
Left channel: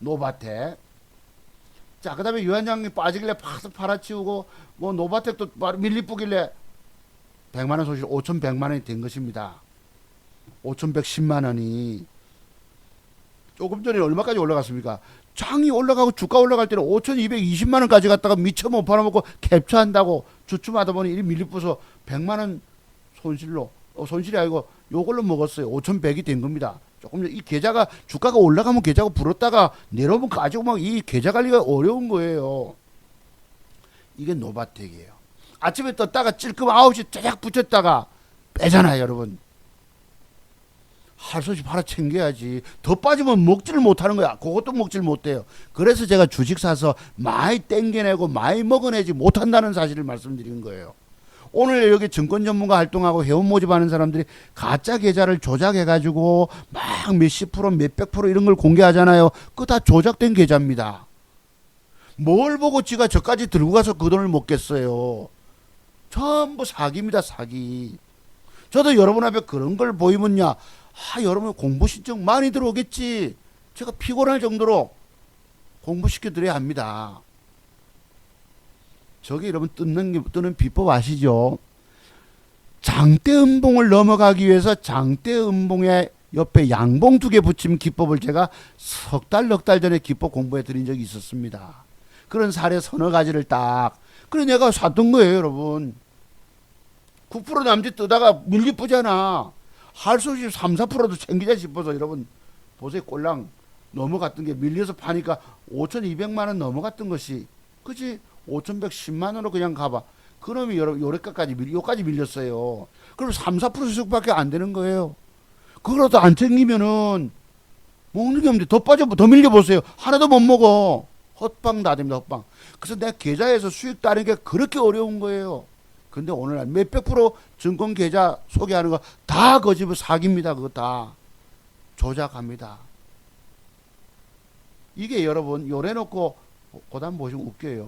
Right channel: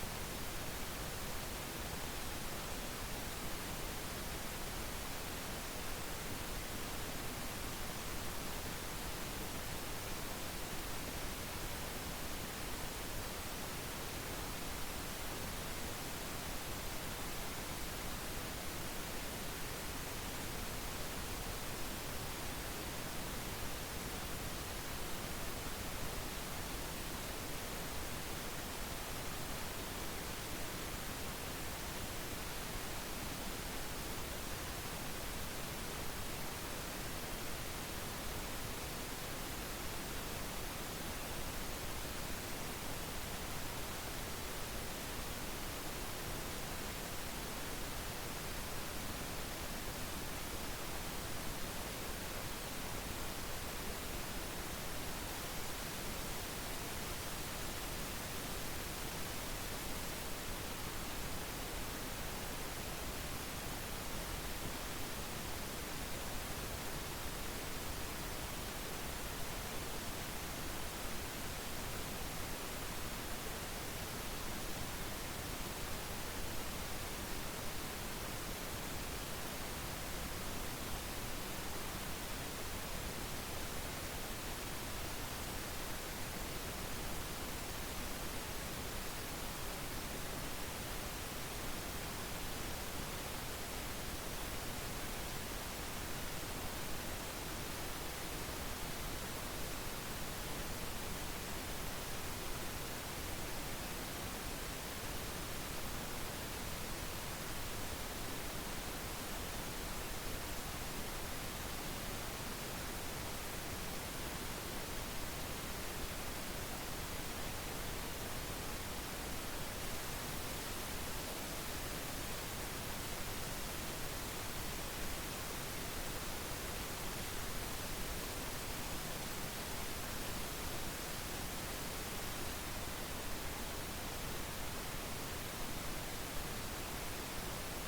노바텍. 자, 그 다음에 유한장이 빠지길래 팍 팔아치우고 뭐 노바텍도 밀리뿌길래 100만원 소식 5,100만원이 된 것입니다. 5,110만원이 조금 전에 얼마까지 올라갔습니까? 장이 올라가고 주가 올라갈 때는 5,220만원까지 갔다가 미처 못 팔아먹고 캡처한다고 주춤하다 보니 이 밀리뿌서 100만원 손실로 손실이 아니고 요걸로 먹었어요. 5,100이 된 겁니다. 조금 이 계좌가 주가가 올라가면 계좌가 불었다가 내려오면 가지고 막 이 계좌 관리가 어려운 거예요. 이게 노바텍이에요. 아침에 떴다가 찔끔 9시 짜작 붙였다가 빼잖아요, 여러분. 할 수 없이 팔아 챙겨야지. 더 빠지면 먹지를 못하는 거야. 그것도 먹지를 못해요. 그래서 제가 주식 사서 많이 땡겨내고 많이 먹어내지 못한다는 사실을 말씀드리는 거예요. 오늘 여기 증권 전문가 활동하고 회원 모집하는 사람들이 가짜 계좌를 조작해가지고 막 몇십 프로 몇백 프로 이런 걸 공개하잖아요. 그거 다 조작된 계좌입니다. 뭘 보고 지가 저까지 들고 가서 그 돈을 먹겠어요. 전부 사기입니다. 사기. 저도 여러분 앞에 그런 걸 보이면야, 여러분 공부 신청 많이 들어오겠지. 제가 피곤할 정도로 공부시켜 드려야 합니다. 저게 여러분 뜨는 비법 아시죠? 장대음봉을 넘어가기 위해서 장대음봉의 옆에 양봉 2개 붙임 기법을 제가 넉 달 전에 기법 공부해 드린 적이 있었습니다. 그런 사례 서너 가지를 딱, 그래 내가 샀던 거예요, 여러분. 9% 남짓 뜨다가 밀리쁘잖아. 할 수 없이 3, 4%도 챙기자 싶어서 여러분 보세요. 꼴랑 넘어갔던 게 밀려서 파니까 5,200만원 넘어갔던 것이, 그치? 5,110만원으로 그냥 가봐. 그놈이 요래까지 요까지 밀렸어요. 그럼 3, 4%씩밖에 안 되는 거예요. 그거라도 안 챙기면은 먹는 게 없는데 더 더 밀려보세요. 하나도 못 먹어. 헛방 다 됩니다, 헛방. 그래서 내 계좌에서 수익 따는 게 그렇게 어려운 거예요. 근데 오늘날 몇백 프로 증권 계좌 소개하는 거 다 거짓말 사기입니다. 그거 다 조작합니다. 이게 여러분 요래놓고 고단 보시면 웃겨요.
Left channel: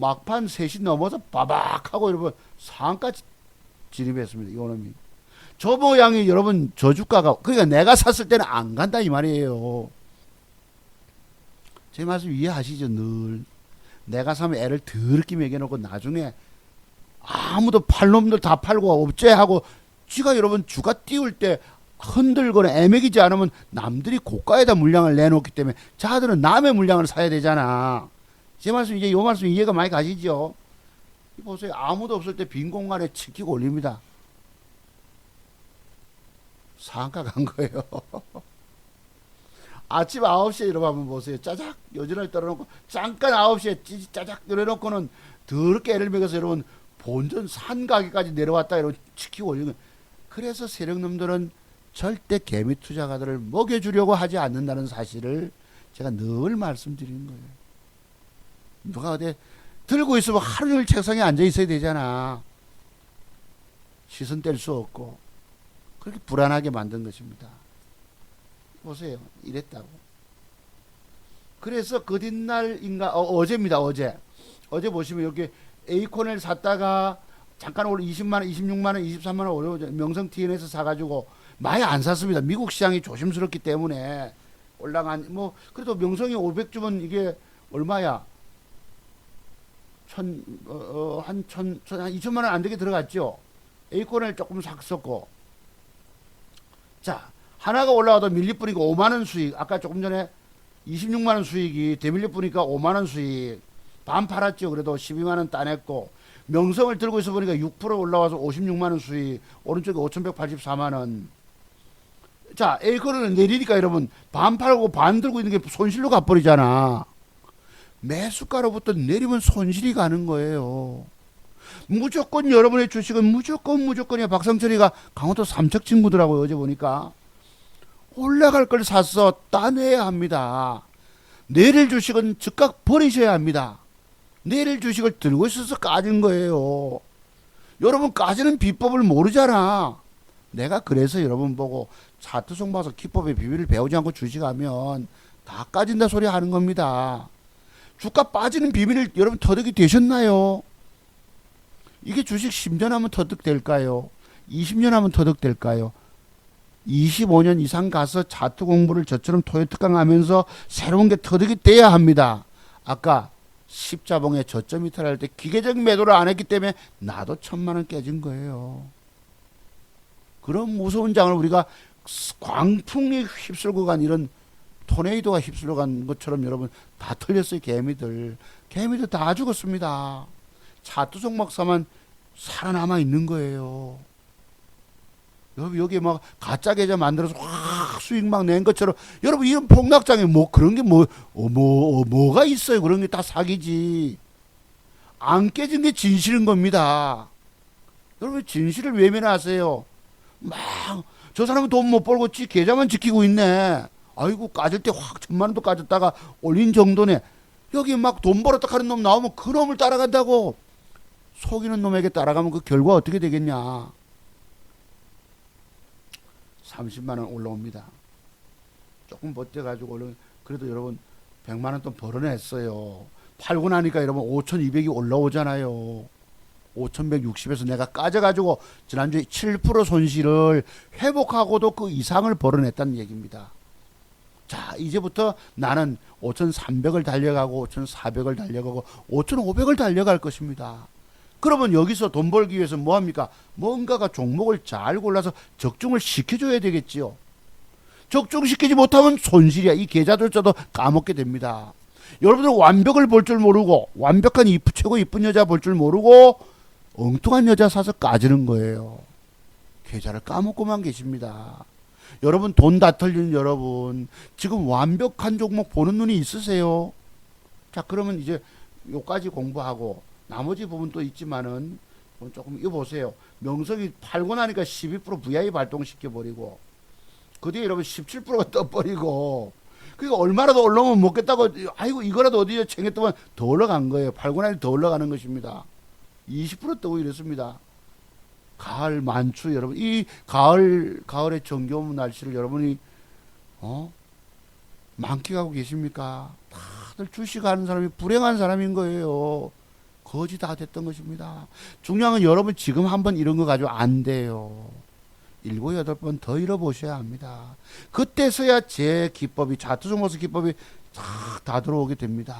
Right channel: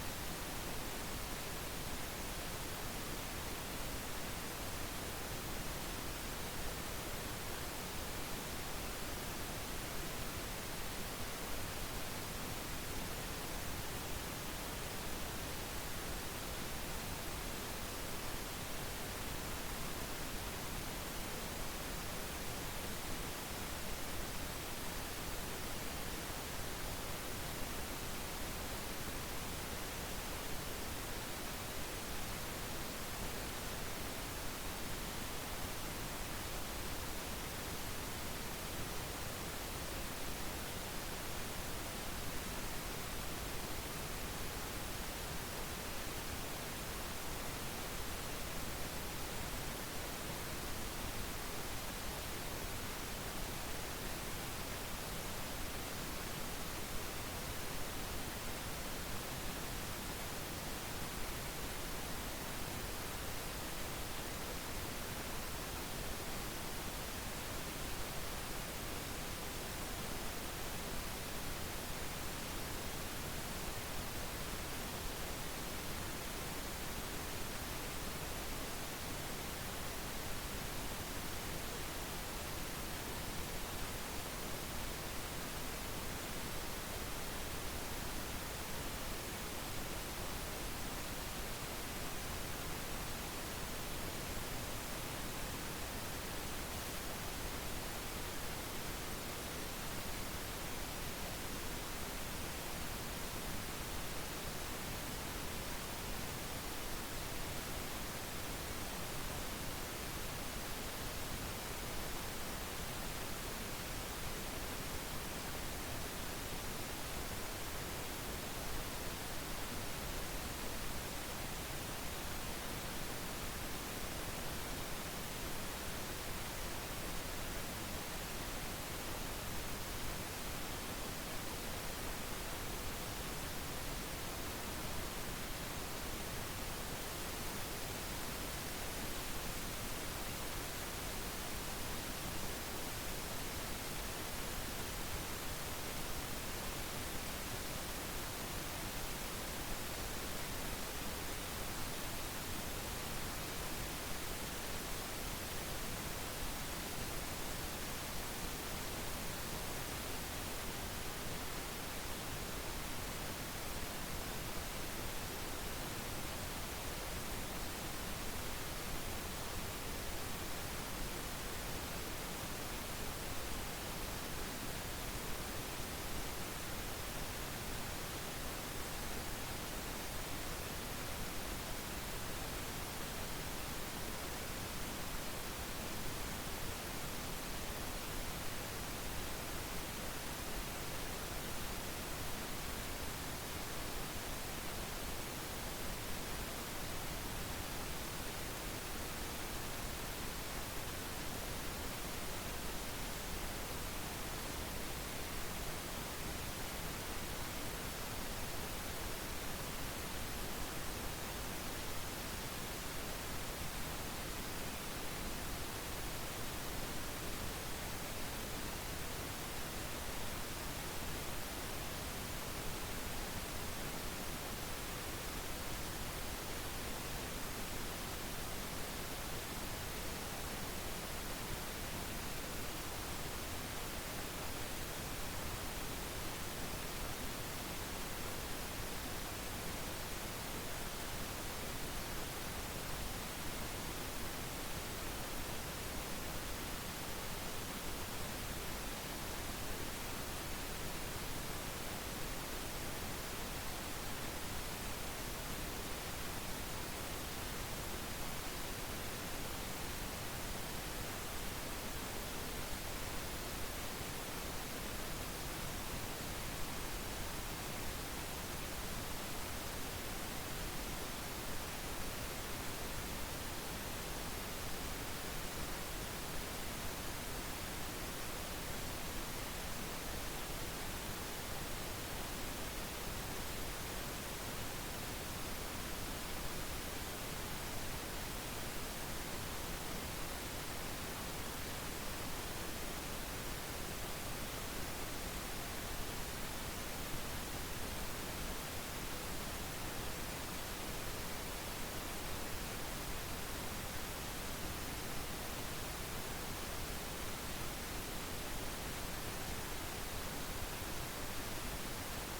막판 3시 넘어서 바박하고 여러분 상한가 진입했습니다. 이거는 저 모양이 여러분 저주가가, 그러니까 내가 샀을 때는 안 간다 이 말이에요. 제 말씀 이해하시죠? 늘 내가 사면 애를 더럽게 먹여놓고 나중에 아무도 팔 놈들 다 팔고 업체하고 지가 여러분 주가 띄울 때 흔들거나 애매기지 않으면 남들이 고가에다 물량을 내놓기 때문에 자들은 남의 물량을 사야 되잖아. 제 말씀 이제 요 말씀 이해가 많이 가시죠? 보세요. 아무도 없을 때 빈 공간에 치키고 올립니다. 상가 간 거예요. 아침 9시에 여러분 한번 보세요. 짜작 요즘을 떨어놓고 잠깐 9시에 짜작 떨어놓고는 더럽게 애를 먹여서 여러분 본전 산 가게까지 내려왔다 여러분 치키고 올리는. 그래서 세력놈들은 절대 개미 투자가들을 먹여주려고 하지 않는다는 사실을 제가 늘 말씀드립니다. 누가 어디 들고 있으면 하루 종일 책상에 앉아 있어야 되잖아. 시선 뗄 수 없고 그렇게 불안하게 만든 것입니다. 보세요. 이랬다고. 그래서 그 뒷날인가 어제입니다. 어제 보시면 여기 에이콘을 샀다가 잠깐 올라 20만원 26만원 23만원 올라오죠. 명성 TN에서 사가지고 많이 안 샀습니다. 미국 시장이 조심스럽기 때문에 올라간, 뭐 그래도 명성이 500주면 이게 얼마야? 한 2천만원 안 되게 들어갔죠. 에이콘을 조금 샀었고, 자 하나가 올라와도 밀리뿌니까 5만원 수익. 아까 조금 전에 26만원 수익이 대밀리뿌니까 5만원 수익. 반 팔았죠. 그래도 12만원 따냈고, 명성을 들고 있어 보니까 6% 올라와서 56만원 수익. 오른쪽에 5,184만원. 자 에이콘을 내리니까 여러분 반 팔고 반 들고 있는 게 손실로 가버리잖아. 매수가로부터 내리면 손실이 가는 거예요. 무조건 여러분의 주식은 무조건이야. 박상철이가 강원도 삼척 친구더라고요. 어제 보니까 올라갈 걸 샀어. 따내야 합니다. 내릴 주식은 즉각 버리셔야 합니다. 내릴 주식을 들고 있어서 까진 거예요. 여러분 까지는 비법을 모르잖아. 내가 그래서 여러분 보고 차트송 봐서 기법의 비밀을 배우지 않고 주식하면 다 까진다 소리 하는 겁니다. 주가 빠지는 비밀을 여러분 터득이 되셨나요? 이게 주식 10년 하면 터득될까요? 20년 하면 터득될까요? 25년 이상 가서 차트 공부를 저처럼 토요특강 하면서 새로운 게 터득이 돼야 합니다. 아까 십자봉에 저점 이탈할 때 기계적 매도를 안 했기 때문에 나도 1,000만원 깨진 거예요. 그런 무서운 장을 우리가 광풍이 휩쓸고 간, 이런 토네이도가 휩쓸고 간 것처럼 여러분 다 털렸어요. 개미들 다 죽었습니다. 차트 종목사만 살아남아 있는 거예요. 여기 막 가짜 계좌 만들어서 확 수익 막 낸 것처럼, 여러분 이런 폭락장에 뭐 그런 게 뭐가 있어요. 그런 게 다 사기지. 안 깨진 게 진실인 겁니다. 여러분 진실을 외면하세요. 막 저 사람은 돈 못 벌고 계좌만 지키고 있네. 아이고 까질 때 확 1,000만원도 까졌다가 올린 정도네. 여기 막 돈 벌었다 하는 놈 나오면 그 놈을 따라간다고. 속이는 놈에게 따라가면 그 결과 어떻게 되겠냐. 30만원 올라옵니다. 조금 버텨가지고 그래도 여러분 100만원 또 벌어냈어요. 팔고 나니까 여러분 5,200이 올라오잖아요. 5,160에서 내가 까져가지고 지난주에 7% 손실을 회복하고도 그 이상을 벌어냈다는 얘기입니다. 자, 이제부터 나는 5,300을 달려가고 5,400을 달려가고 5,500을 달려갈 것입니다. 그러면 여기서 돈 벌기 위해서 뭐합니까? 뭔가가 종목을 잘 골라서 적중을 시켜줘야 되겠지요. 적중시키지 못하면 손실이야. 이 계좌들조차도 까먹게 됩니다. 여러분들 완벽을 볼 줄 모르고 완벽한 최고 이쁜 여자 볼 줄 모르고 엉뚱한 여자 사서 까지는 거예요. 계좌를 까먹고만 계십니다. 여러분 돈 다 털리는 여러분 지금 완벽한 종목 보는 눈이 있으세요? 자, 그러면 이제 요까지 공부하고 나머지 부분 또 있지만은 조금 이거 보세요. 명성이 팔고 나니까 12% VI 발동시켜버리고 그 뒤에 여러분 17%가 떠버리고 그러니까 얼마라도 올라오면 먹겠다고 아이고 이거라도 어디에 챙겼더만 더 올라간 거예요. 팔고 나니 더 올라가는 것입니다. 20% 뜨고 이랬습니다. 가을 만추 여러분 이 가을의 정겨운 날씨를 여러분이 만끽하고 계십니까? 다들 주식하는 사람이 불행한 사람인 거예요. 거지 다 됐던 것입니다. 중요한 건 여러분 지금 한번 이런 거 가지고 안 돼요. 7, 8번 더 잃어보셔야 합니다. 그때서야 제 기법이 차트종모스 기법이 다 들어오게 됩니다.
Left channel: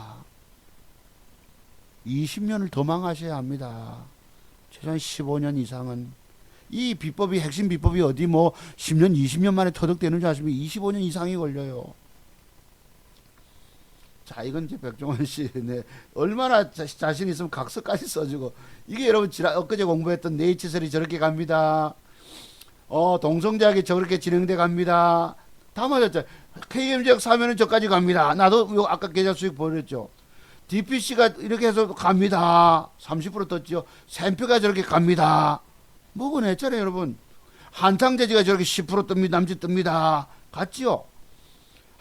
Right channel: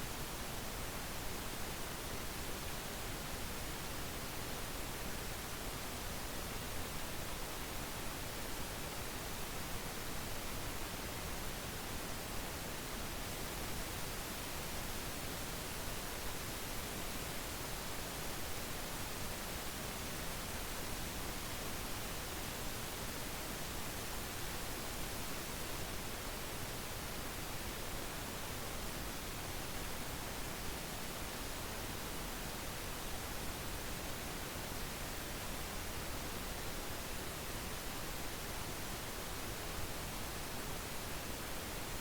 20년을 더 망하셔야 합니다. 최소한 15년 이상은 이 비법이 핵심 비법이 어디 뭐 10년 20년 만에 터득되는 줄 아십니까? 25년 이상이 걸려요. 자, 이건 백종원 씨 얼마나 자신 있으면 각서까지 써주고 이게 여러분 엊그제 공부했던 네이처셀이 저렇게 갑니다. 동성제약이 저렇게 진행돼 갑니다. 다 맞았죠. KM제약 사면은 저까지 갑니다. 나도 아까 계좌 수익 보여줬죠. DPC가 이렇게 해서 갑니다. 30% 떴죠. 샘표가 저렇게 갑니다. 뭐건 했잖아요, 여러분. 한창제지가 저렇게 10% 뜹니다. 남짓 뜹니다. 갔지요.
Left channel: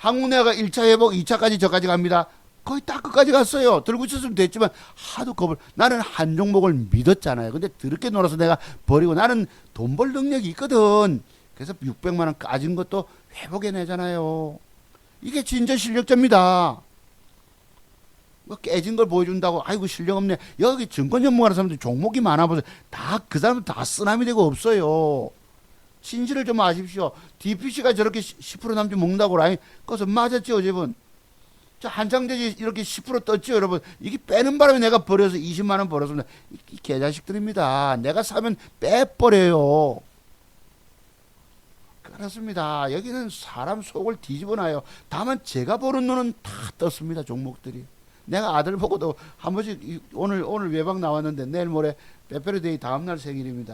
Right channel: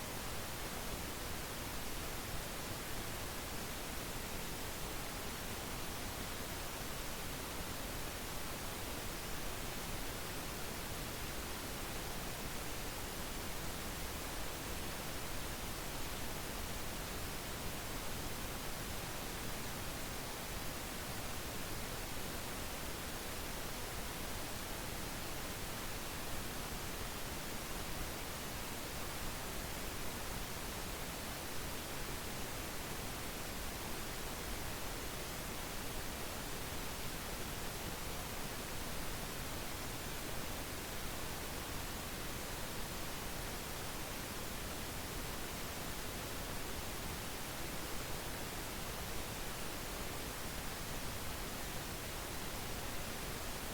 한국내가 1차 회복, 2차까지 저까지 갑니다. 거의 딱 끝까지 갔어요. 들고 있었으면 됐지만 하도 겁을 나는 한 종목을 믿었잖아요. 근데 그렇게 놀아서 내가 버리고 나는 돈 벌 능력이 있거든. 그래서 600만 원 까진 것도 회복해내잖아요. 이게 진짜 실력자입니다. 깨진 걸 보여준다고 아이고 실력 없네. 여기 증권 전문가라는 사람들 종목이 많아보세요. 다 그 사람들 다 쓰나미 되고 없어요. 진실을 좀 아십시오. DPC가 저렇게 10% 남짓 먹는다고 라인 그것은 맞았죠 어제분. 한창대지 이렇게 10% 떴죠 여러분. 이게 빼는 바람에 내가 버려서 20만원 벌었습니다. 이 개자식들입니다. 내가 사면 빼버려요. 그렇습니다. 여기는 사람 속을 뒤집어놔요. 다만 제가 보는 눈은 다 떴습니다. 종목들이. 내가 아들 보고도 한 번씩 오늘 외박 나왔는데 내일 모레 레페르데이 다음날 생일입니다.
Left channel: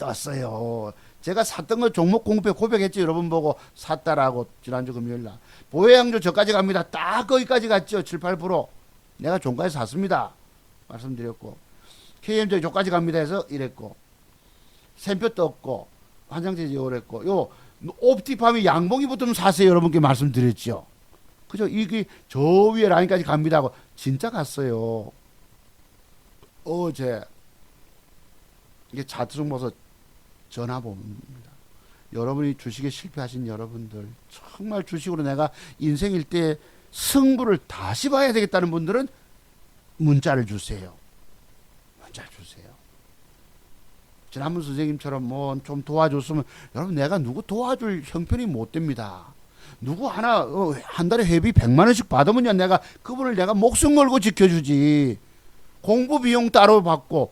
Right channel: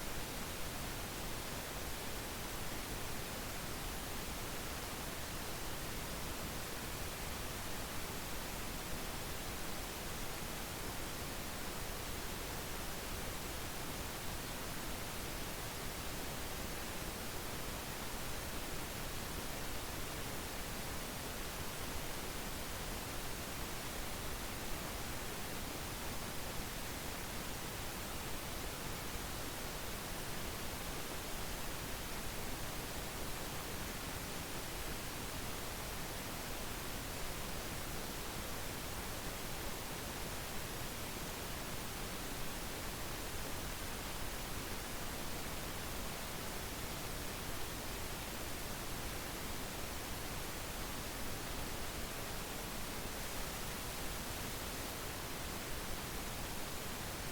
떴어요. 제가 샀던 거 종목 공부에 고백했죠. 여러분 보고 샀다라고 지난주 금요일날. 보혜양조 저까지 갑니다. 딱 거기까지 갔죠. 7, 8%. 내가 종가에 샀습니다. 말씀드렸고. KMJ 저까지 갑니다 해서 이랬고. 샘표 떴고. 환상제지 오랬고. 요 옵티팜이 양봉이 붙으면 사세요. 여러분께 말씀드렸죠. 그죠? 이게 저 위에 라인까지 갑니다 하고 진짜 갔어요. 어제 이게 차트 좀 보서 전화 보면 여러분이 주식에 실패하신 여러분들 정말 주식으로 내가 인생일 때 승부를 다시 봐야 되겠다는 분들은 문자를 주세요. 문자를 주세요. 지난번 선생님처럼 뭐 좀 도와줬으면 여러분 내가 누구 도와줄 형편이 못 됩니다. 누구 하나 한 달에 회비 100만원씩 받으면 내가 그분을 내가 목숨 걸고 지켜주지. 공부 비용 따로 받고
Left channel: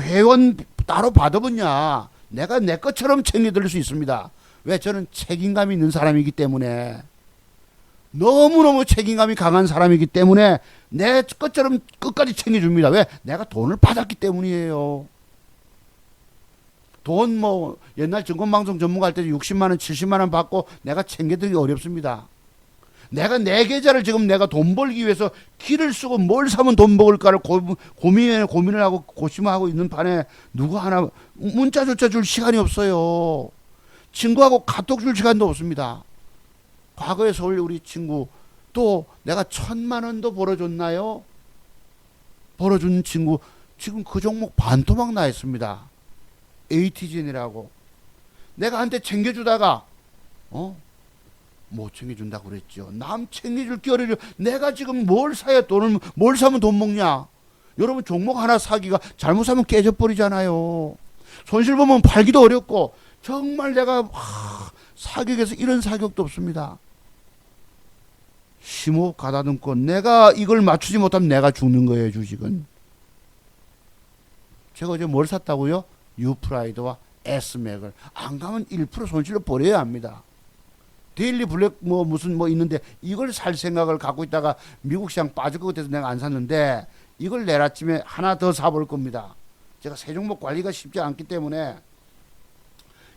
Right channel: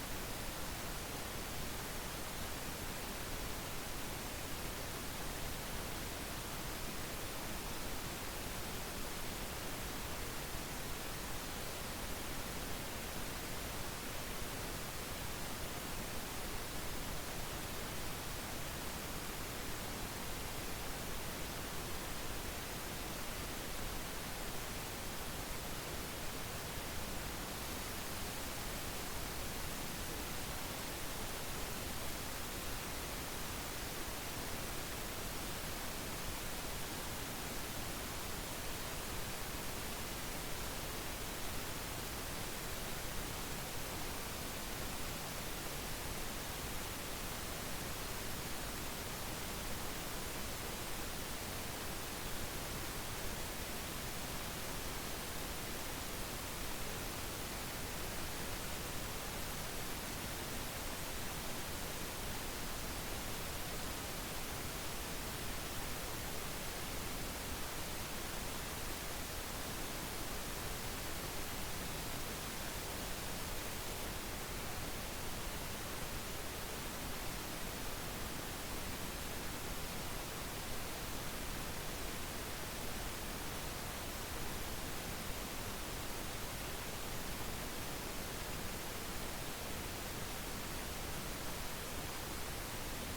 회원 따로 받으면야 내가 내 것처럼 챙겨드릴 수 있습니다. 왜? 저는 책임감이 있는 사람이기 때문에 너무너무 책임감이 강한 사람이기 때문에 내 것처럼 끝까지 챙겨줍니다. 왜? 내가 돈을 받았기 때문이에요. 돈 뭐 옛날 증권방송 전문가 할 때 60만원 70만원 받고 내가 챙겨드리기 어렵습니다. 내가 내 계좌를 지금 내가 돈 벌기 위해서 기를 쓰고 뭘 사면 돈 먹을까를 고민을 하고 고심하고 있는 판에 누구 하나 문자조차 줄 시간이 없어요. 친구하고 카톡 줄 시간도 없습니다. 과거에 서울 우리 친구 또 내가 1,000만원도 벌어줬나요? 벌어준 친구 지금 그 종목 반토막 나 있습니다. AT진이라고 내가 한테 챙겨주다가 못 챙겨준다고 그랬죠. 남 챙겨줄 게 어려워. 내가 지금 뭘 사야 돈을 뭘 사면 돈 먹냐? 여러분 종목 하나 사기가 잘못 사면 깨져버리잖아요. 손실 보면 팔기도 어렵고 정말 내가 사격에서 이런 사격도 없습니다. 심호흡 가다듬고 내가 이걸 맞추지 못하면 내가 죽는 거예요. 주식은. 제가 어제 뭘 샀다고요? 유프라이드와 S맥을. 안 가면 1% 손실로 버려야 합니다. 데일리 블랙 무슨 있는데 이걸 살 생각을 갖고 있다가 미국 시장 빠질 것 같아서 내가 안 샀는데 이걸 내일 아침에 하나 더 사볼 겁니다. 제가 세 종목 관리가 쉽지 않기 때문에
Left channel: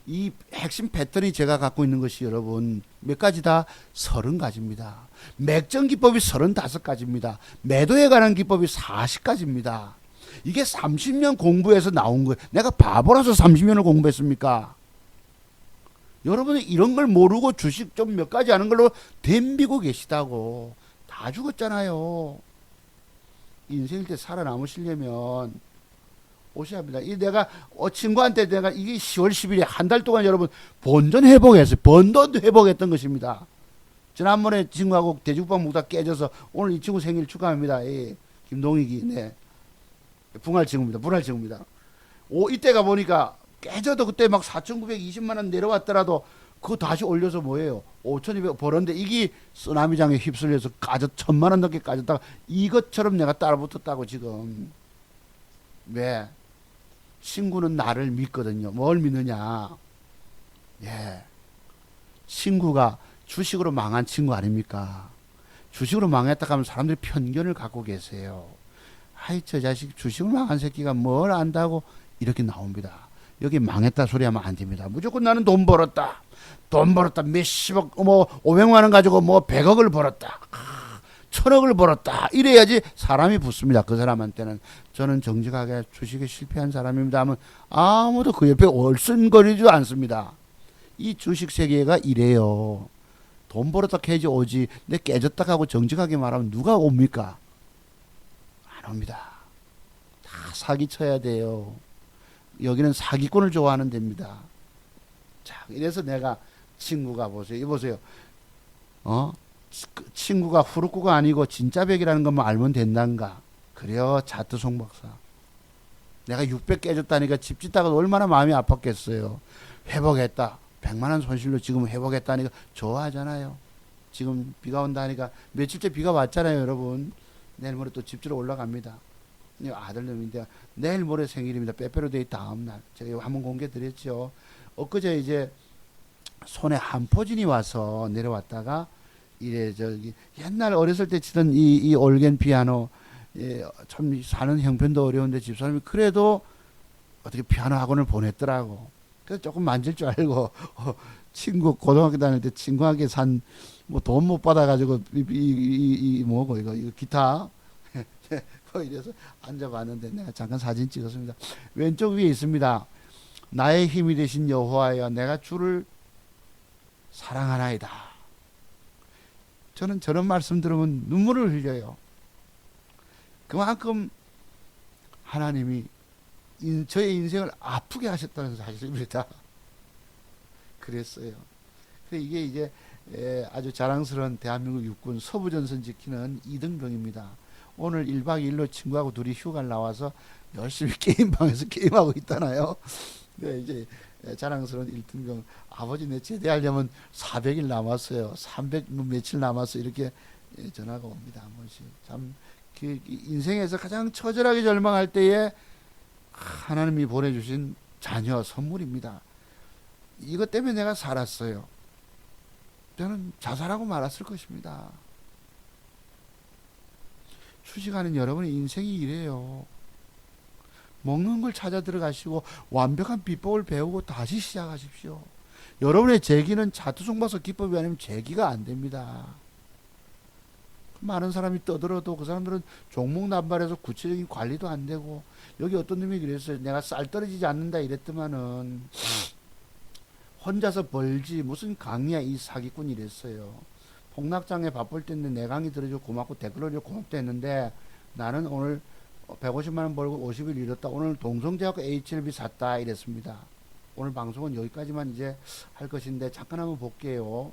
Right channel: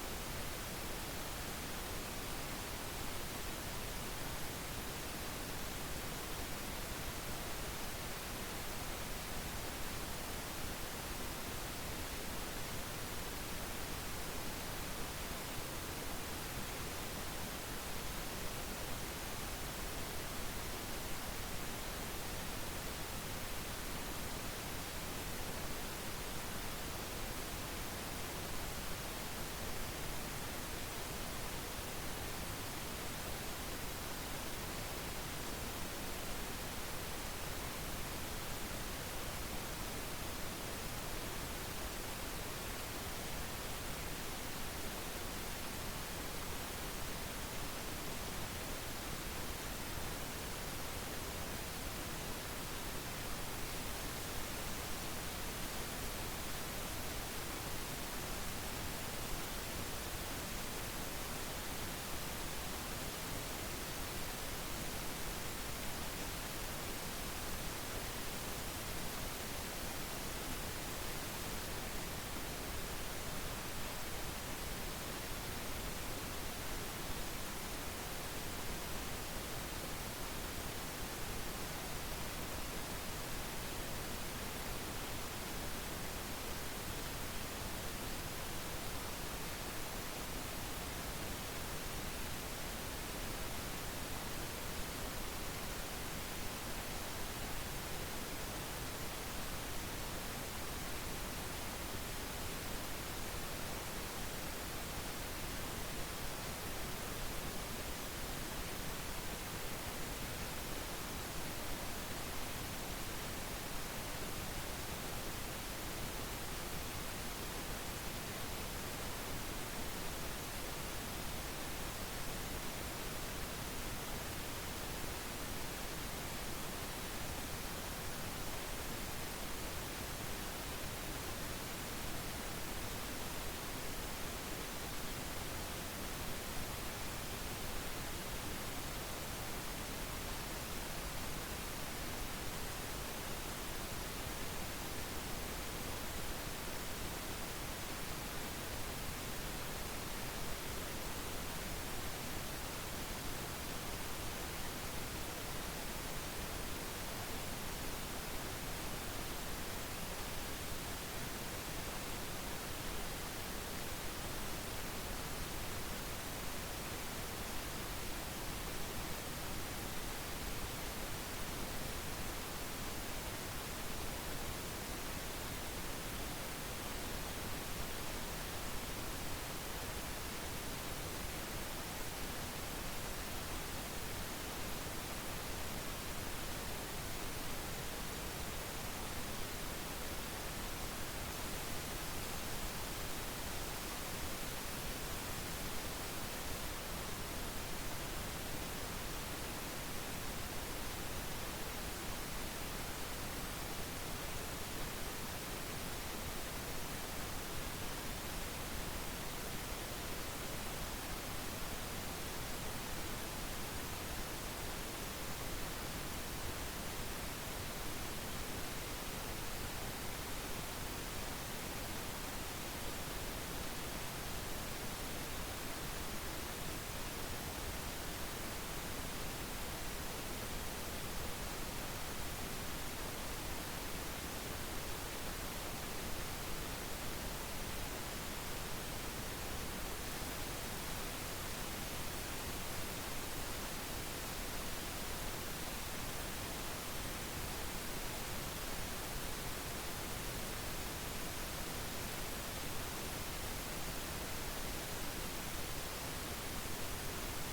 이 핵심 패턴이 제가 갖고 있는 것이 여러분 몇 가지다? 30가지입니다. 맥정 기법이 35가지입니다. 매도에 관한 기법이 40가지입니다. 이게 30년 공부해서 나온 거예요. 내가 바보라서 30년을 공부했습니까? 여러분은 이런 걸 모르고 주식 좀 몇 가지 아는 걸로 덤비고 계시다고. 다 죽었잖아요. 인생 때 살아남으시려면 오셔야 합니다. 이 내가 친구한테 내가 이게 10월 10일에 한 달 동안 여러분 본전 회복했어요. 번돈 회복했던 것입니다. 지난번에 친구하고 돼지국밥 먹다 깨져서 오늘 이 친구 생일 축하합니다. 이 김동익이. 네. 분할 친구입니다. 이때가 보니까 깨져도 그때 막 4,920만원 내려왔더라도 그거 다시 올려서 뭐예요? 5,200 벌었는데 이게 쓰나미장에 휩쓸려서 1,000만원 넘게 까졌다가 이것처럼 내가 따라붙었다고 지금. 왜? 친구는 나를 믿거든요. 뭘 믿느냐? 예. 친구가 주식으로 망한 친구 아닙니까? 주식으로 망했다 하면 사람들이 편견을 갖고 계세요. 아이 저 자식 주식으로 망한 새끼가 뭘 안다고 이렇게 나옵니다. 여기 망했다 소리 하면 안 됩니다. 무조건 나는 돈 벌었다 몇십억 500만원 가지고 100억을 벌었다 1000억을 벌었다 이래야지 사람이 붙습니다. 그 사람한테는. 저는 정직하게 주식에 실패한 사람입니다 하면 아무도 그 옆에 얼씬거리지도 않습니다. 이 주식 세계가 이래요. 돈 벌었다 캐지 오지 내 깨졌다 하고 정직하게 말하면 누가 옵니까? 안 옵니다. 사기 쳐야 돼요. 여기는 사기꾼을 좋아하는 데입니다. 자, 그래서 내가 친구가 보세요. 이거 보세요. 친구가 후루꾸가 아니고 진짜 백이라는 것만 알면 된단가. 그래요. 차트 송박사. 내가 600 깨졌다니까 집 짓다가 얼마나 마음이 아팠겠어요. 회복했다. 100만원 손실로 지금 회복했다니까 좋아하잖아요. 지금 비가 온다니까 며칠째 비가 왔잖아요, 여러분. 내일 모레 또 집주로 올라갑니다. 아들님인데 내일 모레 생일입니다. 빼빼로데이 다음날. 제가 한번 공개 드렸죠. 엊그제 이제 손에 한포진이 와서 내려왔다가 이래 옛날 어렸을 때 치던 이 올겐 피아노 참 사는 형편도 어려운데 집사람이 그래도 어떻게 피아노 학원을 보냈더라고. 그래서 조금 만질 줄 알고 친구 고등학교 다닐 때 친구한테 산 돈 못 받아가지고 뭐고 이거 기타 그래서 앉아봤는데 내가 잠깐 사진 찍었습니다. 왼쪽 위에 있습니다. 나의 힘이 되신 여호와여 내가 주를 사랑하나이다. 저는 저런 말씀 들으면 눈물을 흘려요. 그만큼 하나님이 저의 인생을 아프게 하셨다는 사실입니다. 그랬어요. 이게 이제 아주 자랑스러운 대한민국 육군 서부전선 지키는 2등병입니다. 오늘 1박 2일로 친구하고 둘이 휴가를 나와서 열심히 게임방에서 게임하고 있잖아요. 이제 자랑스러운 1등병. 아버지 내 제대하려면 400일 남았어요. 300 며칠 남았어. 이렇게 전화가 옵니다. 그 인생에서 가장 처절하게 절망할 때에 하나님이 보내주신 자녀 선물입니다. 이것 때문에 내가 살았어요. 저는 자살하고 말았을 것입니다. 주식하는 여러분의 인생이 이래요. 먹는 걸 찾아 들어가시고 완벽한 비법을 배우고 다시 시작하십시오. 여러분의 재기는 차트 송박사 기법이 아니면 재기가 안 됩니다. 많은 사람이 떠들어도 그 사람들은 종목 남발해서 구체적인 관리도 안 되고, 여기 어떤 놈이 그랬어요. 내가 쌀 떨어지지 않는다 이랬더만은 혼자서 벌지 무슨 강의야 이 사기꾼이 됐어요. 홍락장에 바쁠 때는 내 강의 들어줘 고맙고 댓글로 고맙다 했는데 나는 오늘 150만원 벌고 50일 잃었다. 오늘 동성대학교 HLB 샀다 이랬습니다. 오늘 방송은 여기까지만 이제 할 것인데 잠깐 한번 볼게요.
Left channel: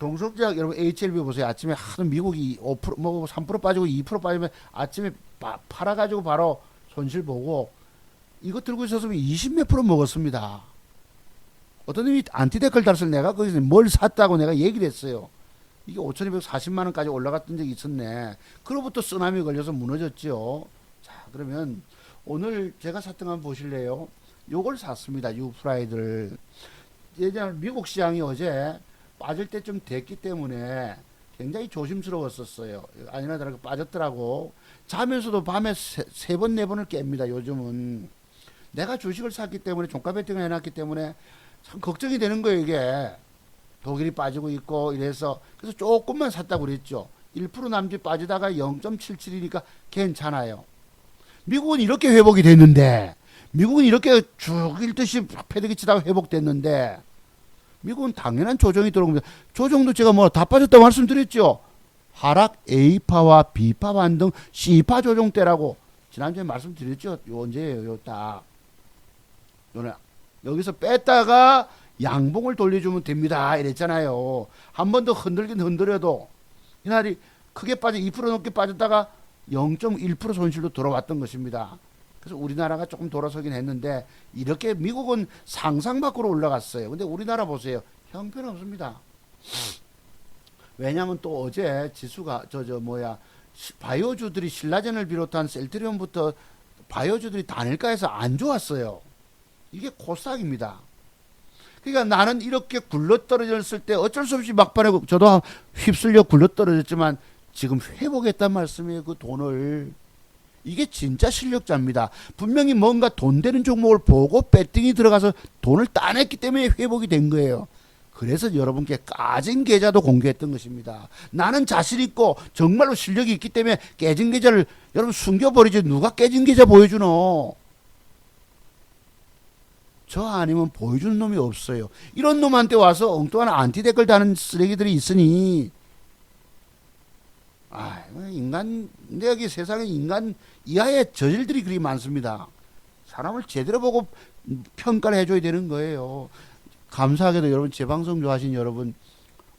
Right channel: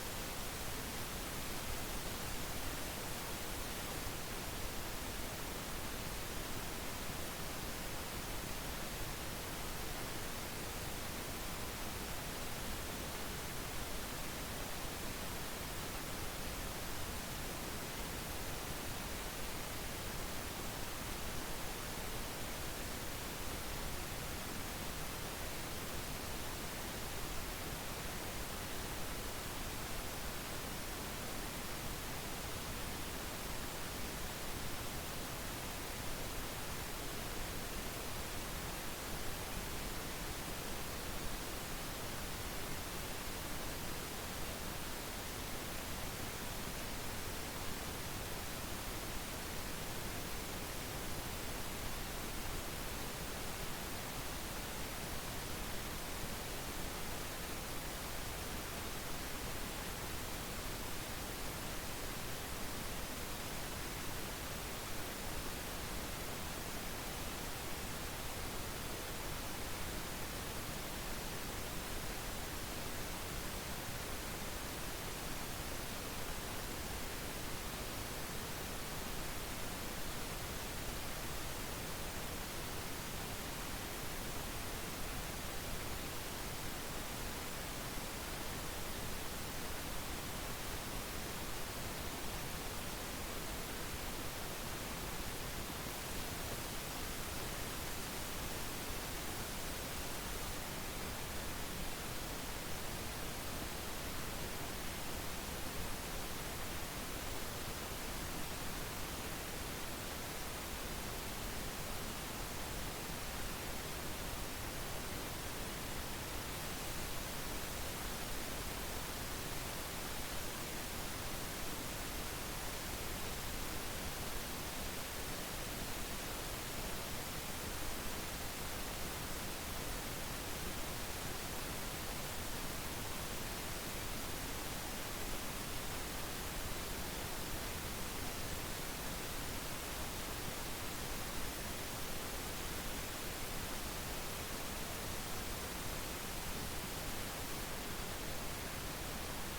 동석제약 여러분 HLB 보세요. 아침에 하는 미국이 5%, 뭐 3% 빠지고 2% 빠지면 아침에 팔아가지고 바로 손실 보고 이거 들고 있었으면 20 몇 프로 먹었습니다. 어떤 놈이 안티데컬 달서 내가 거기서 뭘 샀다고 내가 얘기를 했어요. 이게 5,240만 원까지 올라갔던 적이 있었네. 그로부터 쓰나미 걸려서 무너졌죠. 그러면 오늘 제가 샀던 거 한번 보실래요? 요걸 샀습니다. 유프라이드를. 예전에 미국 시장이 어제 빠질 때쯤 됐기 때문에 굉장히 조심스러웠었어요. 아니나 다르게 빠졌더라고. 자면서도 밤에 세 번, 네 번을 깹니다. 요즘은. 내가 주식을 샀기 때문에 종가 베팅을 해놨기 때문에 참 걱정이 되는 거예요, 이게. 독일이 빠지고 있고 이래서. 그래서 조금만 샀다고 그랬죠. 1% 남짓 빠지다가 0.77이니까 괜찮아요. 미국은 이렇게 회복이 됐는데, 미국은 이렇게 쭉 일듯이 패대기 치다가 회복됐는데, 미국은 당연한 조정이 들어옵니다. 조정도 제가 뭐 다 빠졌다고 말씀드렸죠. 하락 A파와 B파 반등 C파 조정 때라고 지난주에 말씀드렸죠. 언제예요? 딱 여기서 뺐다가 양봉을 돌려주면 됩니다. 이랬잖아요. 한 번 더 흔들긴 흔들어도 그날이 크게 빠져 2% 넘게 빠졌다가 0.1% 손실로 돌아왔던 것입니다. 그래서 우리나라가 조금 돌아서긴 했는데 이렇게 미국은 상상 밖으로 올라갔어요. 근데 우리나라 보세요. 형편없습니다. 왜냐하면 또 어제 지수가 바이오주들이 신라젠을 비롯한 셀트리온부터 바이오주들이 단일가에서 안 좋았어요. 이게 코스닥입니다. 그러니까 나는 이렇게 굴러떨어졌을 때 어쩔 수 없이 막판에 저도 휩쓸려 굴러떨어졌지만 지금 회복했단 말씀이에요. 그 돈을. 이게 진짜 실력자입니다. 분명히 뭔가 돈 되는 종목을 보고 배팅이 들어가서 돈을 따냈기 때문에 회복이 된 거예요. 그래서 여러분께 까진 계좌도 공개했던 것입니다. 나는 자신 있고 정말로 실력이 있기 때문에 깨진 계좌를 여러분 숨겨버리지. 누가 깨진 계좌 보여주노? 저 아니면 보여주는 놈이 없어요. 이런 놈한테 와서 엉뚱한 안티데컬 다는 쓰레기들이 있으니 인간, 근데 여기 세상에 인간 이하의 저질들이 그리 많습니다. 사람을 제대로 보고 평가를 해줘야 되는 거예요. 감사하게도 여러분 제 방송 좋아하신 여러분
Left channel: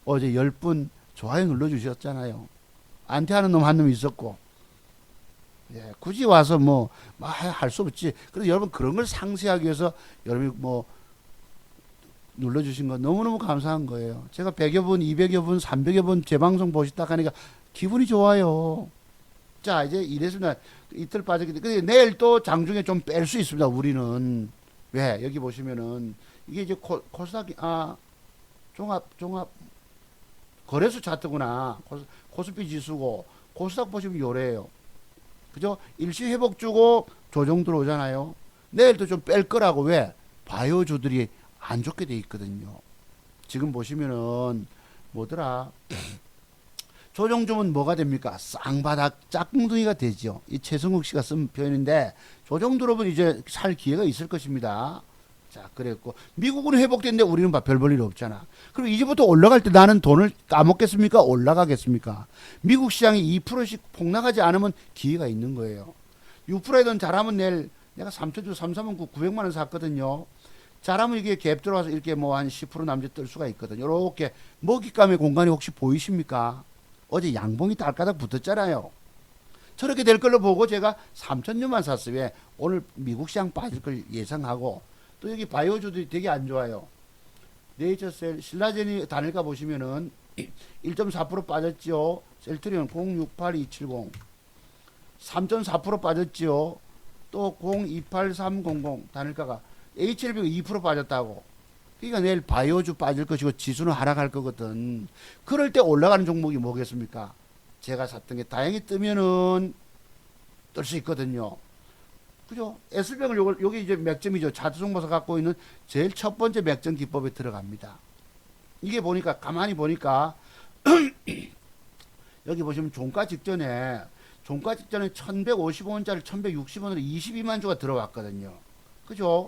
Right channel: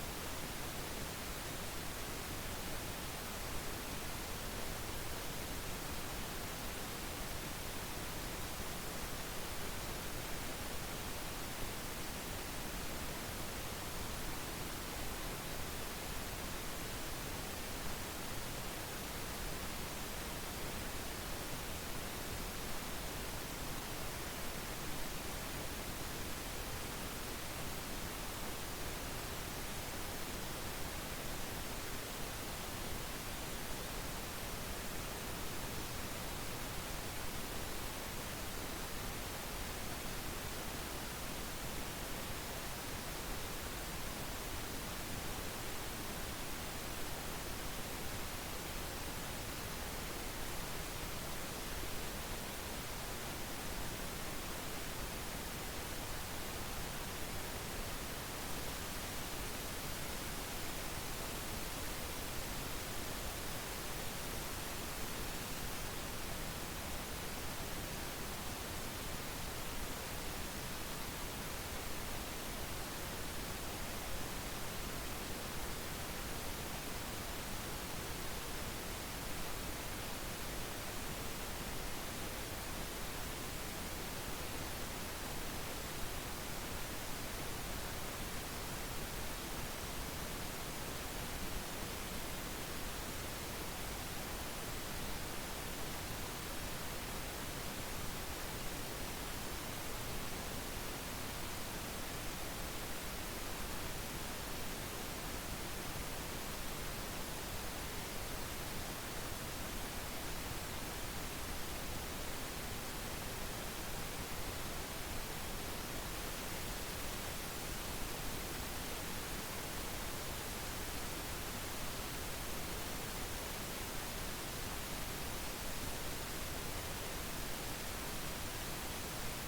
어제 10분 좋아요 눌러주셨잖아요. 안티하는 놈 한 놈 있었고 굳이 와서 뭐 할 수 없지. 그래서 여러분 그런 걸 상쇄하기 위해서 여러분이 뭐 눌러주신 거 너무너무 감사한 거예요. 제가 100여 분, 200여 분, 300여 분 제 방송 보시다 가니까 기분이 좋아요. 자, 이제 이래서는 이틀 빠졌기 때문에 내일 또 장중에 좀 뺄 수 있습니다. 우리는. 왜? 여기 보시면은 이게 이제 코스닥이 종합 거래소 차트구나. 코스피 지수고 코스닥 보시면 요래요. 그죠? 일시 회복 주고 조정 들어오잖아요. 내일도 좀 뺄 거라고. 왜? 바이오주들이 안 좋게 돼 있거든요. 지금 보시면은 뭐더라? 조정 주면 뭐가 됩니까? 쌍바닥 짝꿍둥이가 되죠. 이 최승욱 씨가 쓴 표현인데 조정 들어오면 이제 살 기회가 있을 것입니다. 자, 그랬고 미국은 회복됐는데 우리는 별 볼 일 없잖아. 그럼 이제부터 올라갈 때 나는 돈을 따먹겠습니까? 올라가겠습니까? 미국 시장이 2%씩 폭락하지 않으면 기회가 있는 거예요. 6%든 잘하면 내일 내가 3,300원 900만 원 샀거든요. 잘하면 이게 갭 들어와서 이렇게 뭐 한 10% 남짓 뜰 수가 있거든요. 이렇게 먹잇감의 공간이 혹시 보이십니까? 어제 양봉이 딸까닥 붙었잖아요. 저렇게 될 걸로 보고 제가 3,000년만 샀어요. 왜? 오늘 미국 시장 빠질 걸 예상하고. 또 여기 바이오주들이 되게 안 좋아요. 네이처셀, 신라젠이 단일가 보시면은 1.4% 빠졌죠. 셀트리온 068270 3.4% 빠졌죠. 또 028300 단일가가 HLB가 2% 빠졌다고. 그러니까 내일 바이오주 빠질 것이고 지수는 하락할 거거든. 그럴 때 올라가는 종목이 뭐겠습니까? 제가 샀던 게 다행히 뜨면은 뜰 수 있거든요. 그죠? S병을 요게 이제 맥점이죠. 차트 정보서 갖고 있는 제일 첫 번째 맥점 기법에 들어갑니다. 이게 보니까 가만히 보니까 여기 보시면 종가 직전에 1150원짜리 1160원으로 22만 주가 들어왔거든요. 그죠?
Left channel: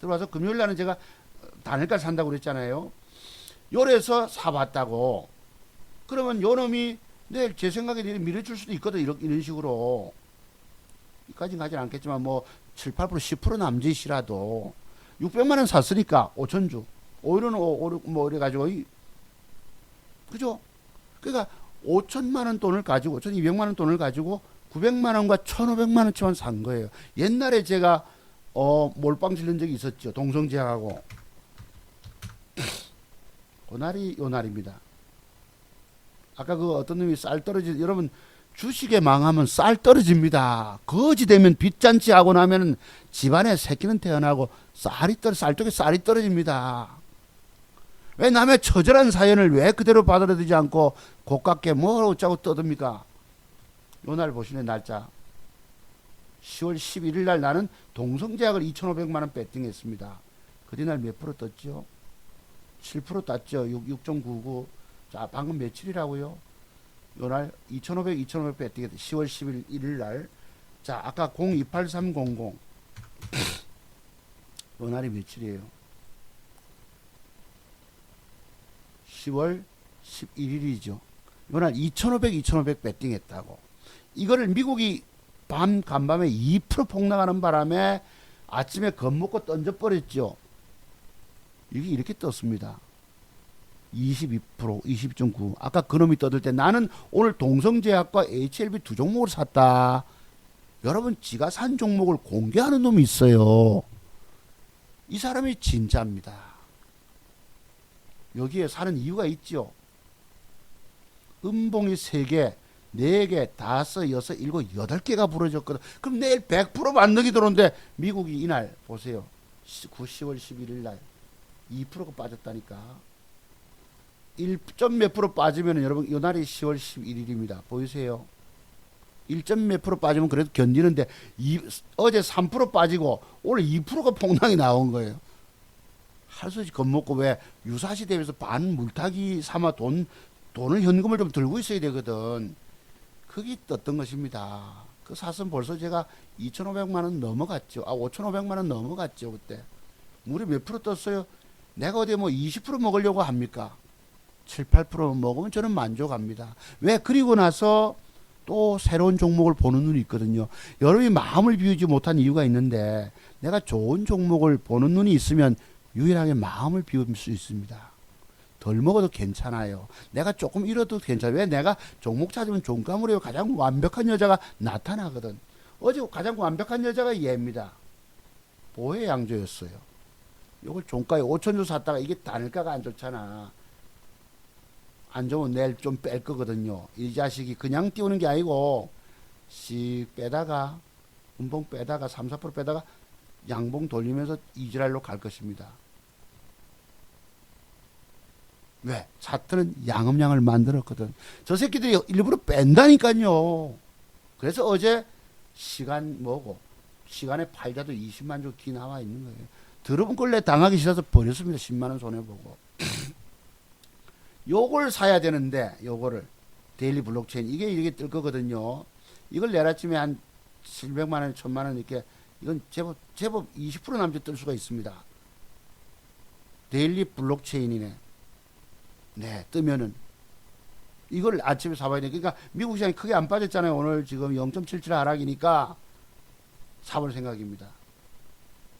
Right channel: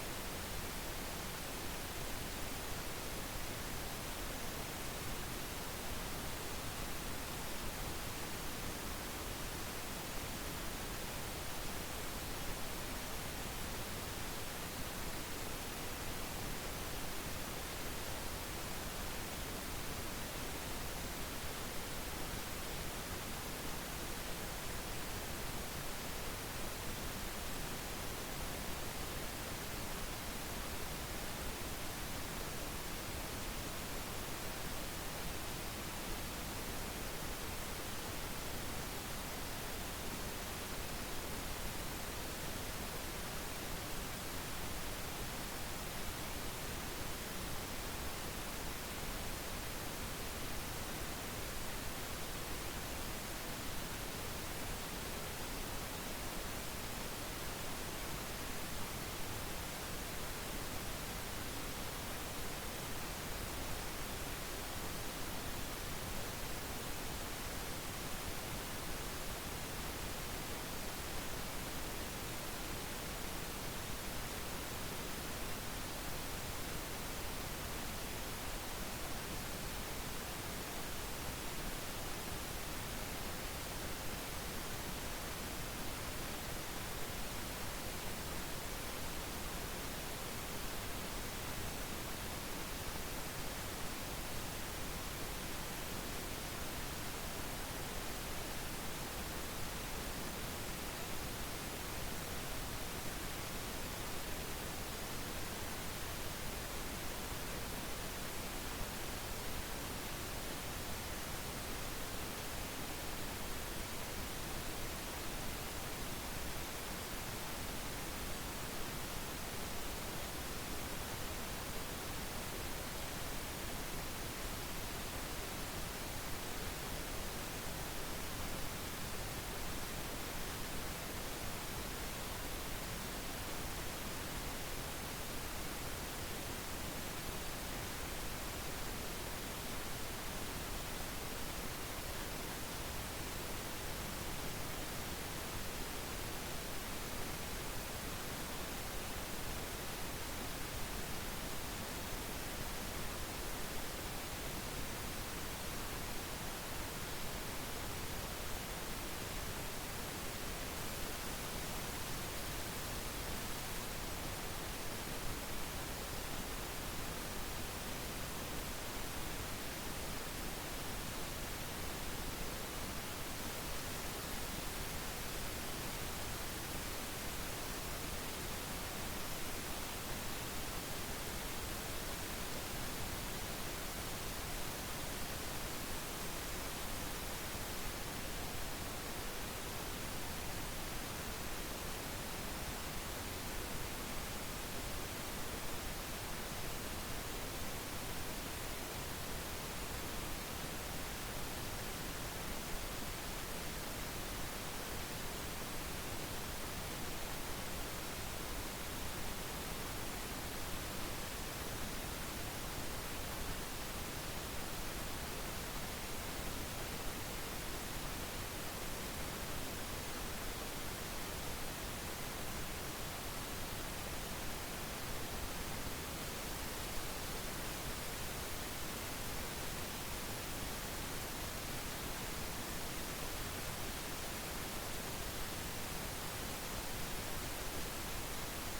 들어와서 금요일 날은 제가 단일가 산다고 그랬잖아요. 요래서 사봤다고. 그러면 요 놈이 내일 제 생각에 밀어줄 수도 있거든. 이런 식으로. 까지 가진 않겠지만 뭐 7, 8%, 10% 남짓이라도 600만 원 샀으니까 5천주. 오히려는 뭐 이래가지고 그죠? 그러니까 5천만 원 돈을 가지고 5,200만 원 돈을 가지고 900만 원과 1,500만 원치만 산 거예요. 옛날에 제가 몰빵 질른 적이 있었죠. 동성제약하고. 요 날입니다. 아까 그 어떤 놈이 쌀 떨어지, 여러분 주식에 망하면 쌀 떨어집니다. 거지 되면 빚잔치 하고 나면 집안에 새끼는 태어나고 쌀 쪽에 쌀이 떨어집니다. 왜 남의 처절한 사연을 왜 그대로 받아들이지 않고 고깝게 뭘 어쩌고 떠듭니까? 오늘 보시는 날짜 10월 11일 날 나는 동성제약을 2,500만 원 배팅했습니다. 그날 몇 프로 떴죠? 7% 땄죠. 6.99. 자, 방금 며칠이라고요? 요날 2,500 배팅했죠. 10월 11일 날. 자, 아까 028300. 요날이 며칠이에요? 10월 11일이죠. 요날 2,500 배팅했다고. 이거를 미국이 간밤에 2% 폭락하는 바람에 아침에 겁먹고 던져버렸죠. 이게 이렇게 떴습니다. 22%, 20.9. 아까 그놈이 떠들 때 나는 오늘 동성제약과 HLB 두 종목을 샀다. 여러분, 지가 산 종목을 공개하는 놈이 있어요. 이 사람이 진짜입니다. 여기에 사는 이유가 있죠. 음봉이 3개, 4개, 5, 6, 7, 8개가 부러졌거든. 그럼 내일 100% 만능이 들어오는데 미국이 이날 보세요. 10월 11일 날 2%가 빠졌다니까. 1점 몇 프로 빠지면 여러분 요날이 10월 11일입니다. 보이세요? 1점 몇 프로 빠지면 그래도 견디는데 어제 3% 빠지고 오늘 2%가 폭락이 나온 거예요. 할 수 없이 겁먹고 왜 유사시 대비해서 반 물타기 삼아 돈을 현금을 좀 들고 있어야 되거든. 그게 떴던 것입니다. 그 사선 벌써 제가 2,500만 원 넘어갔죠. 5,500만 원 넘어갔죠. 그때. 우리 몇 프로 떴어요? 내가 어디 뭐 20% 먹으려고 합니까? 7, 8% 먹으면 저는 만족합니다. 왜? 그리고 나서 또 새로운 종목을 보는 눈이 있거든요. 여러분이 마음을 비우지 못한 이유가 있는데 내가 좋은 종목을 보는 눈이 있으면 유일하게 마음을 비울 수 있습니다. 덜 먹어도 괜찮아요. 내가 조금 잃어도 괜찮아요. 왜? 내가 종목 찾으면 종가물에 가장 완벽한 여자가 나타나거든. 어제 가장 완벽한 여자가 얘입니다. 오해양조였어요. 이거 종가에 5천주 샀다가 이게 단일가가 안 좋잖아. 안 좋으면 내일 좀 뺄 거거든요. 이 자식이 그냥 띄우는 게 아니고 씩 빼다가 분봉 빼다가 3, 4% 빼다가 양봉 돌리면서 이지랄로 갈 것입니다. 왜? 차트는 양음양을 만들었거든. 저 새끼들이 일부러 뺀다니까요. 그래서 어제 시간 뭐고 시간에 팔자도 20만 주 기 나와 있는 거고 더러운 걸 내 당하기 싫어서 버렸습니다. 10만원 손해보고. 요걸 사야 되는데 요거를 데일리 블록체인 이게 뜰 거거든요. 이걸 내일 아침에 한 700만원 1000만원 이렇게 이건 제법 20% 남짓 뜰 수가 있습니다. 데일리 블록체인이면 네 뜨면은 이걸 아침에 사봐야 돼. 그러니까 미국 시장이 크게 안 빠졌잖아요. 오늘 지금 0.77 하락이니까 사볼 생각입니다.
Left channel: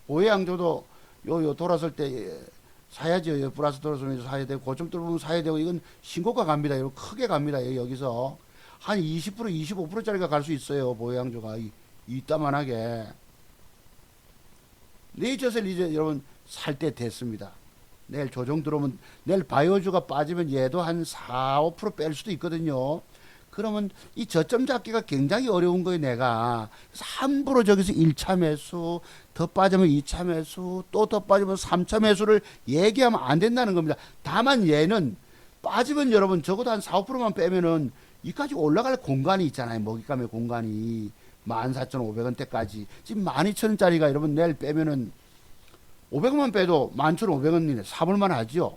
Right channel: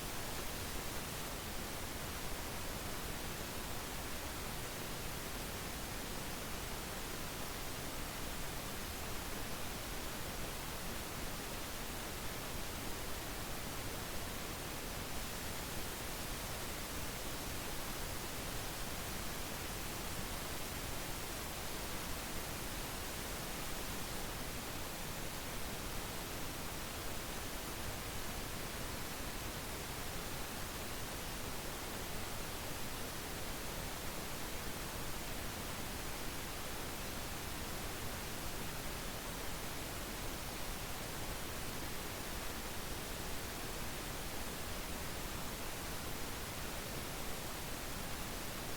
오해양조도 요 돌아설 때 사야죠. 요 플러스 돌아서면서 사야 되고 고점 뚫으면 사야 되고 이건 신고가 갑니다. 이거 크게 갑니다. 여기서 한 20% 25%짜리가 갈 수 있어요. 오해양조가 이따만하게 네이처셀 이제 여러분 살 때 됐습니다. 내일 조정 들어오면 내일 바이오주가 빠지면 얘도 한 4, 5% 뺄 수도 있거든요. 그러면 이 저점 잡기가 굉장히 어려운 거예요. 내가 3% 저기서 1차 매수 더 빠지면 2차 매수 또 더 빠지면 3차 매수를 얘기하면 안 된다는 겁니다. 다만 얘는 빠지면 여러분 적어도 한 4, 5%만 빼면은 여기까지 올라갈 공간이 있잖아요. 먹잇감의 공간이 14,500원대까지 지금 12,000원짜리가 여러분 내일 빼면은 500원만 빼도 11,500원이네. 사볼만 하죠.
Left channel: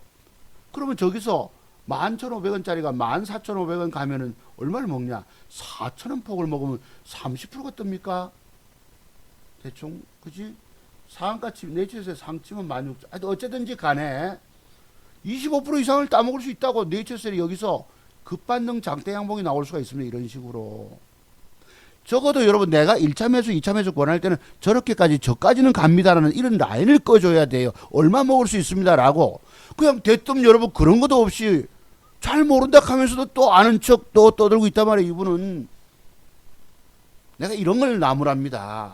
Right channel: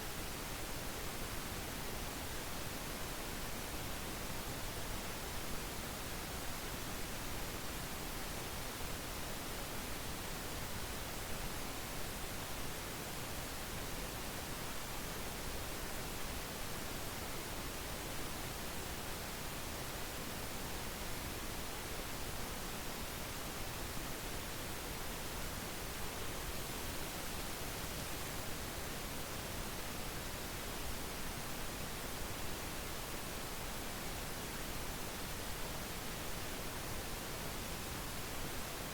그러면 저기서 11,500원짜리가 14,500원 가면은 얼마를 먹냐? 4,000원 폭을 먹으면 30%가 뜹니까? 대충, 그지? 상한가치 네이처에서 3,000원 많이, 어쨌든지 간에 25% 이상을 따먹을 수 있다고 네이처셀이 여기서 급반등 장대 양봉이 나올 수가 있습니다. 이런 식으로. 적어도 여러분 내가 1차 매수 2차 매수 권할 때는 저렇게까지 저까지는 갑니다라는 이런 라인을 꺼줘야 돼요. 얼마 먹을 수 있습니다 라고. 그냥 대뜸 여러분 그런 것도 없이 잘 모른다 하면서도 또 아는 척 또 떠들고 있단 말이에요. 이분은. 내가 이런 걸 나무랍니다.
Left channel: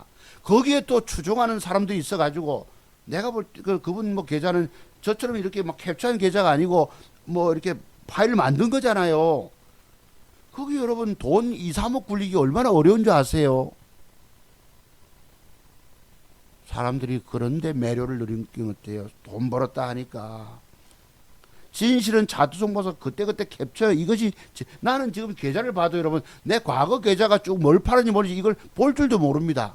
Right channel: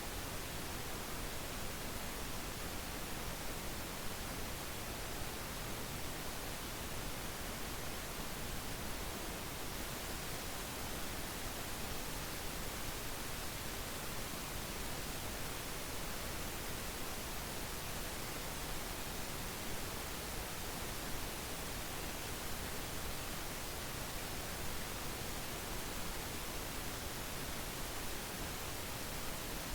거기에 또 추종하는 사람들이 있어가지고 내가 볼 그분 뭐 계좌는 저처럼 이렇게 막 캡처한 계좌가 아니고 뭐 이렇게 파일 만든 거잖아요. 거기 여러분 돈 2, 3억 굴리기 얼마나 어려운 줄 아세요? 사람들이 그런데 매료를 누리는 어때요? 돈 벌었다 하니까. 진실은 자두성 봐서 그때그때 캡처. 이것이 나는 지금 계좌를 봐도 여러분 내 과거 계좌가 쭉 뭘 팔았는지 모르지 이걸 볼 줄도 모릅니다.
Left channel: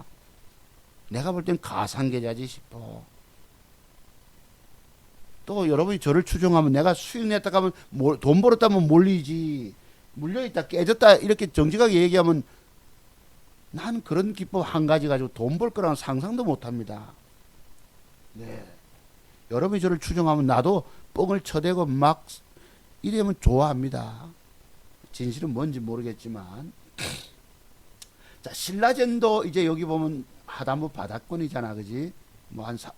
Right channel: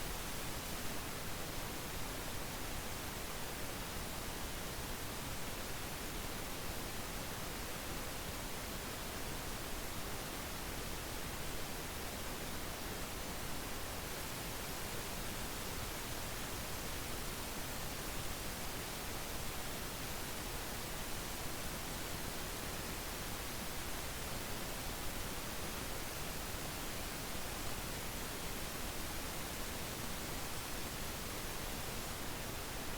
내가 볼 땐 가상 계좌지 싶어. 또 여러분이 저를 추종하면 내가 수익 냈다 하면 돈 벌었다면 몰리지. 물려있다 깨졌다 이렇게 정직하게 얘기하면 난 그런 기법 한 가지 가지고 돈 벌 거라는 상상도 못합니다. 네. 여러분이 저를 추종하면 나도 뻥을 쳐대고 막 이러면 좋아합니다. 진실은 뭔지 모르겠지만. 자, 신라젠도 이제 여기 보면 하단부 바닥권이잖아, 그지?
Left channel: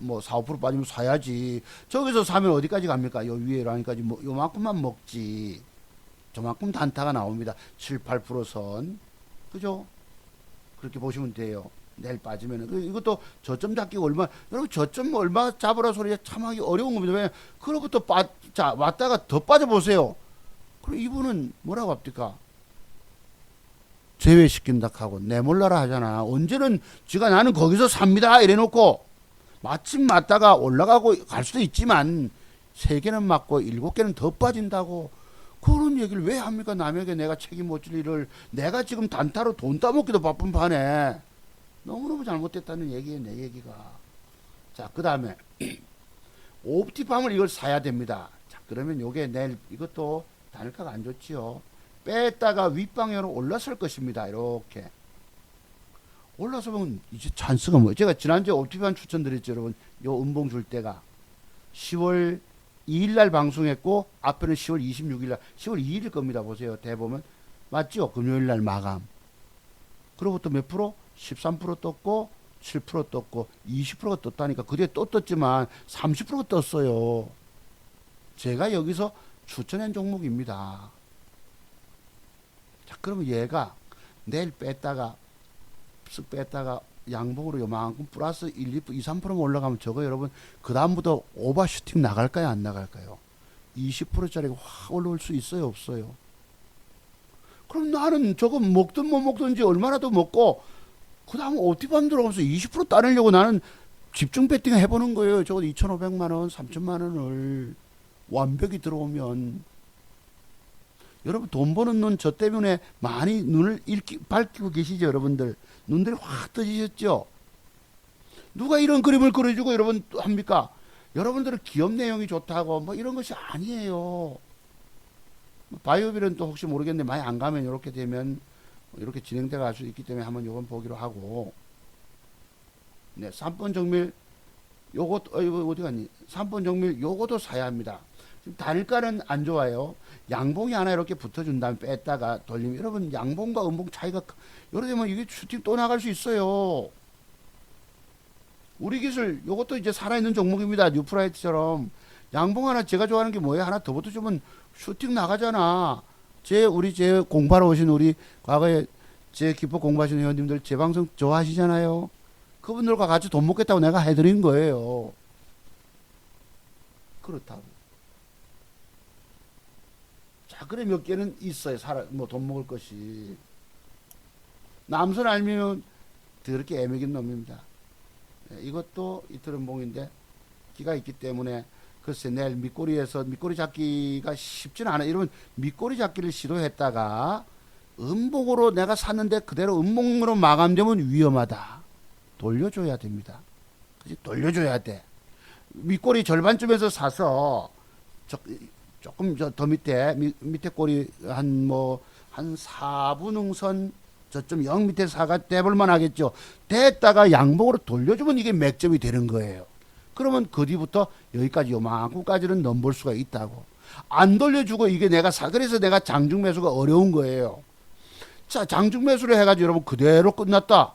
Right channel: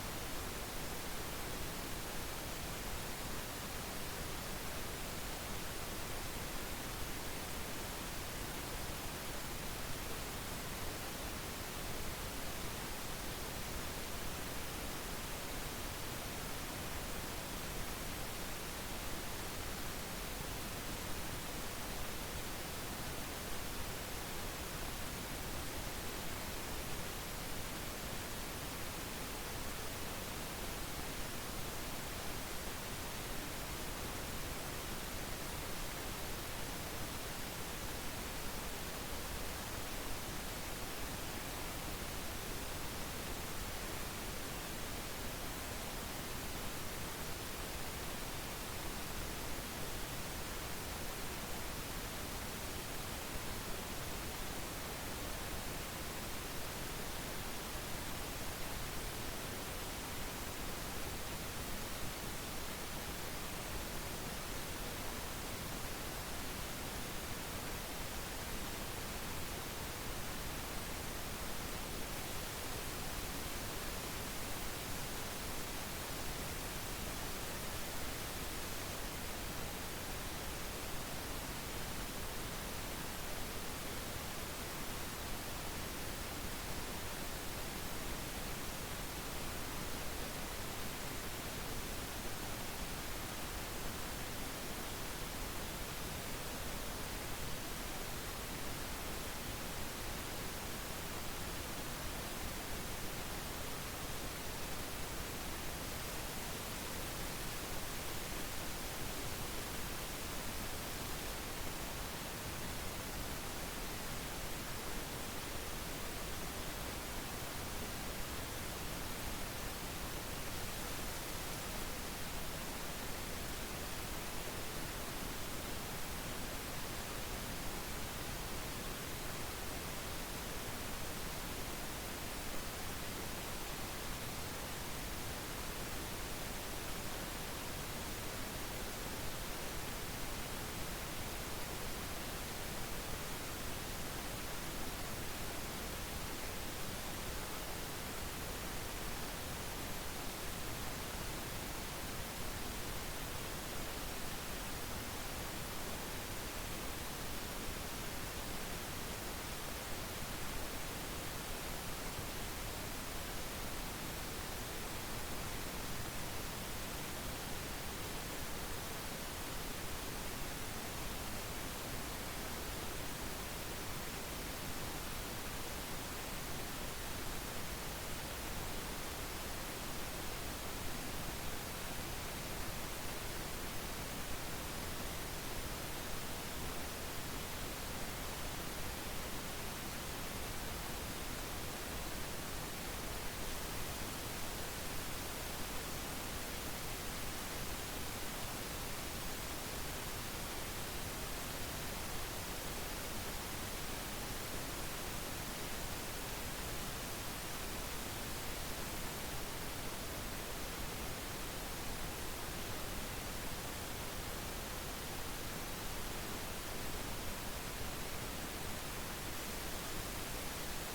뭐 4, 5% 빠지면 사야지. 저기서 사면 어디까지 갑니까? 여기 위에 라인까지 뭐 요만큼만 먹지. 저만큼 단타가 나옵니다. 7, 8% 선. 그죠? 그렇게 보시면 돼요. 내일 빠지면. 이것도 저점 잡기가 얼마, 여러분 저점 얼마 잡으라 소리가 참 하기 어려운 겁니다. 왜? 그로부터 왔다가 더 빠져보세요. 이분은 뭐라고 합니까? 제외시킨다 하고 내몰라라 하잖아. 언제는 지가 나는 거기서 삽니다 이래 놓고 마침 맞다가 올라가고 갈 수도 있지만 3개는 맞고 7개는 더 빠진다고. 그런 얘기를 왜 합니까? 남에게 내가 책임 못 질 일을. 내가 지금 단타로 돈 따먹기도 바쁜 판에 너무너무 잘못됐다는 얘기예요, 내 얘기가. 자, 그 다음에 옵티팜을 이걸 사야 됩니다. 자, 그러면 요게 내일 이것도 단가가 안 좋지요. 뺐다가 윗방향으로 올라설 것입니다. 이렇게 올라서면 이제 찬스가 뭐, 제가 지난주에 옵티팜 추천드렸죠, 여러분. 요 음봉 줄 때가 10월 2일날 방송했고 앞에는 10월 26일날 10월 2일일 겁니다. 보세요. 대보면 맞죠? 금요일날 마감. 그로부터 몇 프로? 13% 떴고 7% 떴고 20%가 떴다니까. 그때 또 떴지만 30%가 떴어요. 제가 여기서 추천한 종목입니다. 자, 그럼 얘가 내일 뺐다가 양봉으로 요만큼 플러스 1, 2, 3%만 올라가면 저거 여러분 그 다음부터 오버슈팅 나갈까요 안 나갈까요? 20%짜리가 확 올라올 수 있어요 없어요? 그럼 나는 저거 먹든 못 먹든지 얼마나 더 먹고 그 다음 옵티팜 들어가면서 20% 따내려고 나는 집중 배팅 해보는 거예요. 저거 2,500만원 3,000만원을 완벽히 들어오면. 여러분 돈 버는 눈 저 때문에 많이 눈을 밝히고 계시죠 여러분들. 눈들이 확 떠지셨죠. 누가 이런 그림을 그려주고 여러분 합니까? 여러분들은 기업 내용이 좋다고 뭐 이런 것이 아니에요. 바이오빌은 또 혹시 모르겠는데 많이 안 가면 이렇게 되면 이렇게 진행돼 갈 수 있기 때문에 한번 이건 보기로 하고. 네, 3번 정밀 요것 이거 어디 갔니? 3번 정밀 요것도 사야 합니다. 단일가는 안 좋아요. 양봉이 하나 이렇게 붙어준 다음에 뺐다가 돌리면 여러분 양봉과 음봉 차이가 이렇게 되면 이게 슈팅 또 나갈 수 있어요. 우리 기술 요것도 이제 살아있는 종목입니다. 뉴프라이트처럼 양봉 하나 제가 좋아하는 게 뭐예요? 하나 더 붙어주면 슈팅 나가잖아. 제 공부하러 오신 우리 과거에 제 기법 공부하시는 회원님들 제 방송 좋아하시잖아요. 그분들과 같이 돈 먹겠다고 내가 해드린 거예요. 그렇다고. 자, 그래 몇 개는 있어요. 뭐 돈 먹을 것이. 남선 알면 그렇게 애매긴 놈입니다. 이것도 이끌음봉인데 기가 있기 때문에 글쎄 내일 밑꼬리 잡기가 쉽지는 않아. 이러면 밑꼬리 잡기를 시도했다가 음봉으로 내가 샀는데 그대로 음봉으로 마감되면 위험하다. 돌려줘야 됩니다. 돌려줘야 돼. 밑꼬리 절반쯤에서 사서 조금 더 밑에 꼬리 한 4분응선 저점 0 밑에 사가 대볼만 하겠죠. 됐다가 양봉으로 돌려주면 이게 맥점이 되는 거예요. 그러면 그 뒤부터 여기까지 요만큼까지는 넘볼 수가 있다고. 안 돌려주고 이게 그래서 내가 장중 매수가 어려운 거예요. 자, 장중 매수를 해가지고 여러분 그대로 끝났다.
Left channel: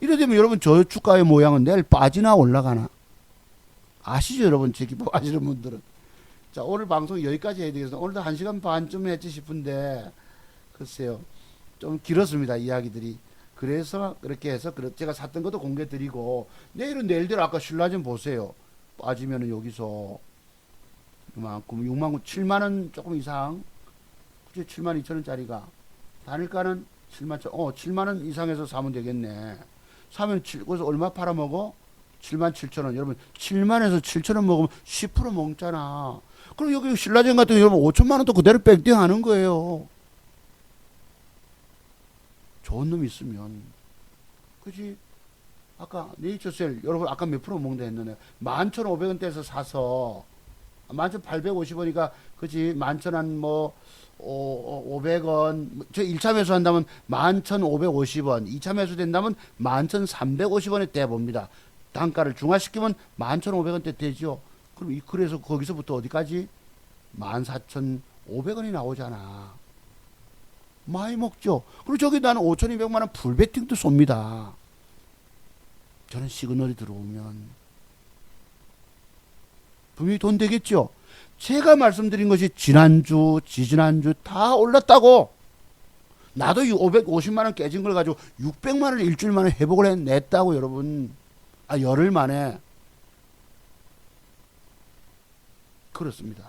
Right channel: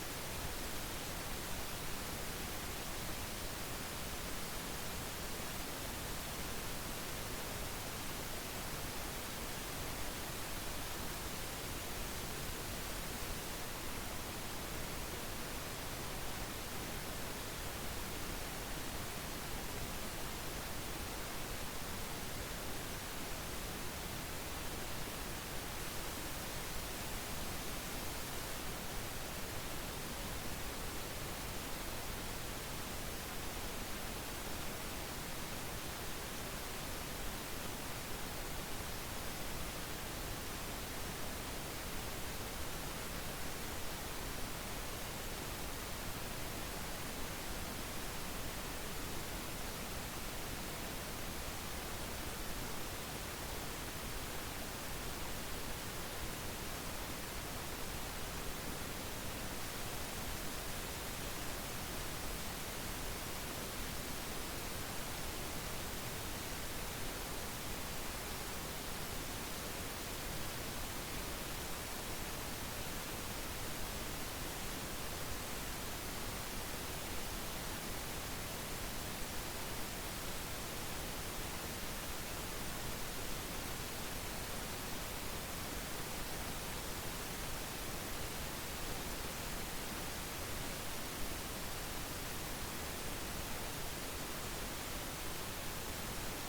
이래 되면 여러분 저 주가의 모양은 내일 빠지나 올라가나? 아시죠 여러분? 제 기법 아시는 분들은. 자, 오늘 방송 여기까지 해야 되겠습니다. 오늘도 1시간 반쯤 했지 싶은데, 글쎄요. 좀 길었습니다, 이야기들이. 그래서 그렇게 해서 제가 샀던 것도 공개 드리고, 내일은 내일대로 아까 신라 좀 보세요. 빠지면은 여기서 그만큼 6만 7만원 조금 이상, 7만 2천원짜리가 단일가는 7만원 이상에서 사면 되겠네. 사면 그래서 얼마 팔아먹어? 7만 7천원. 여러분 7만에서 7천원 먹으면 10% 먹잖아. 그럼 여기 신라젠 같은 경우 여러분 5천만원도 그대로 뺑뺑 하는 거예요. 좋은 놈이 있으면. 그지? 아까 네이처셀 여러분 아까 몇 프로 먹는다 했는데 11,500원대에서 사서 11,850원이니까 그지? 11,000한 뭐 500원 저 1차 매수 한다면 11,550원 2차 매수 된다면 11,350원에 대봅니다. 단가를 중화시키면 11,500원대 되죠. 그래서 거기서부터 어디까지? 14,500원이 나오잖아. 많이 먹죠. 그리고 저기 나는 5,200만원 풀베팅도 쏩니다. 저는 시그널이 들어오면 그게 돈 되겠죠. 제가 말씀드린 것이 지난주 지지난주 다 올랐다고. 나도 550만원 깨진 걸 가지고 600만원 일주일 만에 회복을 해냈다고. 여러분 열흘 만에. 그렇습니다.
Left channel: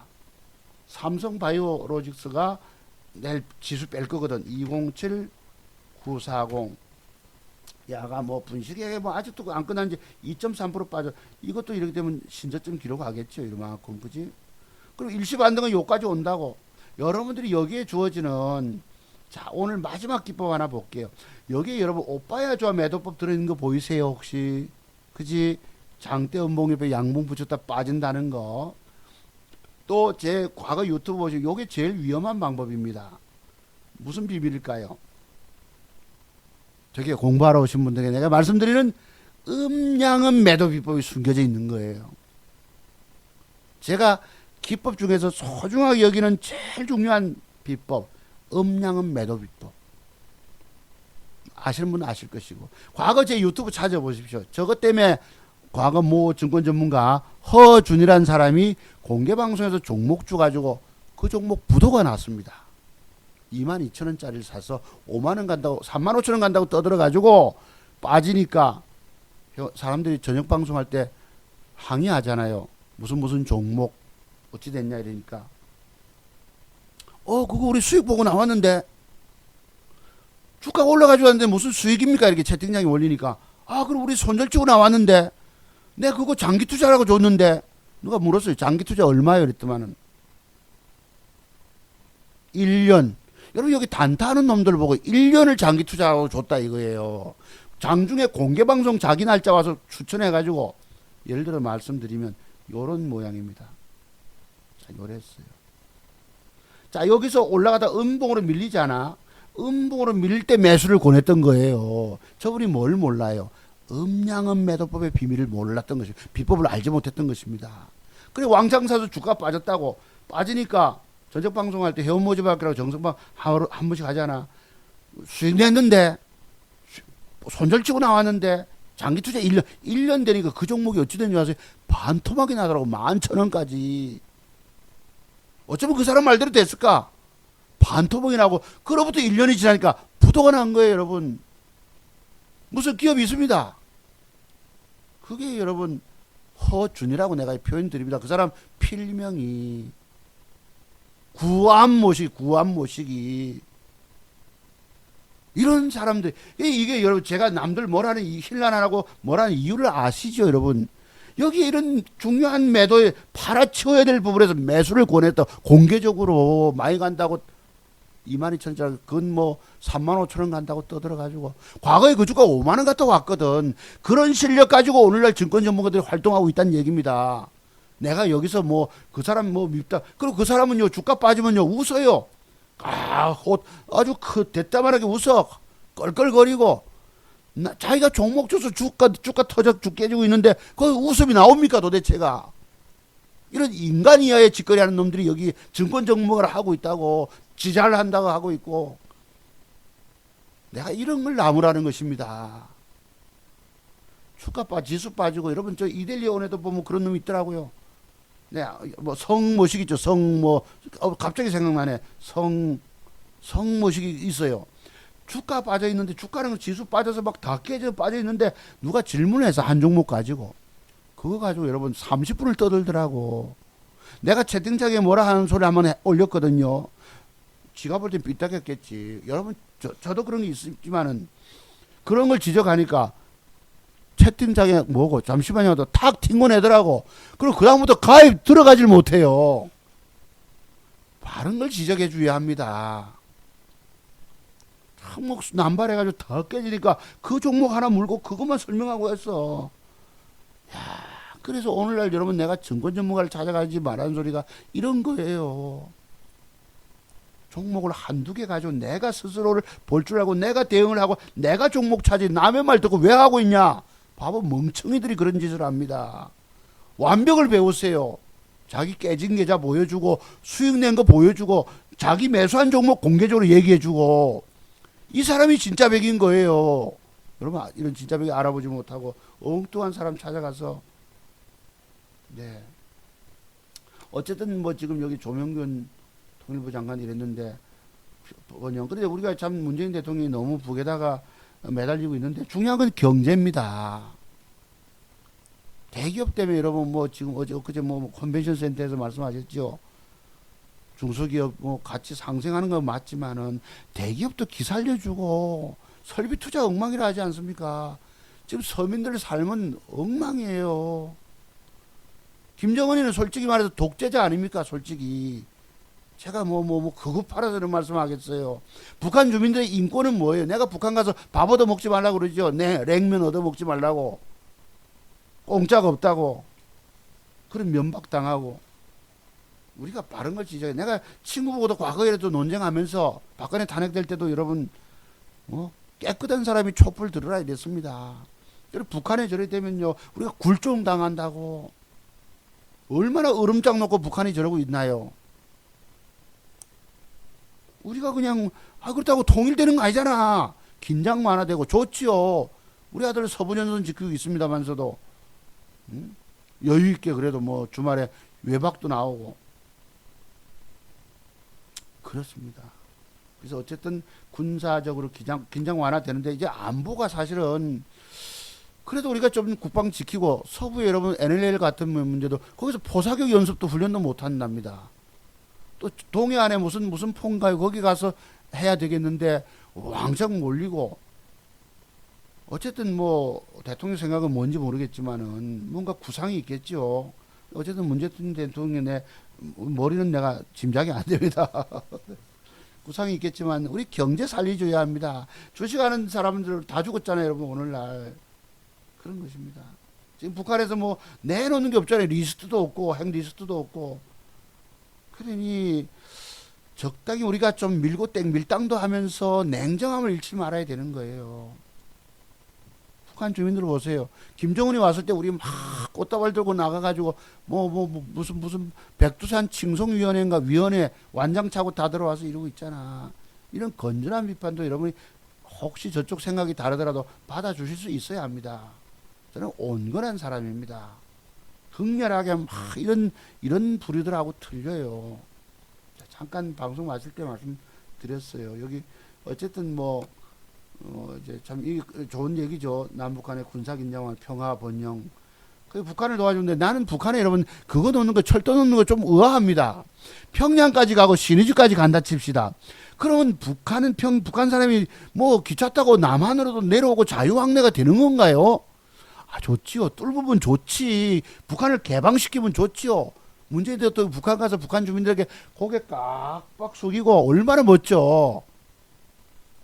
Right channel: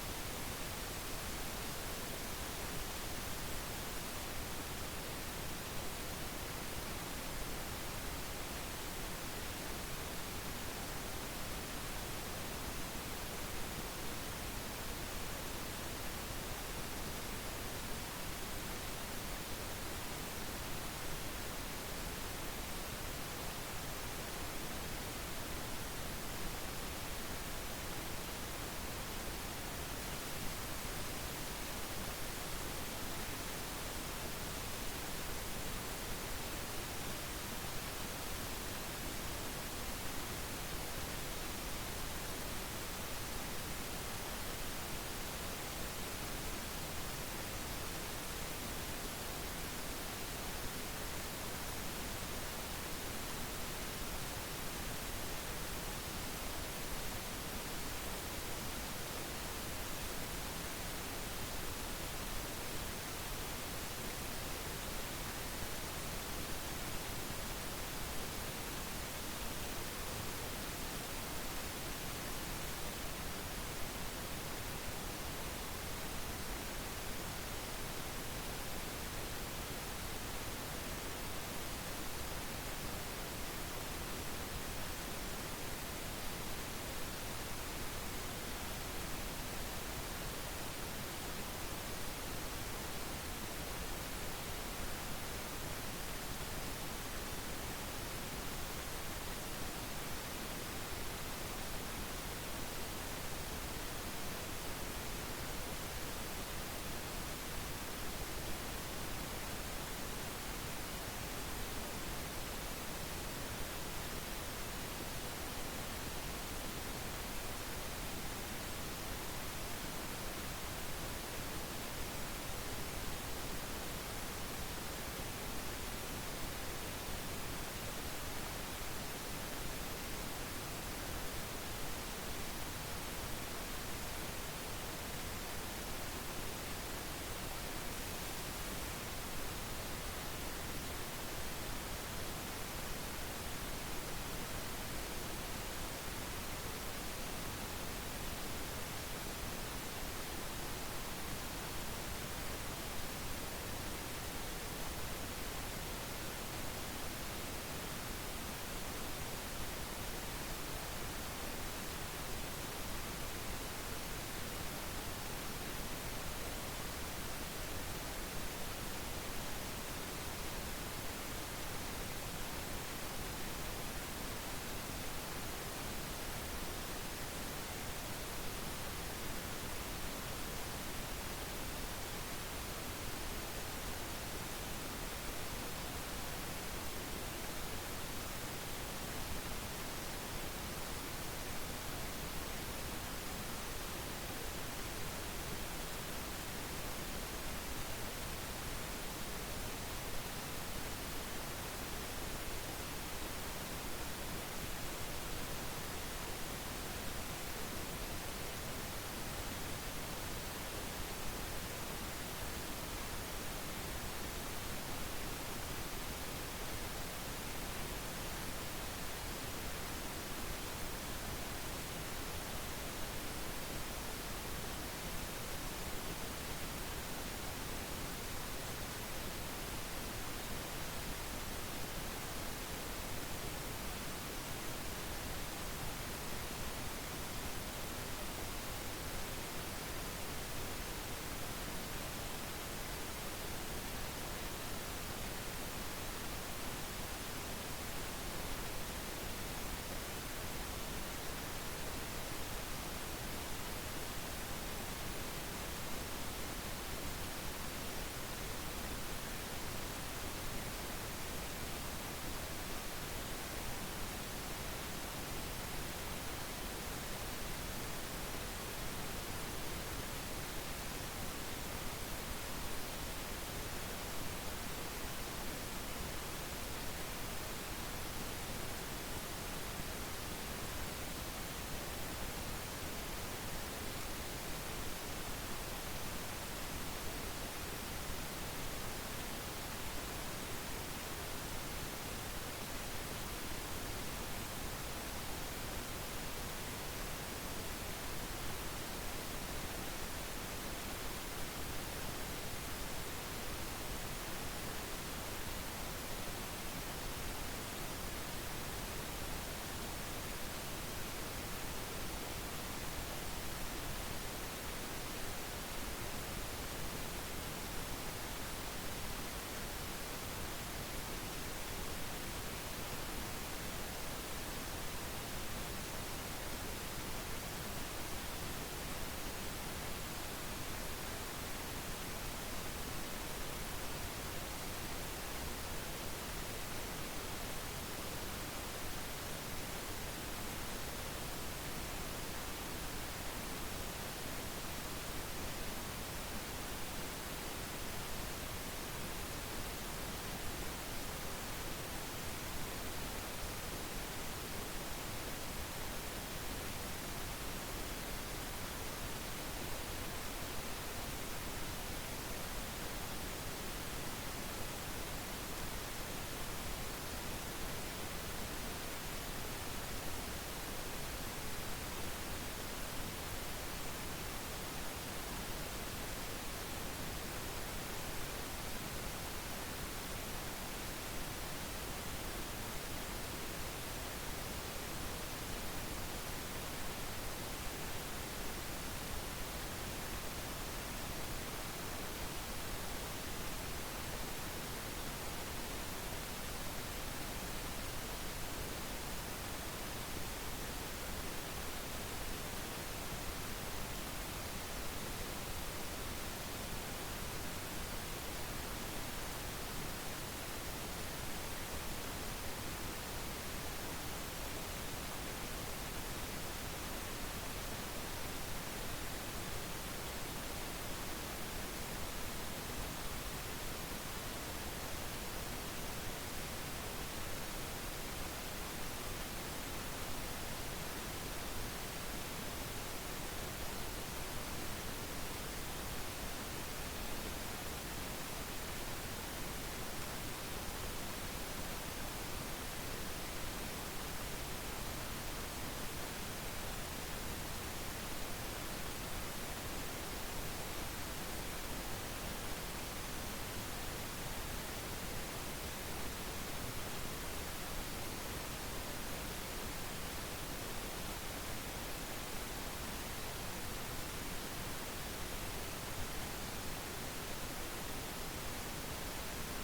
삼성바이오로직스가 내일 지수 뺄 거거든. 207 940 야가 뭐 분식에 뭐 아직도 안 끝난 지 2.3% 빠져. 이것도 이렇게 되면 신저점 기록하겠죠. 이만큼. 그지? 그럼 일시 반등은 요까지 온다고. 여러분들이 여기에 주어지는, 자, 오늘 마지막 기법 하나 볼게요. 여기에 여러분 오빠야 좋아 매도법 들어있는 거 보이세요 혹시? 그지? 장대 음봉 옆에 양봉 붙였다 빠진다는 거. 또 제 과거 유튜브 보시면 요게 제일 위험한 방법입니다. 무슨 비밀일까요? 저게 공부하러 오신 분들에게 내가 말씀드리는 음양은 매도 비법이 숨겨져 있는 거예요. 제가 기법 중에서 소중하게 여기는 제일 중요한 비법, 음양은 매도 비법. 아시는 분은 아실 것이고, 과거 제 유튜브 찾아보십시오. 저것 때문에 과거 모 증권 전문가 허준이라는 사람이 공개방송에서 종목 주가지고 그 종목 부도가 났습니다. 22,000원짜리를 사서 5만원 간다고 35,000원 간다고 떠들어가지고 빠지니까 사람들이 저녁 방송할 때 항의하잖아요. 무슨 종목 어찌 됐냐 이러니까 그거 우리 수익 보고 나왔는데 주가가 올라가지고 왔는데 무슨 수익입니까? 이렇게 채팅창에 올리니까 그럼 우리 손절 치고 나왔는데 내가 그거 장기 투자라고 줬는데. 누가 물었어요. 장기 투자 얼마예요? 그랬더만은 1년. 여러분 여기 단타하는 놈들 보고 1년을 장기 투자하고 줬다 이거예요. 장중에 공개방송 자기 날짜 와서 추천해가지고 예를 들어 말씀드리면 요런 모양입니다. 자, 여기서 올라가다 음봉으로 밀리잖아. 음봉으로 밀릴 때 매수를 권했던 거예요. 저분이 뭘 몰라요? 음양은 매도법의 비밀을 몰랐던 것이, 비법을 알지 못했던 것입니다. 그래 왕창 사서 주가 빠졌다고. 빠지니까 전적 방송할 때 회원 모집할거라고 정성방 한 번씩 하잖아. 수익 냈는데 손절치고 나왔는데 장기 투자 1년 되니까 그 종목이 어찌 된지 아세요? 반토막이 나더라고. 11,000원까지. 어쩌면 그 사람 말대로 됐을까? 반토막이 나고 그로부터 1년이 지나니까 부도가 난 거예요. 여러분 무슨 기업이 있습니다. 그게 여러분 허준이라고 내가 표현 드립니다. 그 사람 필명이 구암모시기 이런 사람들. 이게 여러분 제가 남들 뭐라는 힐난하고 뭐라는 이유를 아시죠? 여러분 여기 이런 중요한 매도에 팔아치워야 될 부분에서 매수를 권했다. 공개적으로 많이 간다고 22,000원짜리 그건 뭐 35,000원 간다고 떠들어가지고 과거에 그 주가 5만원 갔다 왔거든. 그런 실력 가지고 오늘날 증권 전문가들이 활동하고 있다는 얘기입니다. 내가 여기서 뭐 그 사람 뭐 밉다. 그리고 그 사람은요 주가 빠지면요 웃어요. 아주 대따만하게 웃어. 껄껄거리고 자기가 종목 줘서 주가 터져 깨지고 있는데 그 웃음이 나옵니까 도대체가. 이런 인간 이하의 짓거리 하는 놈들이 여기 증권 전문가를 하고 있다고. 지자를 한다고 하고 있고. 내가 이런 걸 나무라는 것입니다. 주가 지수 빠지고 여러분 저 이델리온에도 보면 그런 놈이 있더라고요. 네, 뭐 성모식 있죠. 성뭐 갑자기 생각나네. 성모식이 있어요. 주가 빠져 있는데 주가는 지수 빠져서 막 다 깨져 빠져 있는데 누가 질문해서 한 종목 가지고 그거 가지고 여러분 30분을 떠들더라고. 내가 채팅창에 뭐라 하는 소리 한번 올렸거든요. 지가 볼 때 삐딱했겠지. 여러분 저도 그런 게 있지만은 그런 걸 지적하니까 채팅창에 뭐고 잠시만요 탁 튕고내더라고. 그리고 그 다음부터 가입 들어가질 못해요. 바른 걸 지적해 줘야 합니다. 항목 남발해가지고 더 깨지니까 그 종목 하나 물고 그것만 설명하고 했어. 그래서 오늘날 여러분 내가 증권 전문가를 찾아가지 말라는 소리가 이런 거예요. 종목을 한두 개 가지고 내가 스스로를 볼 줄 알고 내가 대응을 하고 내가 종목 차지 남의 말 듣고 왜 하고 있냐. 바보 멍청이들이 그런 짓을 합니다. 완벽을 배우세요. 자기 깨진 계좌 보여주고 수익 낸 거 보여주고 자기 매수한 종목 공개적으로 얘기해주고 이 사람이 진짜 백인 거예요. 여러분 이런 진짜 백이 알아보지 못하고 엉뚱한 사람 찾아가서 네. 어쨌든 뭐 지금 여기 조명근 정부 장관이 됐는데 원형 근데 우리가 참 문재인 대통령이 너무 북에다가 매달리고 있는데 중요한 건 경제입니다. 대기업 때문에 여러분 뭐 지금 어제 뭐 컨벤션 센터에서 말씀하셨죠. 중소기업 뭐 같이 상생하는 건 맞지만은 대기업도 기살려주고 설비 투자 엉망이라 하지 않습니까? 지금 서민들 삶은 엉망이에요. 김정은이는 솔직히 말해서 독재자 아닙니까? 솔직히 제가 뭐 그거 팔아서 그런 말씀하겠어요. 북한 주민들의 인권은 뭐예요? 내가 북한 가서 밥 얻어 먹지 말라고 그러죠. 네, 냉면 얻어 먹지 말라고. 공짜가 없다고. 그런 면박당하고. 우리가 바른 걸 지적해. 내가 친구 보고도 과거에도 논쟁하면서 박근혜 탄핵될 때도 여러분 깨끗한 사람이 촛불 들어야 됐습니다. 북한에 저래 되면요 우리가 굴종 당한다고. 얼마나 얼음장 놓고 북한이 저러고 있나요? 우리가 그냥 그렇다고 통일되는 거 아니잖아. 긴장 완화되고 좋지요. 우리 아들 서부연수는 지키고 있습니다만서도 여유 있게 그래도 뭐 주말에 외박도 나오고 그렇습니다. 그래서 어쨌든 군사적으로 긴장 완화되는데 이제 안보가 사실은 그래도 우리가 좀 국방 지키고 서부에 여러분 NLL 같은 문제도 거기서 포사격 연습도 훈련도 못 한답니다. 또 동해안에 무슨 폰가요 거기 가서 해야 되겠는데 왕창 몰리고 어쨌든 뭐 대통령 생각은 뭔지 모르겠지만은 뭔가 구상이 있겠죠. 어쨌든 문재인 대통령의 머리는 내가 짐작이 안 됩니다. 구상이 있겠지만 우리 경제 살려줘야 합니다. 주식하는 사람들 다 죽었잖아요, 여러분 오늘날. 그런 것입니다. 지금 북한에서 뭐 내놓는 게 없잖아요. 리스트도 없고 핵 리스트도 없고. 그러니 적당히 우리가 좀 밀고 밀당도 하면서 냉정함을 잃지 말아야 되는 거예요. 북한 주민들 보세요. 김정은이 왔을 때 우리 막 꽃다발 들고 나가가지고 무슨 백두산 칭송위원회인가 위원회 완장 차고 다 들어와서 이러고 있잖아. 이런 건전한 비판도 여러분이 혹시 저쪽 생각이 다르더라도 받아주실 수 있어야 합니다. 저는 온건한 사람입니다. 극렬하게 막 이런 부류들하고 틀려요. 잠깐 방송 마칠 때 말씀드렸어요. 여기 어쨌든 참 좋은 얘기죠. 남북한의 군사긴장을 평화 번영. 북한을 도와주는데 나는 북한에 여러분 그거 놓는 거 철도 놓는 거 좀 의아합니다. 평양까지 가고 신의주까지 간다 칩시다. 그러면 북한 사람이 뭐 기차 타고 남한으로도 내려오고 자유항해가 되는 건가요? 좋지요. 뚫부분 좋지. 북한을 개방시키면 좋지요. 문재인 대통령 북한 가서 북한 주민들에게 고개 깍깍 숙이고 얼마나 멋져.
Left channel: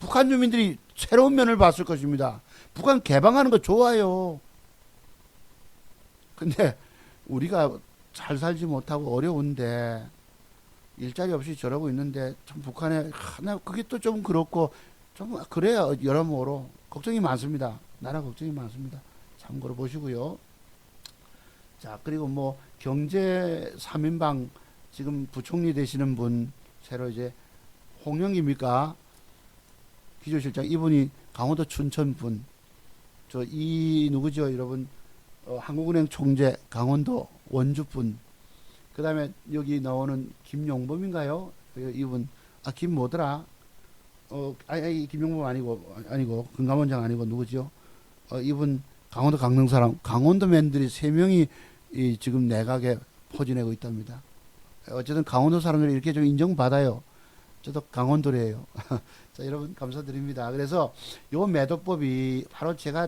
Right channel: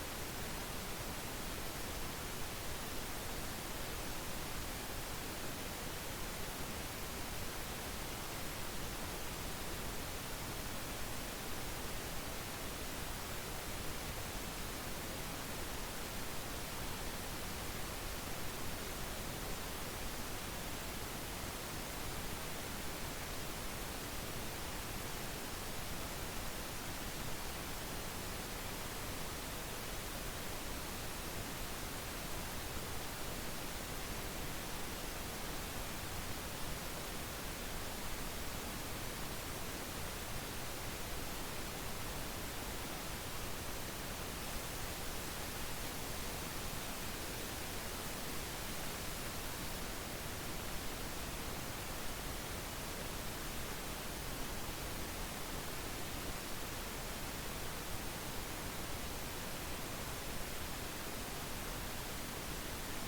북한 주민들이 새로운 면을 봤을 것입니다. 북한 개방하는 거 좋아요. 근데 우리가 잘 살지 못하고 어려운데 일자리 없이 저러고 있는데 북한에 그게 또 좀 그렇고 좀 그래야 여러모로 걱정이 많습니다. 나라 걱정이 많습니다. 참고로 보시고요. 자, 그리고 뭐 경제 3인방 지금 부총리 되시는 분 새로 이제 홍영기입니까? 비조실장 이분이 강원도 춘천 분. 이 누구죠 여러분? 한국은행 총재 강원도 원주 분. 그 다음에 여기 나오는 김용범인가요? 이분, 김 뭐더라? 김용범 아니고, 김감원장 아니고, 누구죠? 이분, 강원도 강릉 사람, 강원도맨들이 3명이 지금 내각에 포진하고 있답니다. 어쨌든 강원도 사람들이 이렇게 좀 인정받아요. 저도 강원도래요. 자, 여러분 감사드립니다. 그래서 요 매도법이 바로 제가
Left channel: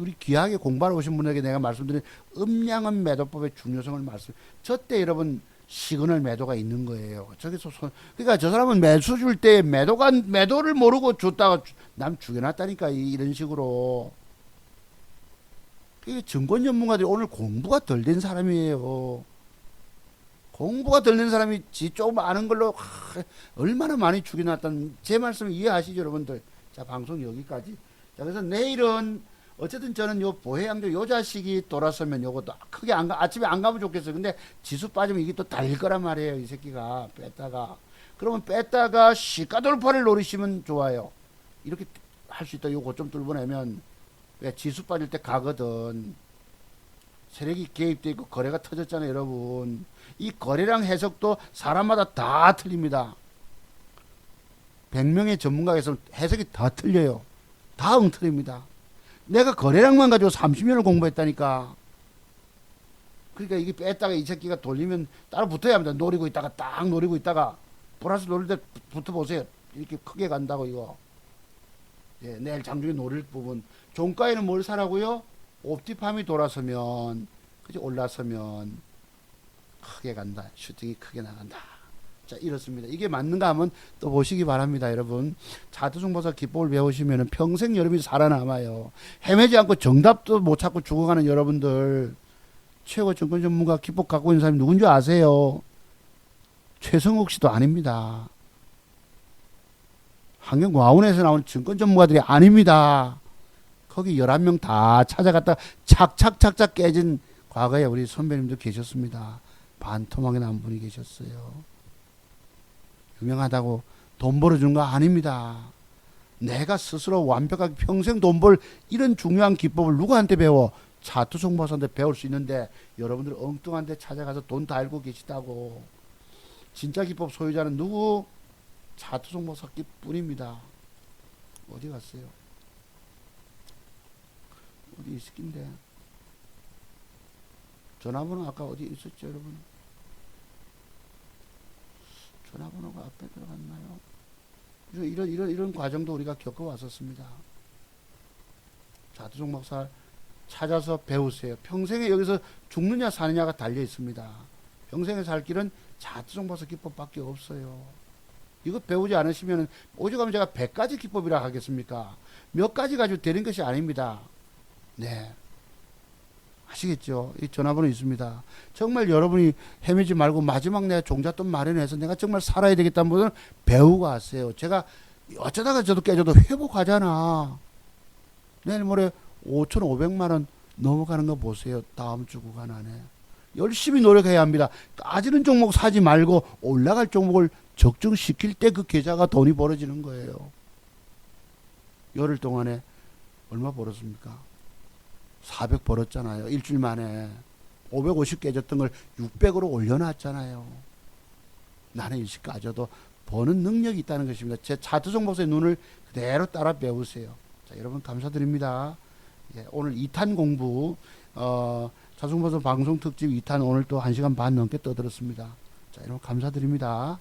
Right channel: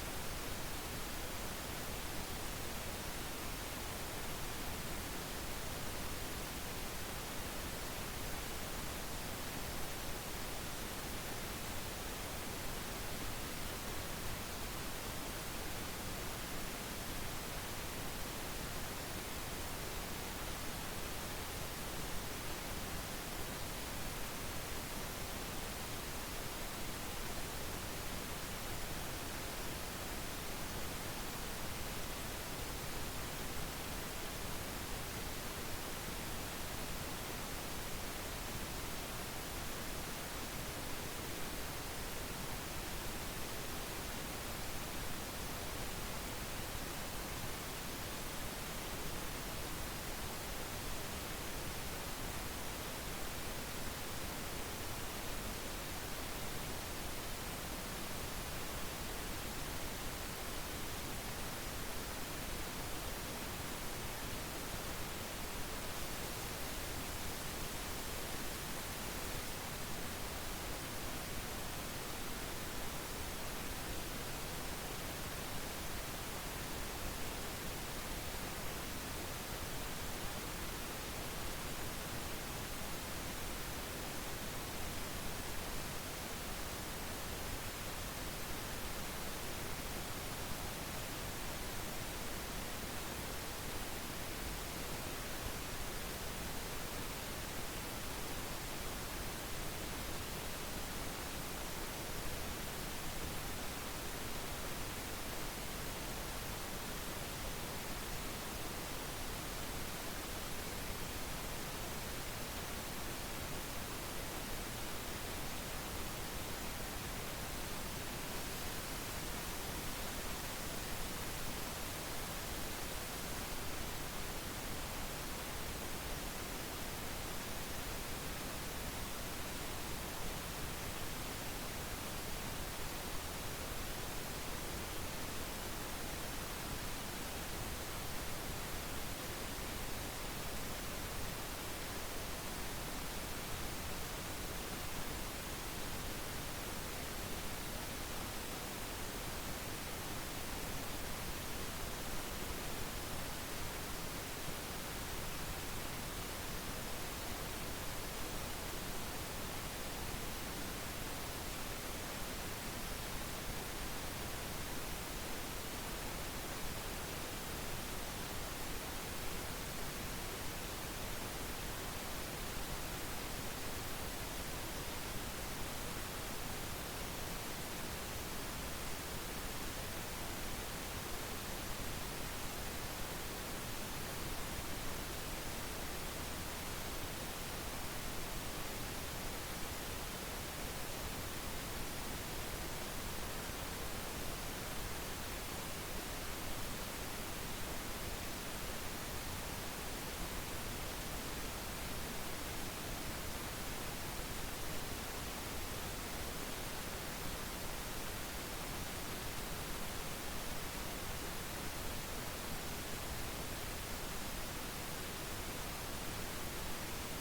우리 귀하게 공부하러 오신 분에게 내가 말씀드린 음량한 매도법의 중요성을 저때 여러분 시그널 매도가 있는 거예요. 그러니까 저 사람은 매수 줄 때 매도를 모르고 줬다가 남 죽여놨다니까 이런 식으로. 이 증권 전문가들이 오늘 공부가 덜 된 사람이에요. 공부가 덜 된 사람이 지 조금 아는 걸로 얼마나 많이 줄여놨다는 제 말씀 이해하시죠 여러분들. 자, 방송 여기까지. 그래서 내일은 어쨌든 저는 요 보혜양조 요 자식이 돌아서면 요것도 크게 아침에 안 가면 좋겠어요. 근데 지수 빠지면 이게 또 달릴 거란 말이에요. 이 새끼가 그러면 뺐다가 시가 돌파를 노리시면 좋아요. 이렇게 할 수 있다. 요거 좀 뚫어내면 지수 빠질 때 가거든. 세력이 개입돼 있고 거래가 터졌잖아요 여러분. 이 거래량 해석도 사람마다 다 틀립니다. 100명의 전문가가 있으면 해석이 다 틀려요. 다 엉틀립니다. 내가 거래량만 가지고 30년을 공부했다니까. 그러니까 이게 뺐다가 이 새끼가 돌리면 따로 붙어야 합니다. 노리고 있다가 딱 노리고 있다가 보라스 노릴 때 붙어보세요. 이렇게 크게 간다고 이거. 내일 장중에 노릴 부분. 종가에는 뭘 사라고요? 옵티팜이 돌아서면 올라서면 크게 간다. 슈팅이 크게 나간다. 자, 이렇습니다. 이게 맞는가 하면 또 보시기 바랍니다. 여러분 차트중보사 기법을 배우시면 평생 여러분이 살아남아요. 헤매지 않고 정답도 못 찾고 죽어가는 여러분들, 최고 증권 전문가 기법 갖고 있는 사람이 누군지 아세요? 최성욱 씨도 아닙니다. 환경고아원에서 나온 증권 전문가들이 아닙니다. 거기 11명 다 찾아갔다 착착착착 깨진 과거에 우리 선배님도 계셨습니다. 반토막에 나온 분이 계셨어요. 유명하다고 돈 벌어준 거 아닙니다. 내가 스스로 완벽하게 평생 돈 벌 이런 중요한 기법을 누구한테 배워? 차트송보사한테 배울 수 있는데 여러분들 엉뚱한 데 찾아가서 돈 다 알고 계시다고. 진짜 기법 소유자는 누구? 차트송보사 뿐입니다. 어디 갔어요? 여기 있을텐데. 전화번호 아까 어디 있었죠 여러분? 전화번호가 이런 과정도 우리가 겪어왔었습니다. 차트송 목사 찾아서 배우세요. 평생에 여기서 죽느냐 사느냐가 달려 있습니다. 평생에 살 길은 차트송 목사 기법밖에 없어요. 이거 배우지 않으시면 오죽하면 제가 100가지 기법이라 하겠습니까? 몇 가지 가지고 되는 것이 아닙니다. 네, 아시겠죠? 이 전화번호 있습니다. 정말 여러분이 헤매지 말고 마지막 내가 종잣돈 마련해서 내가 정말 살아야 되겠다는 분은 배우고 하세요. 제가 어쩌다가 저도 깨져도 회복하잖아. 내일 모레 5,500만원 넘어가는 거 보세요. 다음 주 구간 안에 열심히 노력해야 합니다. 빠지는 종목 사지 말고 올라갈 종목을 적중시킬 때 그 계좌가 돈이 벌어지는 거예요. 열흘 동안에 얼마 벌었습니까? 400 벌었잖아요. 일주일 만에 550 깨졌던 걸 600으로 올려놨잖아요. 나는 이식 가져도 버는 능력이 있다는 것입니다. 제 차트송 목사의 눈을 대로 따라 배우세요. 여러분 감사드립니다. 네, 오늘 2탄 공부 차트송 목사 방송 특집 2탄 오늘 또 1시간 반 넘게 떠들었습니다. 자, 여러분 감사드립니다.